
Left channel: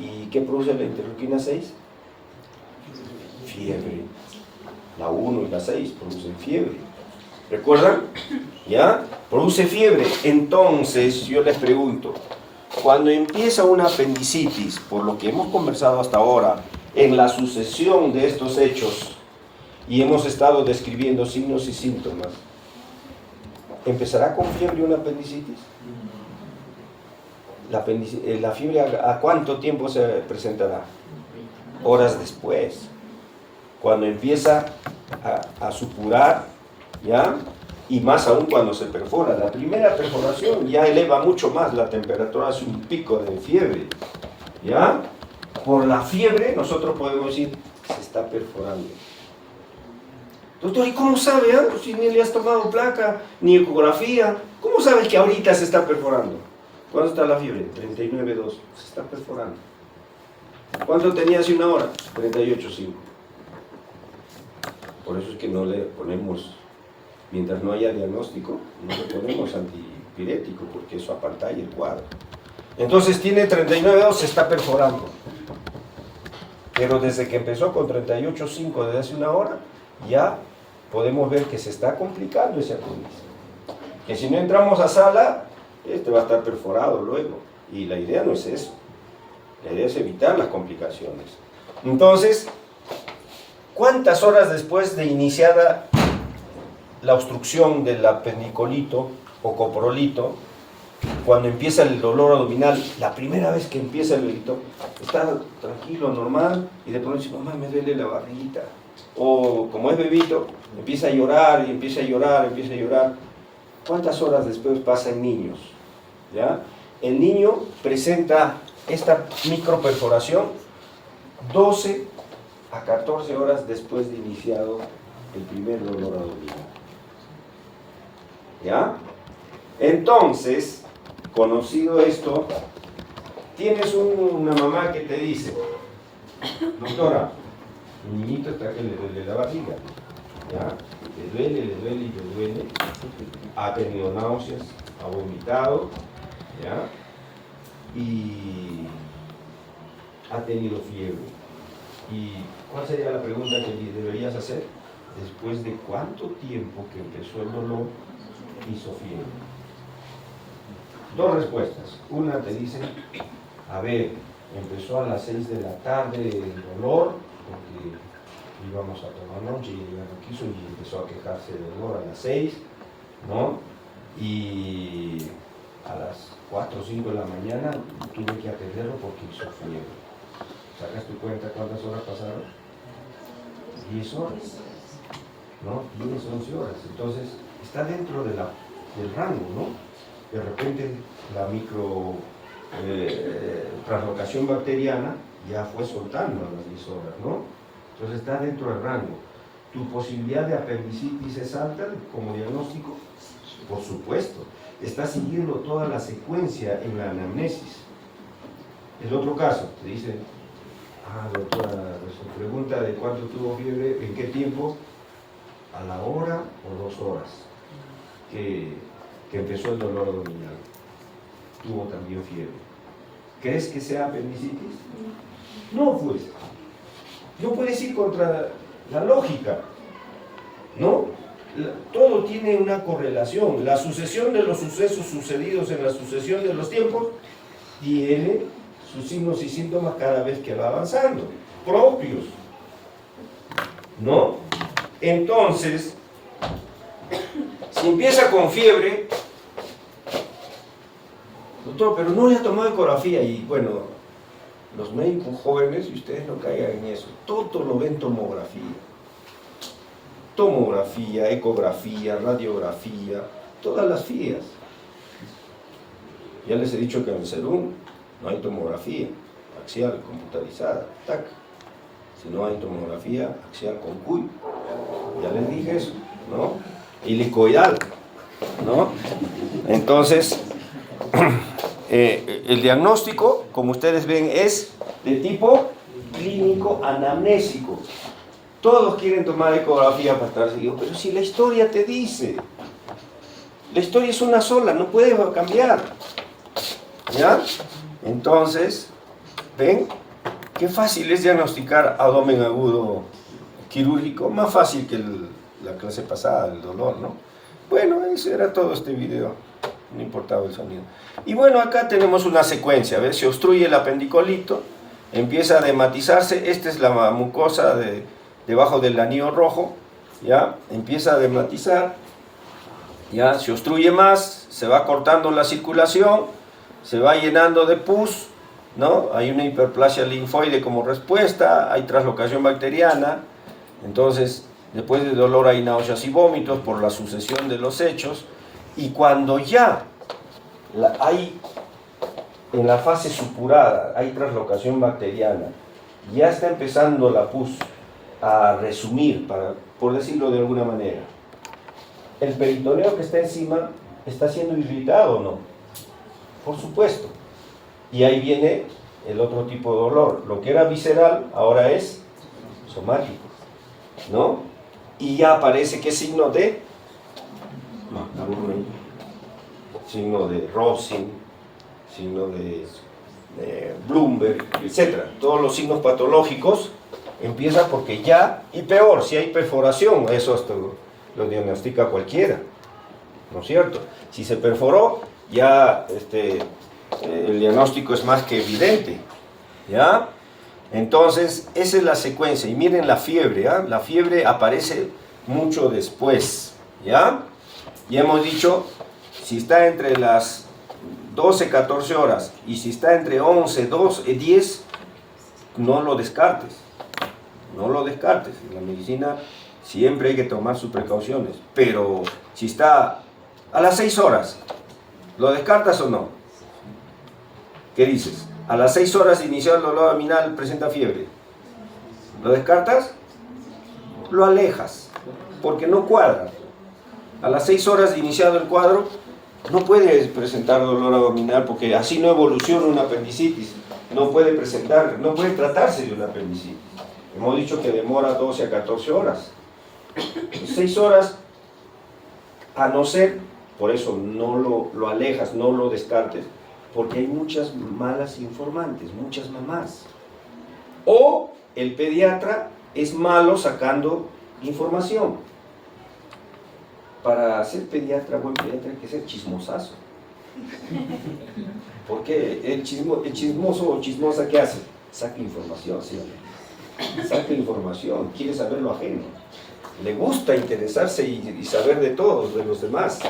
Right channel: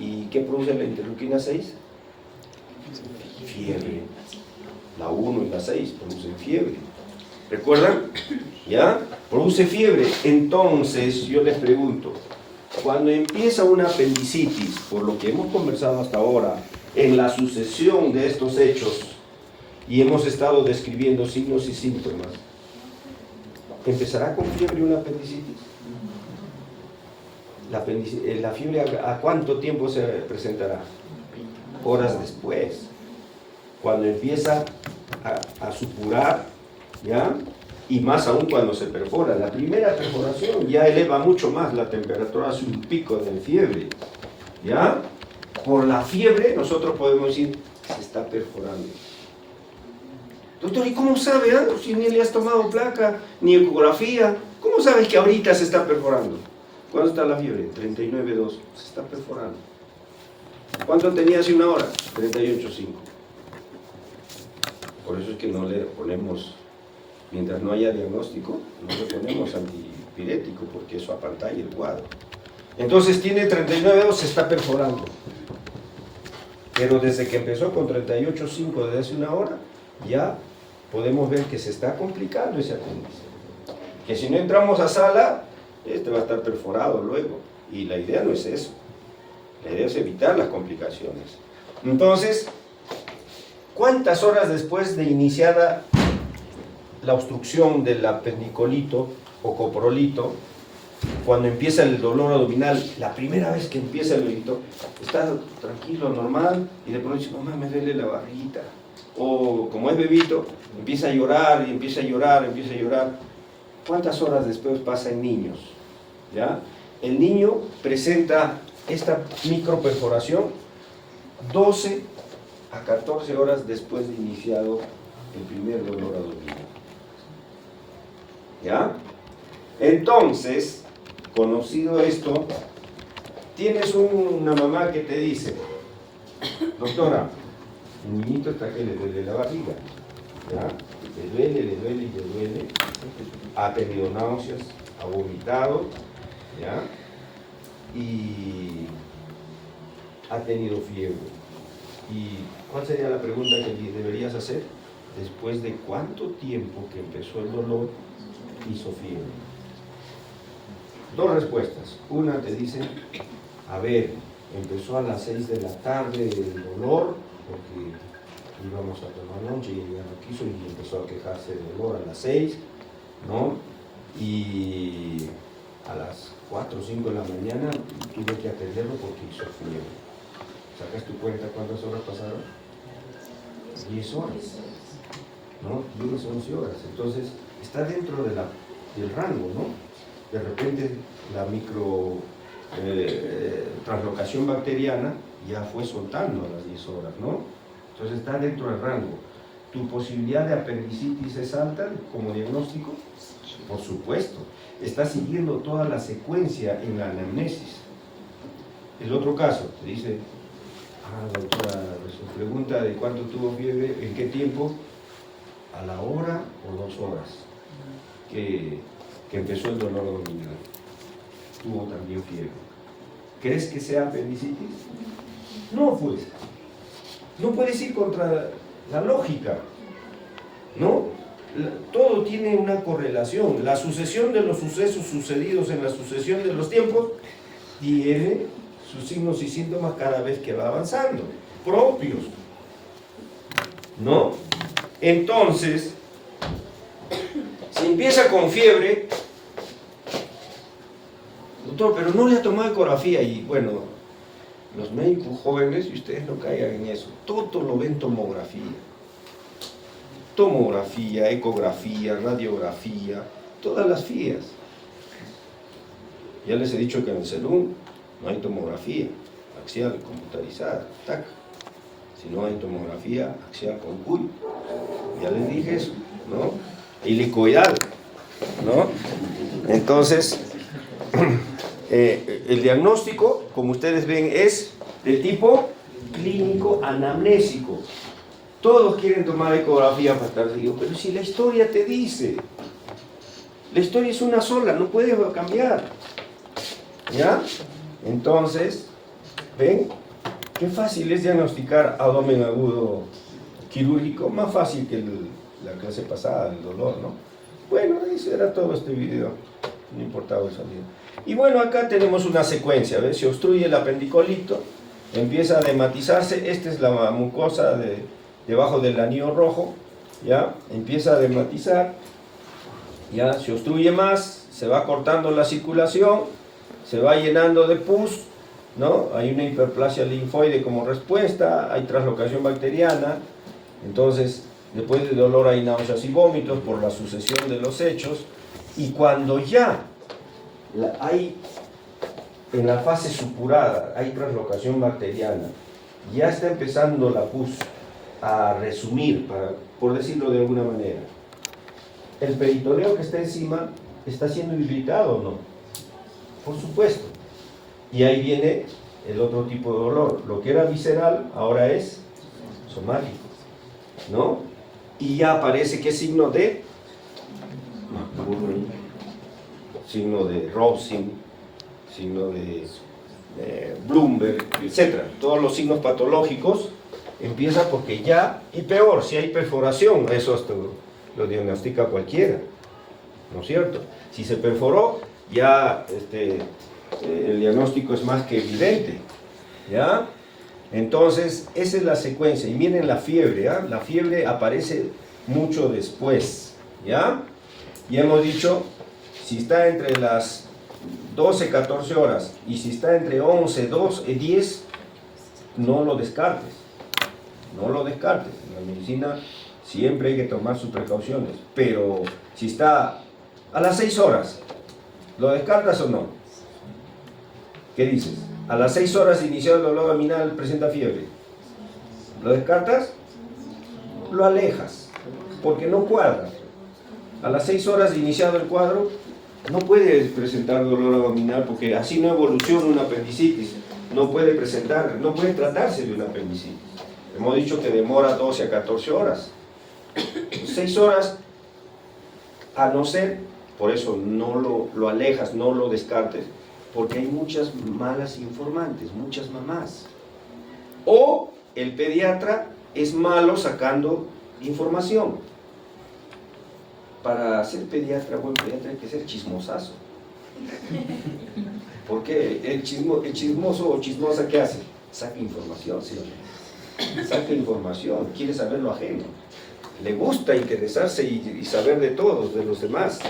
¿Y qué produce la interleuquina 6? Fiebre. La 1 y la 6 producen fiebre. ¿Recuerdan? ¿Ya? Produce fiebre. Entonces, yo les pregunto, cuando empieza una apendicitis, por lo que hemos conversado hasta ahora, en la sucesión de estos hechos, y hemos estado describiendo signos y síntomas, ¿empezará con fiebre una apendicitis? La fiebre, ¿a cuánto tiempo se presentará? Horas después. Cuando empieza a supurar, ¿ya? y más aún cuando se perfora. La primera perforación ya eleva mucho más la temperatura, hace un pico de fiebre, ¿ya? Por la fiebre nosotros podemos decir, se está perforando. Doctor, ¿y cómo sabe? Si ni le has tomado placa, ni ecografía, ¿cómo sabes que ahorita se está perforando? ¿Cuándo está la fiebre? 39,2, se está perforando. ¿Cuánto tenía hace una hora? 38,5. Por eso es que no le ponemos, mientras no haya diagnóstico, no le ponemos antipirético, porque eso apantalla el cuadro. Entonces tiene 39,2, se está perforando. Pero desde que empezó con 38,5 desde hace una hora, ya podemos ver que se está complicando ese apéndice. Que si no entramos a sala, este va a estar perforado luego. Y la idea no es eso. La idea es evitar las complicaciones. Entonces, ¿cuántas horas después de iniciada la obstrucción del apendicolito o coprolito, cuando empieza el dolor abdominal, la primera vez que empieza el dolorito, está tranquilo, normal, y de pronto dice, mamá, me duele la barriguita? O como es bebito, empieza a llorar y empieza a llorar, empieza a llorar. ¿Cuántas horas después pasa en niños? ¿Ya? El niño presenta esta microperforación 12 a 14 horas después de iniciado el primer dolor abdominal. ¿Ya? Entonces, conocido esto, tienes una mamá que te dice, doctora, el niñito está que le duele la barriga, ¿ya? Le duele, ha tenido náuseas, ha vomitado, ¿ya? Y ha tenido fiebre. ¿Y cuál sería la pregunta que deberías hacer? ¿Después de cuánto tiempo que empezó el dolor hizo fiebre? Dos respuestas. Una te dice, a ver, empezó a las 6 de la tarde el dolor, porque íbamos a tomar noche y ya no quiso y empezó a quejarse de dolor a las 6, ¿no? Y a las 4 o 5 de la mañana tuve que atenderlo porque hizo fiebre. ¿Sacas tu cuenta cuántas horas pasaron? 10 horas, ¿no? 10, 11 horas. Entonces, está dentro del rango, ¿no? De repente la micro translocación bacteriana ya fue soltando a las 10 horas, ¿no? Entonces está dentro del rango. ¿Tu posibilidad de apendicitis es alta como diagnóstico? Por supuesto. Está siguiendo toda la secuencia en la anamnesis. El otro caso, te dice, doctora, su pregunta de cuánto tuvo fiebre, en qué tiempo, a la hora o 2 horas que empezó el dolor abdominal. Tuvo también fiebre. ¿Crees que sea apendicitis? No, pues. No puedes ir contra la lógica, ¿no? Todo tiene una correlación. La sucesión de los sucesos sucedidos en la sucesión de los tiempos tiene sus signos y síntomas cada vez que va avanzando, propios, ¿no? Entonces, si empieza con fiebre, doctor, pero no le ha tomado ecografía, y bueno, los médicos jóvenes, y ustedes no caigan en eso, todo lo ven tomografía. Tomografía, ecografía, radiografía, todas las FIAs. Ya les he dicho que en el CELUM no hay tomografía axial computarizada, TAC, sino hay tomografía axial con CUI. Ya les dije eso, ¿no? Helicoidal, ¿no? Entonces, el diagnóstico, como ustedes ven, es de tipo clínico anamnésico. Todos quieren tomar ecografía para estar seguidos, pero si la historia te dice, la historia es una sola, no puede cambiar, ¿ya? Entonces, ¿ven? Qué fácil es diagnosticar abdomen agudo quirúrgico, más fácil que la clase pasada, el dolor, ¿no? Bueno, eso era todo este video, no importaba el sonido. Y bueno, acá tenemos una secuencia, ¿ves? Se obstruye el apendicolito, empieza a dematizarse, esta es la mucosa debajo del anillo rojo, ya, empieza a dematizar, ya, se obstruye más, se va cortando la circulación, se va llenando de pus, ¿no? Hay una hiperplasia linfoide como respuesta, hay translocación bacteriana, entonces Después de dolor hay náuseas y vómitos por la sucesión de los hechos. Y cuando ya hay en la fase supurada, hay translocación bacteriana, ya está empezando la pus a resumir, por decirlo de alguna manera. ¿El peritoneo que está encima está siendo irritado o no? Por supuesto. Y ahí viene el otro tipo de dolor. Lo que era visceral ahora es somático, ¿no? Y ya aparece ¿qué signo de? Signo de Robson, signo de Bloomberg, etc. Todos los signos patológicos empiezan porque ya, y peor, si hay perforación, eso hasta lo diagnostica cualquiera, ¿no es cierto? Si se perforó, ya el diagnóstico es más que evidente, ¿ya? Entonces, esa es la secuencia. Y miren la fiebre, ¿ah? La fiebre aparece mucho después, ¿ya? Y hemos dicho, si está entre las 12, 14 horas, y si está entre 11, 12, 10, no lo descartes. No lo descartes. En la medicina siempre hay que tomar sus precauciones. Pero si está a las 6 horas, ¿lo descartas o no? ¿Qué dices? A las 6 horas de iniciar el dolor abdominal presenta fiebre. ¿Lo descartas? Lo alejas, porque no cuadra. A las 6 horas de iniciado el cuadro, no puede presentar dolor abdominal porque así no evoluciona una apendicitis. No puede tratarse de una apendicitis. Hemos dicho que demora 12 a 14 horas. 6 horas, a no ser, por eso no lo alejas, no lo descartes, porque hay muchas malas informantes, muchas mamás. O el pediatra es malo sacando información. Para ser pediatra, buen pediatra, hay que ser chismosazo. Porque el chismoso o chismosa, ¿qué hace? Saca información, ¿sí? Saca información, quiere saber lo ajeno. Le gusta interesarse y saber de todos, de los demás.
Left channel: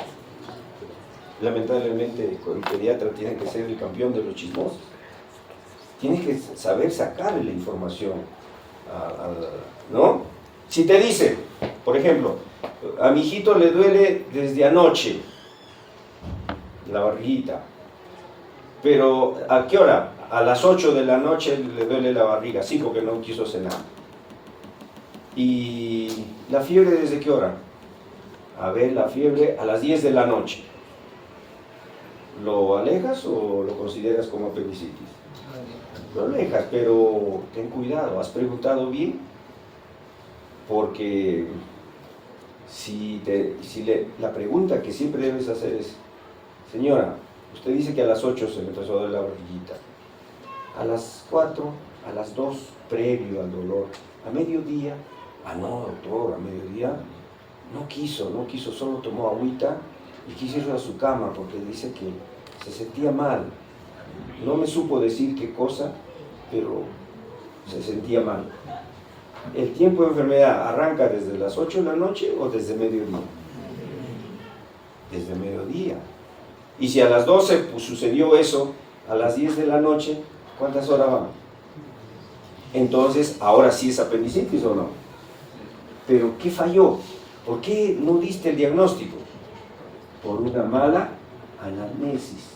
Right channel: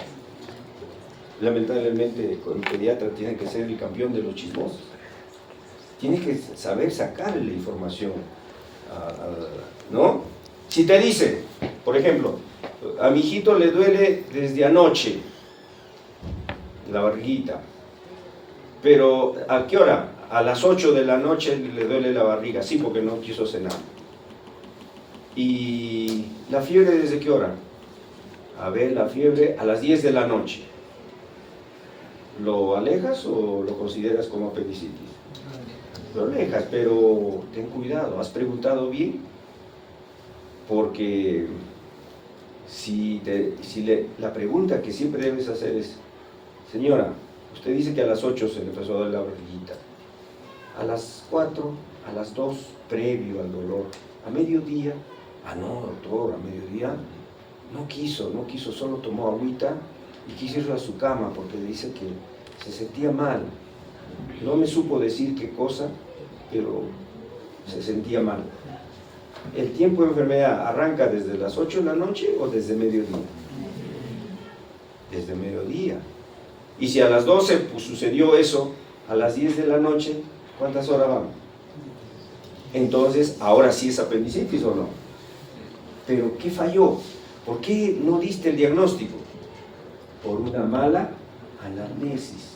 Lamentablemente, el pediatra tiene que ser el campeón de los chismosos. Tiene que saber sacarle la información, ¿no? Si te dice, por ejemplo, a mi hijito le duele desde anoche la barriguita, pero ¿a qué hora? A las 8 de la noche le duele la barriga, sí, porque no quiso cenar. ¿Y la fiebre desde qué hora? A ver, la fiebre a las 10 de la noche. ¿Lo alejas o lo consideras como apendicitis? Lo alejas, pero ten cuidado, ¿has preguntado bien? Porque la pregunta que siempre debes hacer es, señora, usted dice que a las 8 se le empezó a dar la barriguita, a las 4, a las 2, previo al dolor, a mediodía, no, doctor, a mediodía no quiso, solo tomó agüita y quiso ir a su cama porque dice que se sentía mal. No me supo decir qué cosa, pero se sentía mal. ¿El tiempo de enfermedad arranca desde las 8 de la noche o desde mediodía? Desde mediodía. Y si a las 12 pues, sucedió eso, a las 10 de la noche, ¿cuántas horas van? Entonces, ahora sí es apendicitis o no. ¿Pero qué falló? ¿Por qué no diste el diagnóstico? Por una mala anamnesis.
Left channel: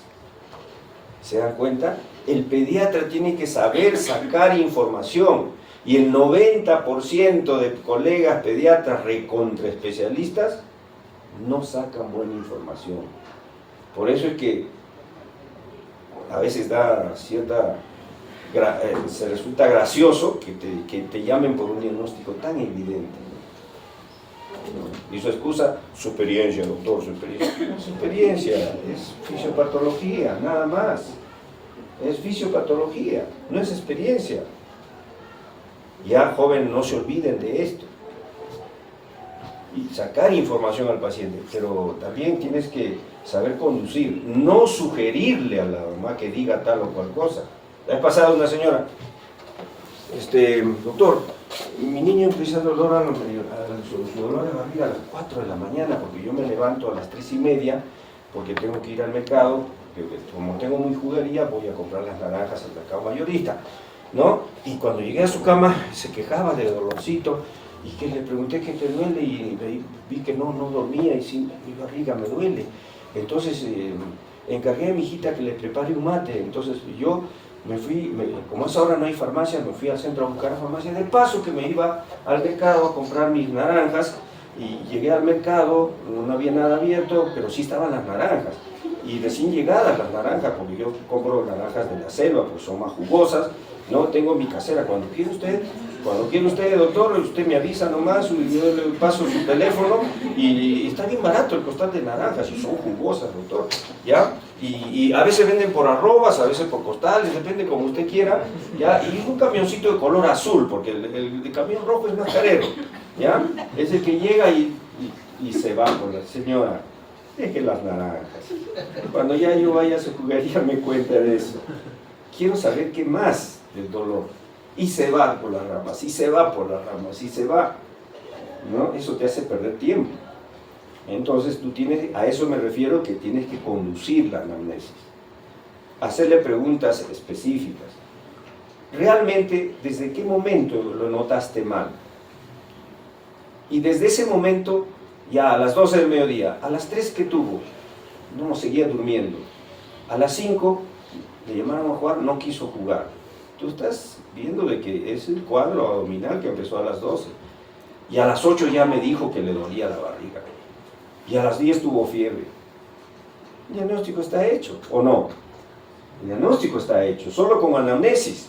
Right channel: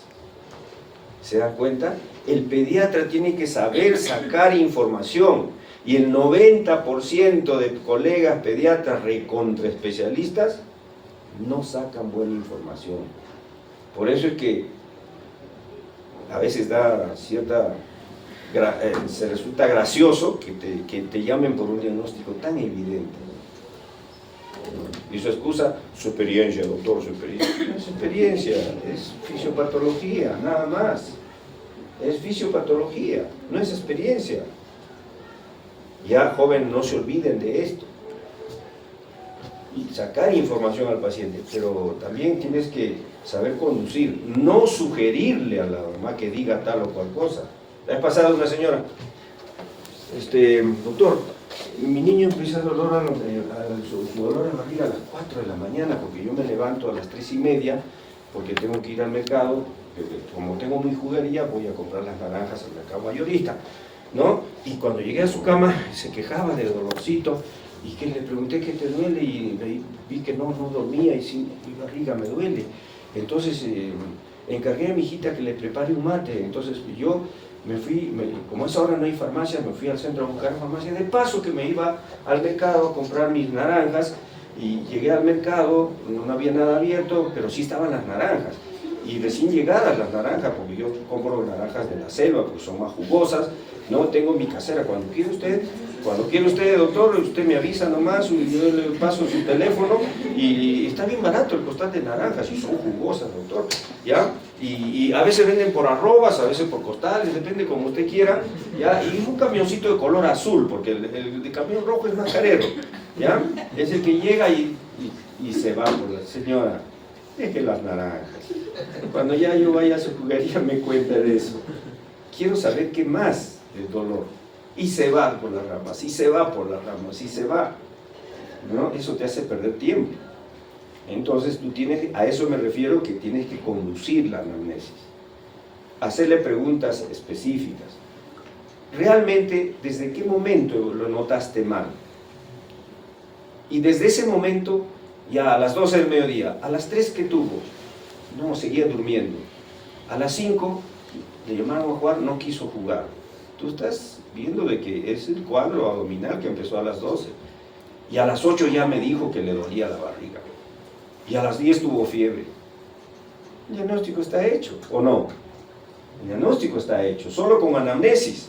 ¿Se dan cuenta? El pediatra tiene que saber sacar información. Y el 90% de colegas pediatras recontraespecialistas no sacan buena información. Por eso es que a veces se resulta gracioso que te llamen por un diagnóstico tan evidente. Y su excusa, su experiencia, doctor, su experiencia. No es experiencia, es fisiopatología, nada más. Es fisiopatología, no es experiencia. Ya, joven, no se olviden de esto. Y sacar información al paciente, pero también tienes que saber conducir, no sugerirle a la mamá que diga tal o cual cosa. La vez pasada una señora, doctor, mi niño empieza su dolor de barriga a las 4 de la mañana, porque yo me levanto a las 3:30, porque tengo que ir al mercado, como tengo muy juguería, voy a comprar las naranjas al mercado mayorista, ¿no? Y cuando llegué a su cama, se quejaba de dolorcito, Y que le pregunté qué te duele y vi que no dormía y sí, mi barriga me duele. Entonces encargué a mi hijita que le prepare un mate. Entonces yo me fui, como a esa hora no hay farmacia, me fui al centro a buscar la farmacia. De paso que me iba al mercado a comprar mis naranjas y llegué al mercado, no había nada abierto, pero sí estaban las naranjas. Y recién llegadas las naranjas, porque yo compro naranjas de la selva, pues son más jugosas. No tengo mi casera. Cuando quiere usted, doctor, usted me avisa nomás, y yo le paso su teléfono y está bien barato el costal de naranjas y son jugosas, doctor, ¿ya? Y a veces venden por arrobas, a veces por costales, depende como usted quiera, ¿ya? Y un camioncito de color azul, porque el camión rojo es más carero, ¿ya? Es el que llega y se va por la señora. Deje las naranjas. Cuando ya yo vaya a su juguería me cuenta de eso. Quiero saber qué más del dolor. Y se va por las ramas, y se va por las ramas, y se va. ¿No? Eso te hace perder tiempo. Entonces tú tienes, a eso me refiero, que tienes que conducir la anamnesis. Hacerle preguntas específicas. Realmente, ¿desde qué momento lo notaste mal? Y desde ese momento, ya a las 12 del mediodía, a las 3 que tuvo, no, seguía durmiendo. A las 5 le llamaron a jugar, no quiso jugar. Tú estás viendo de que es el cuadro abdominal que empezó a las 12. Y a las 8 ya me dijo que le dolía la barriga. Y a las 10 tuvo fiebre. El diagnóstico está hecho, ¿o no? El diagnóstico está hecho, solo con anamnesis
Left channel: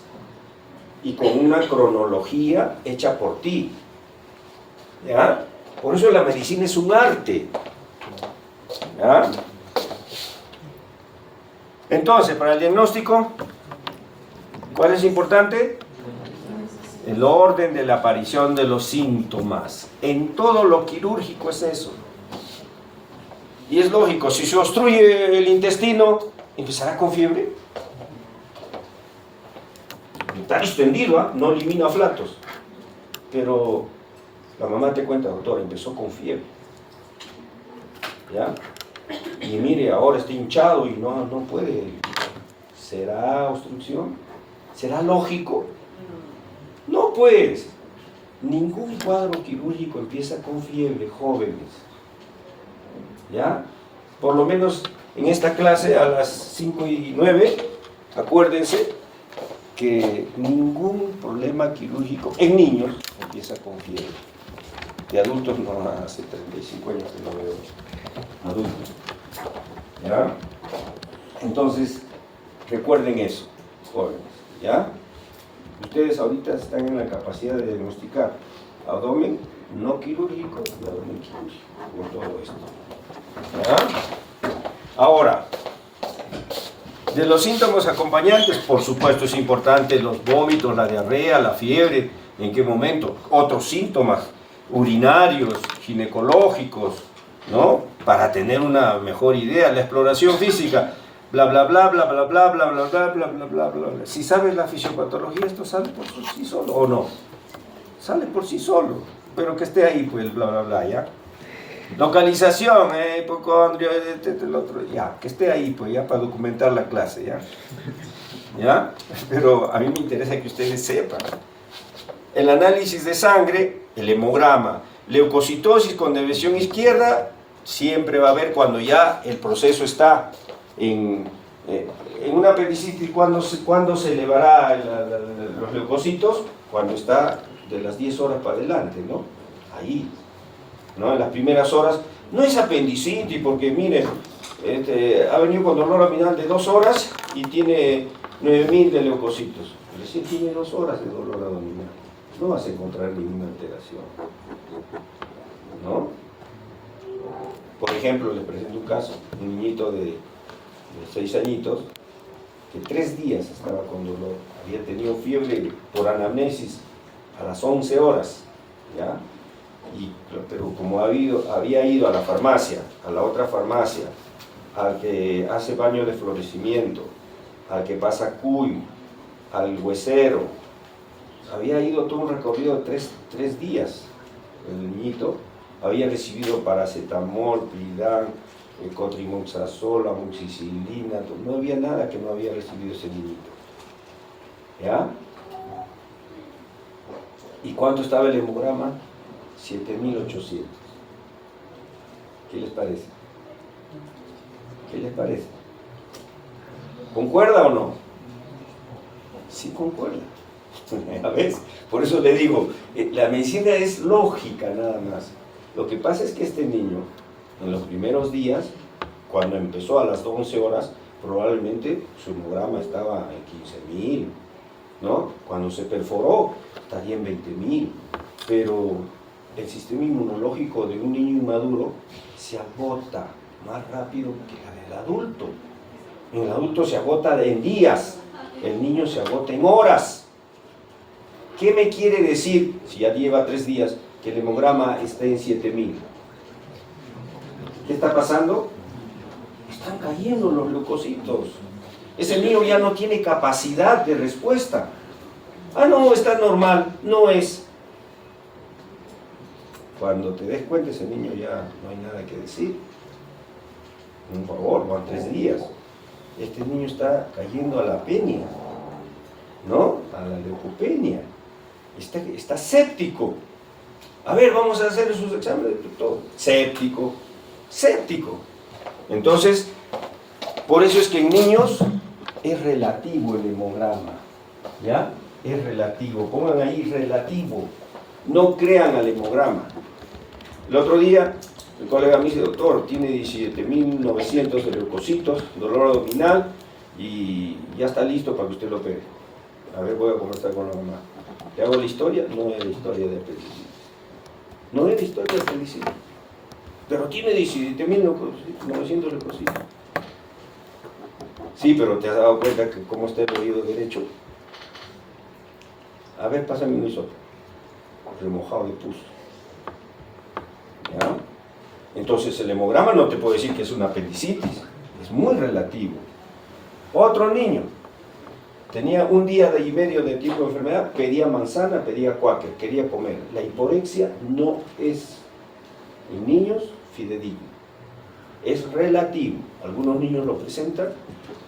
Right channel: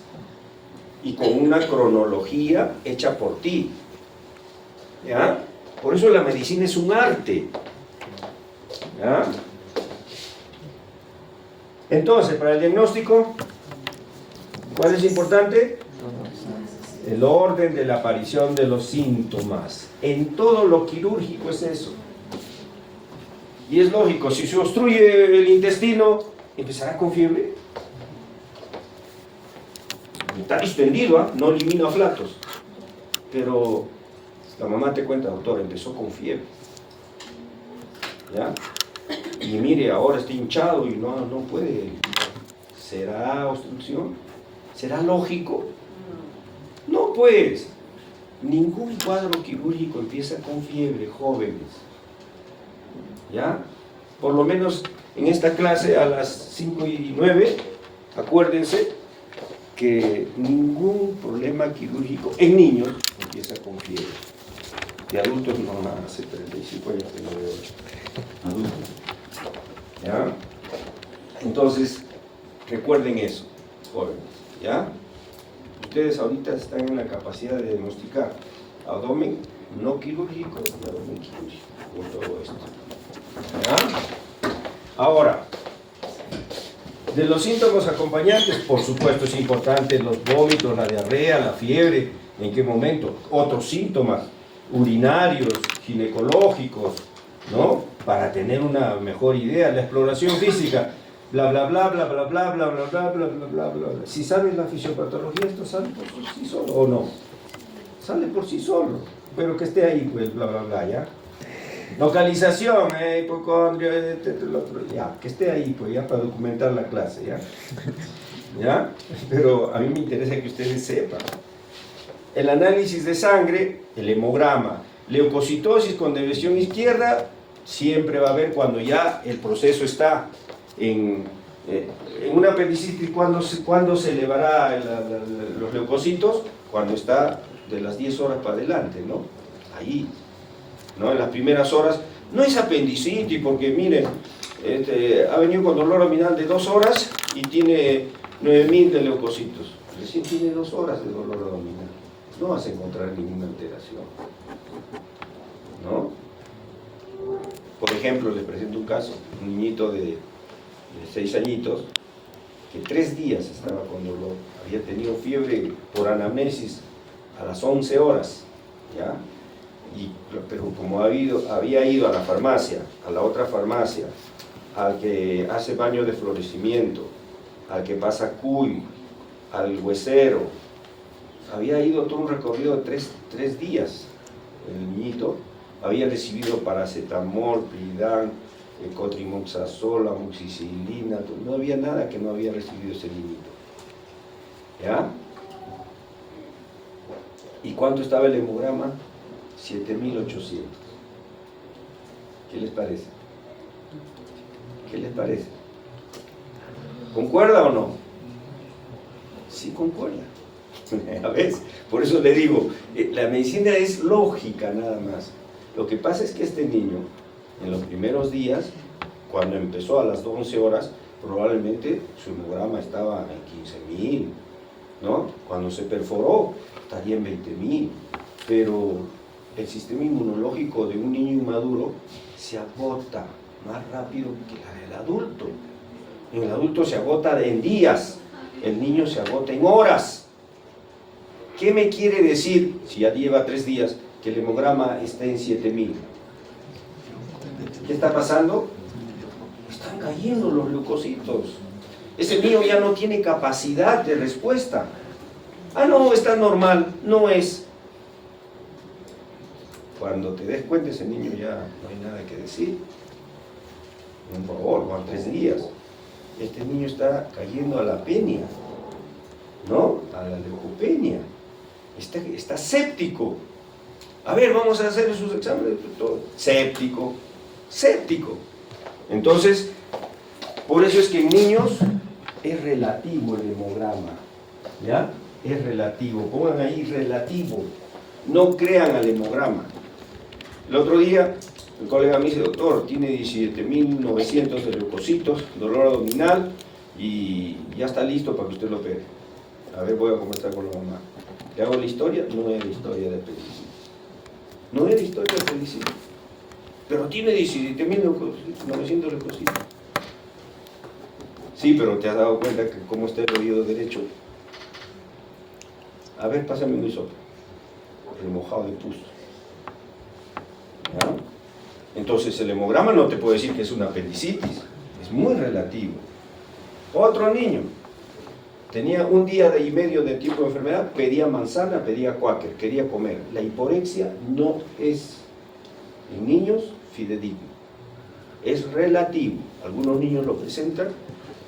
y con una cronología hecha por ti. ¿Ya? Por eso la medicina es un arte. ¿Ya? Entonces, para el diagnóstico, ¿cuál es importante? El orden de la aparición de los síntomas. En todo lo quirúrgico es eso. Y es lógico, si se obstruye el intestino, empezará con fiebre. Está distendido, ¿eh? No elimina flatos. Pero la mamá te cuenta, doctor, empezó con fiebre. ¿Ya? Y mire, ahora está hinchado y no puede. ¿Será obstrucción? ¿Será lógico? No, pues. Ningún cuadro quirúrgico empieza con fiebre, jóvenes. ¿Ya? Por lo menos en esta clase a las 5:09, acuérdense que ningún problema quirúrgico en niños empieza con fiebre. De adultos no, hace 35 años que no veo adultos. ¿Ya? Entonces, recuerden eso, jóvenes. ¿Ya? Ustedes ahorita están en la capacidad de diagnosticar abdomen no quirúrgico y abdomen quirúrgico, por todo esto. ¿Ya? Ahora, de los síntomas acompañantes, por supuesto es importante los vómitos, la diarrea, la fiebre, en qué momento, otros síntomas urinarios, ginecológicos, ¿no? Para tener una mejor idea, la exploración física, bla bla bla bla bla bla bla bla bla bla bla bla bla. Si sabes la fisiopatología, esto sale por sí solo, ¿o no? Sale por sí solo, pero que esté ahí, pues, bla bla bla, ¿ya? Localización, hipocondria, el otro, ya, que esté ahí, pues, ya, para documentar la clase, ¿ya? ¿Ya? Pero a mí me interesa que ustedes sepan. El análisis de sangre, el hemograma, leucocitosis con deviación izquierda, siempre va a haber cuando ya el proceso está en una apendicitis. ¿Cuándo se elevará los leucocitos? Cuando está de las 10 horas para adelante, ¿no? Ahí, ¿no? En las primeras horas, no es apendicitis, porque miren, ha venido con dolor abdominal de 2 horas y tiene 9.000 de leucocitos. Recién tiene 2 horas de dolor abdominal. No vas a encontrar ninguna alteración, ¿no? Por ejemplo, les presento un caso, un niñito de 6 añitos, que 3 días estaba con dolor, había tenido fiebre por anamnesis a las 11 horas, ¿ya? Pero como había ido a la farmacia, a la otra farmacia, al que hace baño de florecimiento, al que pasa cuy, al huesero, había ido todo un recorrido de 3 días, el niñito, había recibido paracetamol, Pridán, cotrimoxazol, amoxicilina, no había nada que no había recibido ese niñito. ¿Ya? ¿Y cuánto estaba el hemograma? 7.800. ¿Qué les parece? ¿Qué les parece? ¿Concuerda o no? Sí, concuerda. A ver, por eso le digo, la medicina es lógica nada más. Lo que pasa es que este niño, en los primeros días, cuando empezó a las 11 horas, probablemente su hemograma estaba en 15.000, ¿no? Cuando se perforó, estaría en 20.000. Pero el sistema inmunológico de un niño inmaduro se agota más rápido que la del adulto. En el adulto se agota en días, el niño se agota en horas. ¿Qué me quiere decir, si ya lleva 3 días, que el hemograma está en 7.000? ¿Qué está pasando? Están cayendo los leucocitos. Ese niño ya no tiene capacidad de respuesta. Ah, no, está normal. No es. Cuando te des cuenta, ese niño ya no hay nada que decir. Por favor, van 3 días. Este niño está cayendo a la penia, ¿no? A la leucopenia. Está séptico. A ver, vamos a hacer sus exámenes. Todo. Séptico. Entonces, por eso es que en niños es relativo el hemograma. ¿Ya? Es relativo. Pongan ahí relativo. No crean al hemograma. El otro día, el colega me dice, doctor, tiene 17.900 de leucocitos, dolor abdominal y ya está listo para que usted lo opere. A ver, voy a conversar con la mamá. ¿Le hago la historia? No es la historia de apendicitis. No es la historia de apendicitis. Pero tiene 17.900 leucocitos. Sí, pero te has dado cuenta que cómo está el oído derecho. A ver, pásame un hisopo. Remojado de pus. ¿Ya? Entonces el hemograma no te puede decir que es una apendicitis. Es muy relativo. Otro niño. Tenía 1 día y medio de tipo de enfermedad, pedía manzana, pedía cuáquer, quería comer. La hiporexia no es, en niños, fidedigno. Es relativo. Algunos niños lo presentan,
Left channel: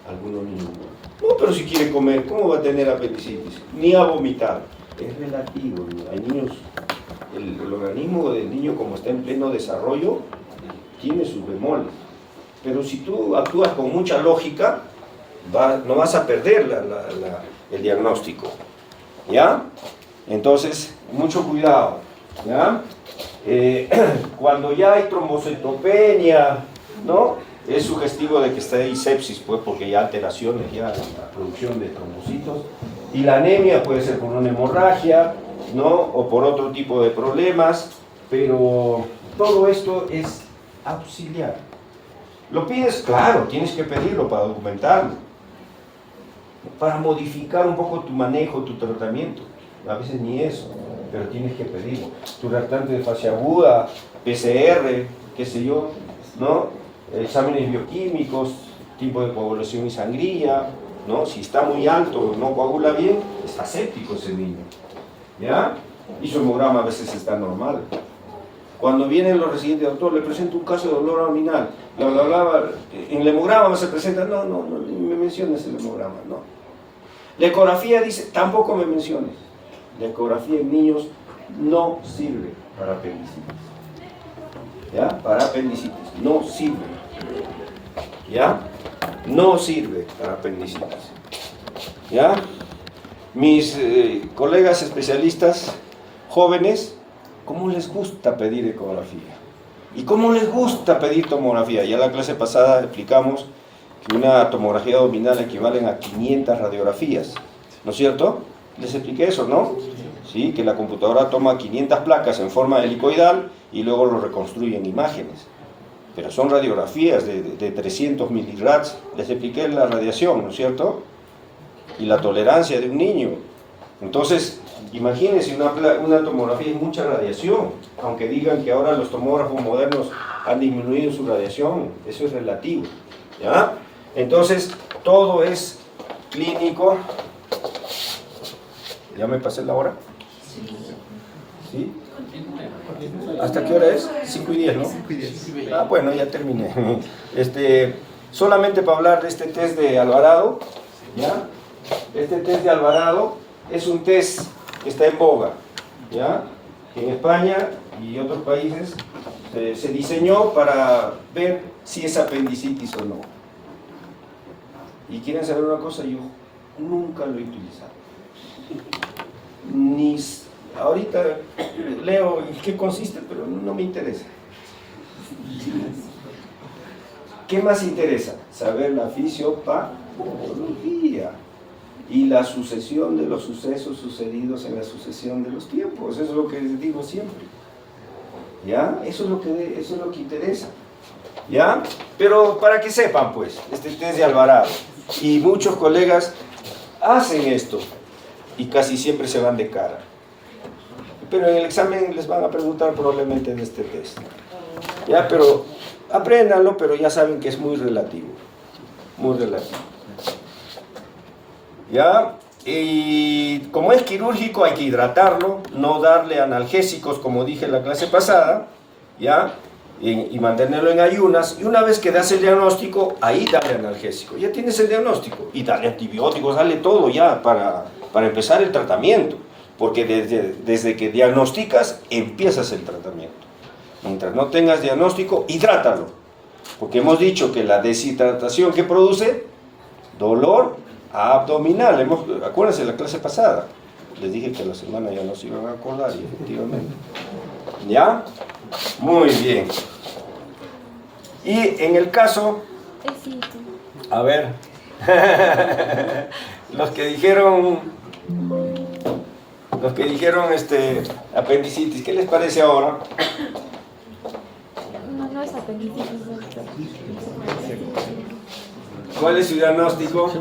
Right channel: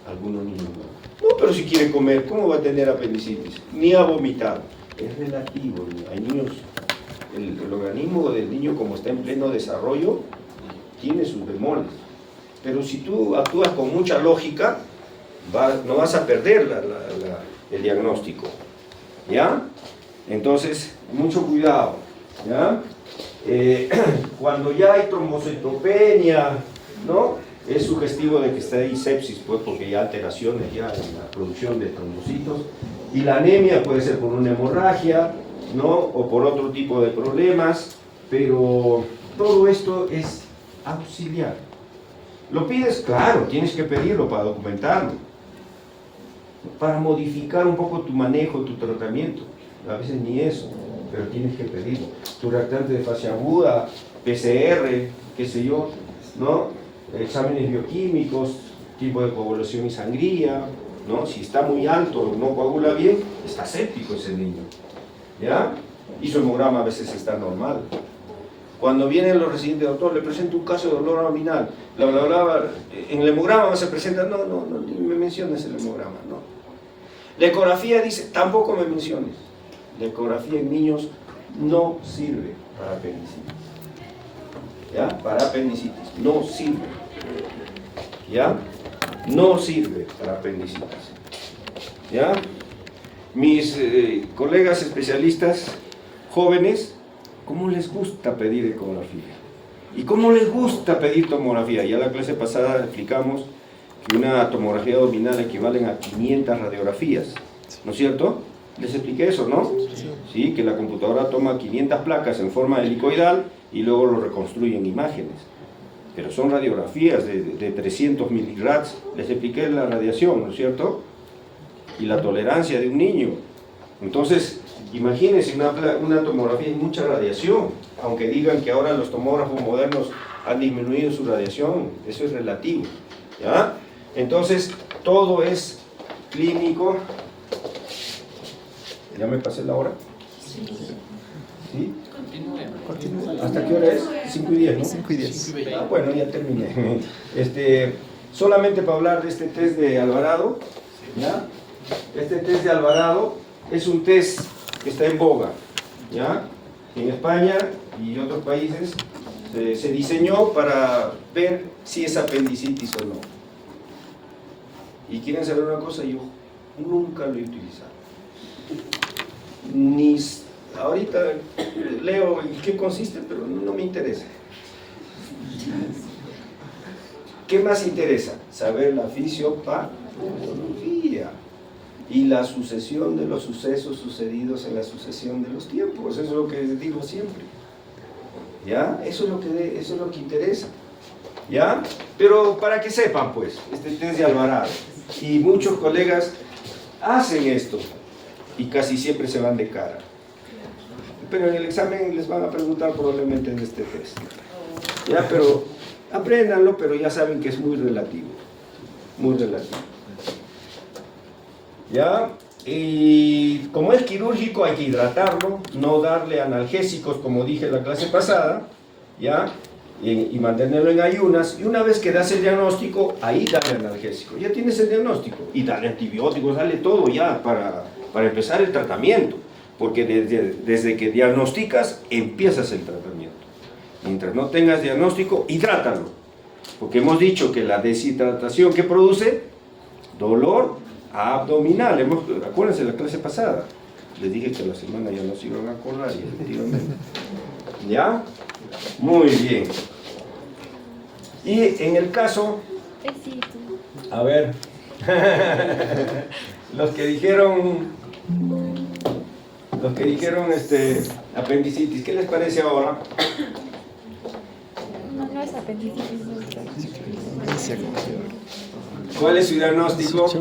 algunos niños no. No, pero si quiere comer, ¿cómo va a tener apendicitis? Ni a vomitar. Es relativo. Hay niños, el organismo del niño, como está en pleno desarrollo, tiene sus bemoles. Pero si tú actúas con mucha lógica, no vas a perder el diagnóstico, ¿ya? Entonces, mucho cuidado, ¿ya? Cuando ya hay trombocitopenia, ¿no? Es sugestivo de que está ahí sepsis, pues, porque hay alteraciones ya en la producción de trombocitos. Y la anemia puede ser por una hemorragia, ¿no? O por otro tipo de problemas, pero todo esto es auxiliar. ¿Lo pides? Claro, tienes que pedirlo para documentarlo, para modificar un poco tu manejo, tu tratamiento. A veces ni eso, pero tienes que pedirlo. Tu reactante de fase aguda, PCR, qué sé yo, ¿no? Exámenes bioquímicos, tipo de coagulación y sangría, ¿no? Si está muy alto, no coagula bien, está séptico ese niño, ¿ya? Y su hemograma a veces está normal. Cuando vienen los residentes, doctor, le presento un caso de dolor abdominal, bla, bla, bla, en el hemograma se presenta, no, ni me menciones el hemograma, no. La ecografía dice, tampoco me menciones. La ecografía en niños no sirve para apendicitis. ¿Ya? Para apendicitis, no sirve. ¿Ya? No sirve para apendicitis. ¿Ya? Mis colegas especialistas jóvenes, ¿cómo les gusta pedir ecografía? ¿Y cómo les gusta pedir tomografía? Ya la clase pasada explicamos que una tomografía abdominal equivale a 500 radiografías, ¿no es cierto? Les expliqué eso, ¿no? Sí, que la computadora toma 500 placas en forma helicoidal y luego lo reconstruye en imágenes. Pero son radiografías de 300 miligrads. Les expliqué la radiación, ¿no es cierto? Y la tolerancia de un niño. Entonces, imagínense una tomografía y mucha radiación, aunque digan que ahora los tomógrafos modernos han disminuido su radiación, eso es relativo, ¿ya? Entonces, todo es clínico. ¿Ya me pasé la hora? ¿Sí? ¿Hasta qué hora es? 5:10, ¿no? 5:10. Ah, bueno, ya terminé. Solamente para hablar de este test de Alvarado, ¿ya? Este test de Alvarado es un test que está en boga, ¿ya? En España y otros países se diseñó para ver si es apendicitis o no. Y quieren saber una cosa, yo nunca lo he utilizado. Ahorita leo en qué consiste, pero no me interesa. ¿Qué más interesa? Saber la fisiopatología y la sucesión de los sucesos sucedidos en la sucesión de los tiempos. Eso es lo que les digo siempre. ¿Ya? Eso es lo que interesa. ¿Ya? Pero para que sepan, pues, este test de Alvarado. Y muchos colegas hacen esto y casi siempre se van de cara. Pero en el examen les van a preguntar probablemente de este test. ¿Ya? Pero apréndanlo, pero ya saben que es muy relativo. Muy relativo. ¿Ya? Y como es quirúrgico hay que hidratarlo, no darle analgésicos como dije en la clase pasada, ¿ya? Y mantenerlo en ayunas, y una vez que das el diagnóstico, ahí dale analgésico. Ya tienes el diagnóstico, y dale antibióticos, dale todo ya para empezar el tratamiento, porque desde que diagnosticas, empiezas el tratamiento. Mientras no tengas diagnóstico, hidrátalo, porque hemos dicho que la deshidratación que produce dolor abdominal. Acuérdense de la clase pasada, les dije que a la semana ya no se iban a acordar, y efectivamente. ¿Ya? Muy bien. Y en el caso, a ver, los que dijeron apendicitis, ¿qué les parece ahora? No es apendicitis. ¿Cuál es su diagnóstico?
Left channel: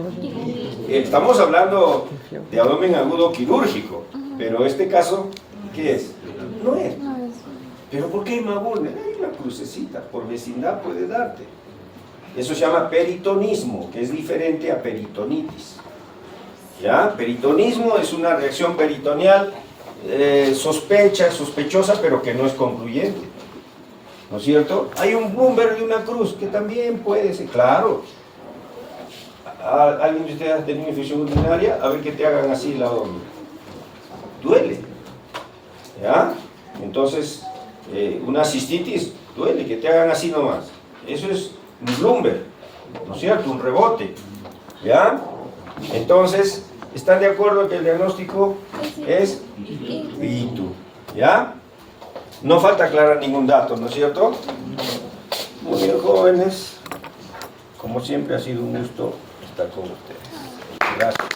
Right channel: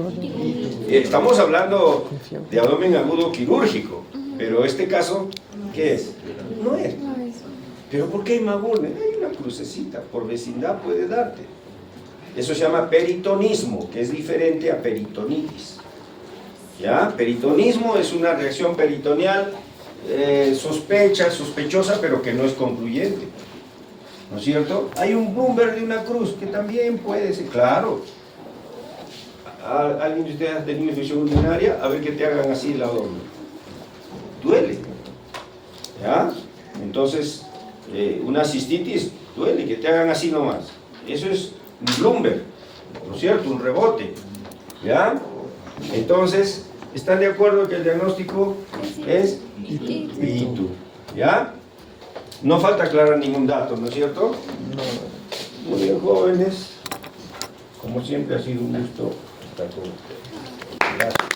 Estamos hablando de abdomen agudo quirúrgico, pero este caso, ¿qué es? No es. ¿Pero por qué hemagulmen? Hay una crucecita, por vecindad puede darte. Eso se llama peritonismo, que es diferente a peritonitis. ¿Ya? Peritonismo es una reacción peritoneal sospechosa, pero que no es concluyente. ¿No es cierto? Hay un Bloomberg de una cruz, que también puede ser, claro. ¿Alguien de ustedes ha tenido infección urinaria? A ver que te hagan así la onda. Duele. ¿Ya? Entonces, una cistitis duele, que te hagan así nomás. Eso es un Bloomberg, ¿no es cierto? Un rebote. ¿Ya? Entonces, ¿están de acuerdo que el diagnóstico es ITU? ¿Ya? No falta aclarar ningún dato, ¿no es cierto? Muy bien, jóvenes. Como siempre, ha sido un gusto estar con ustedes. Gracias.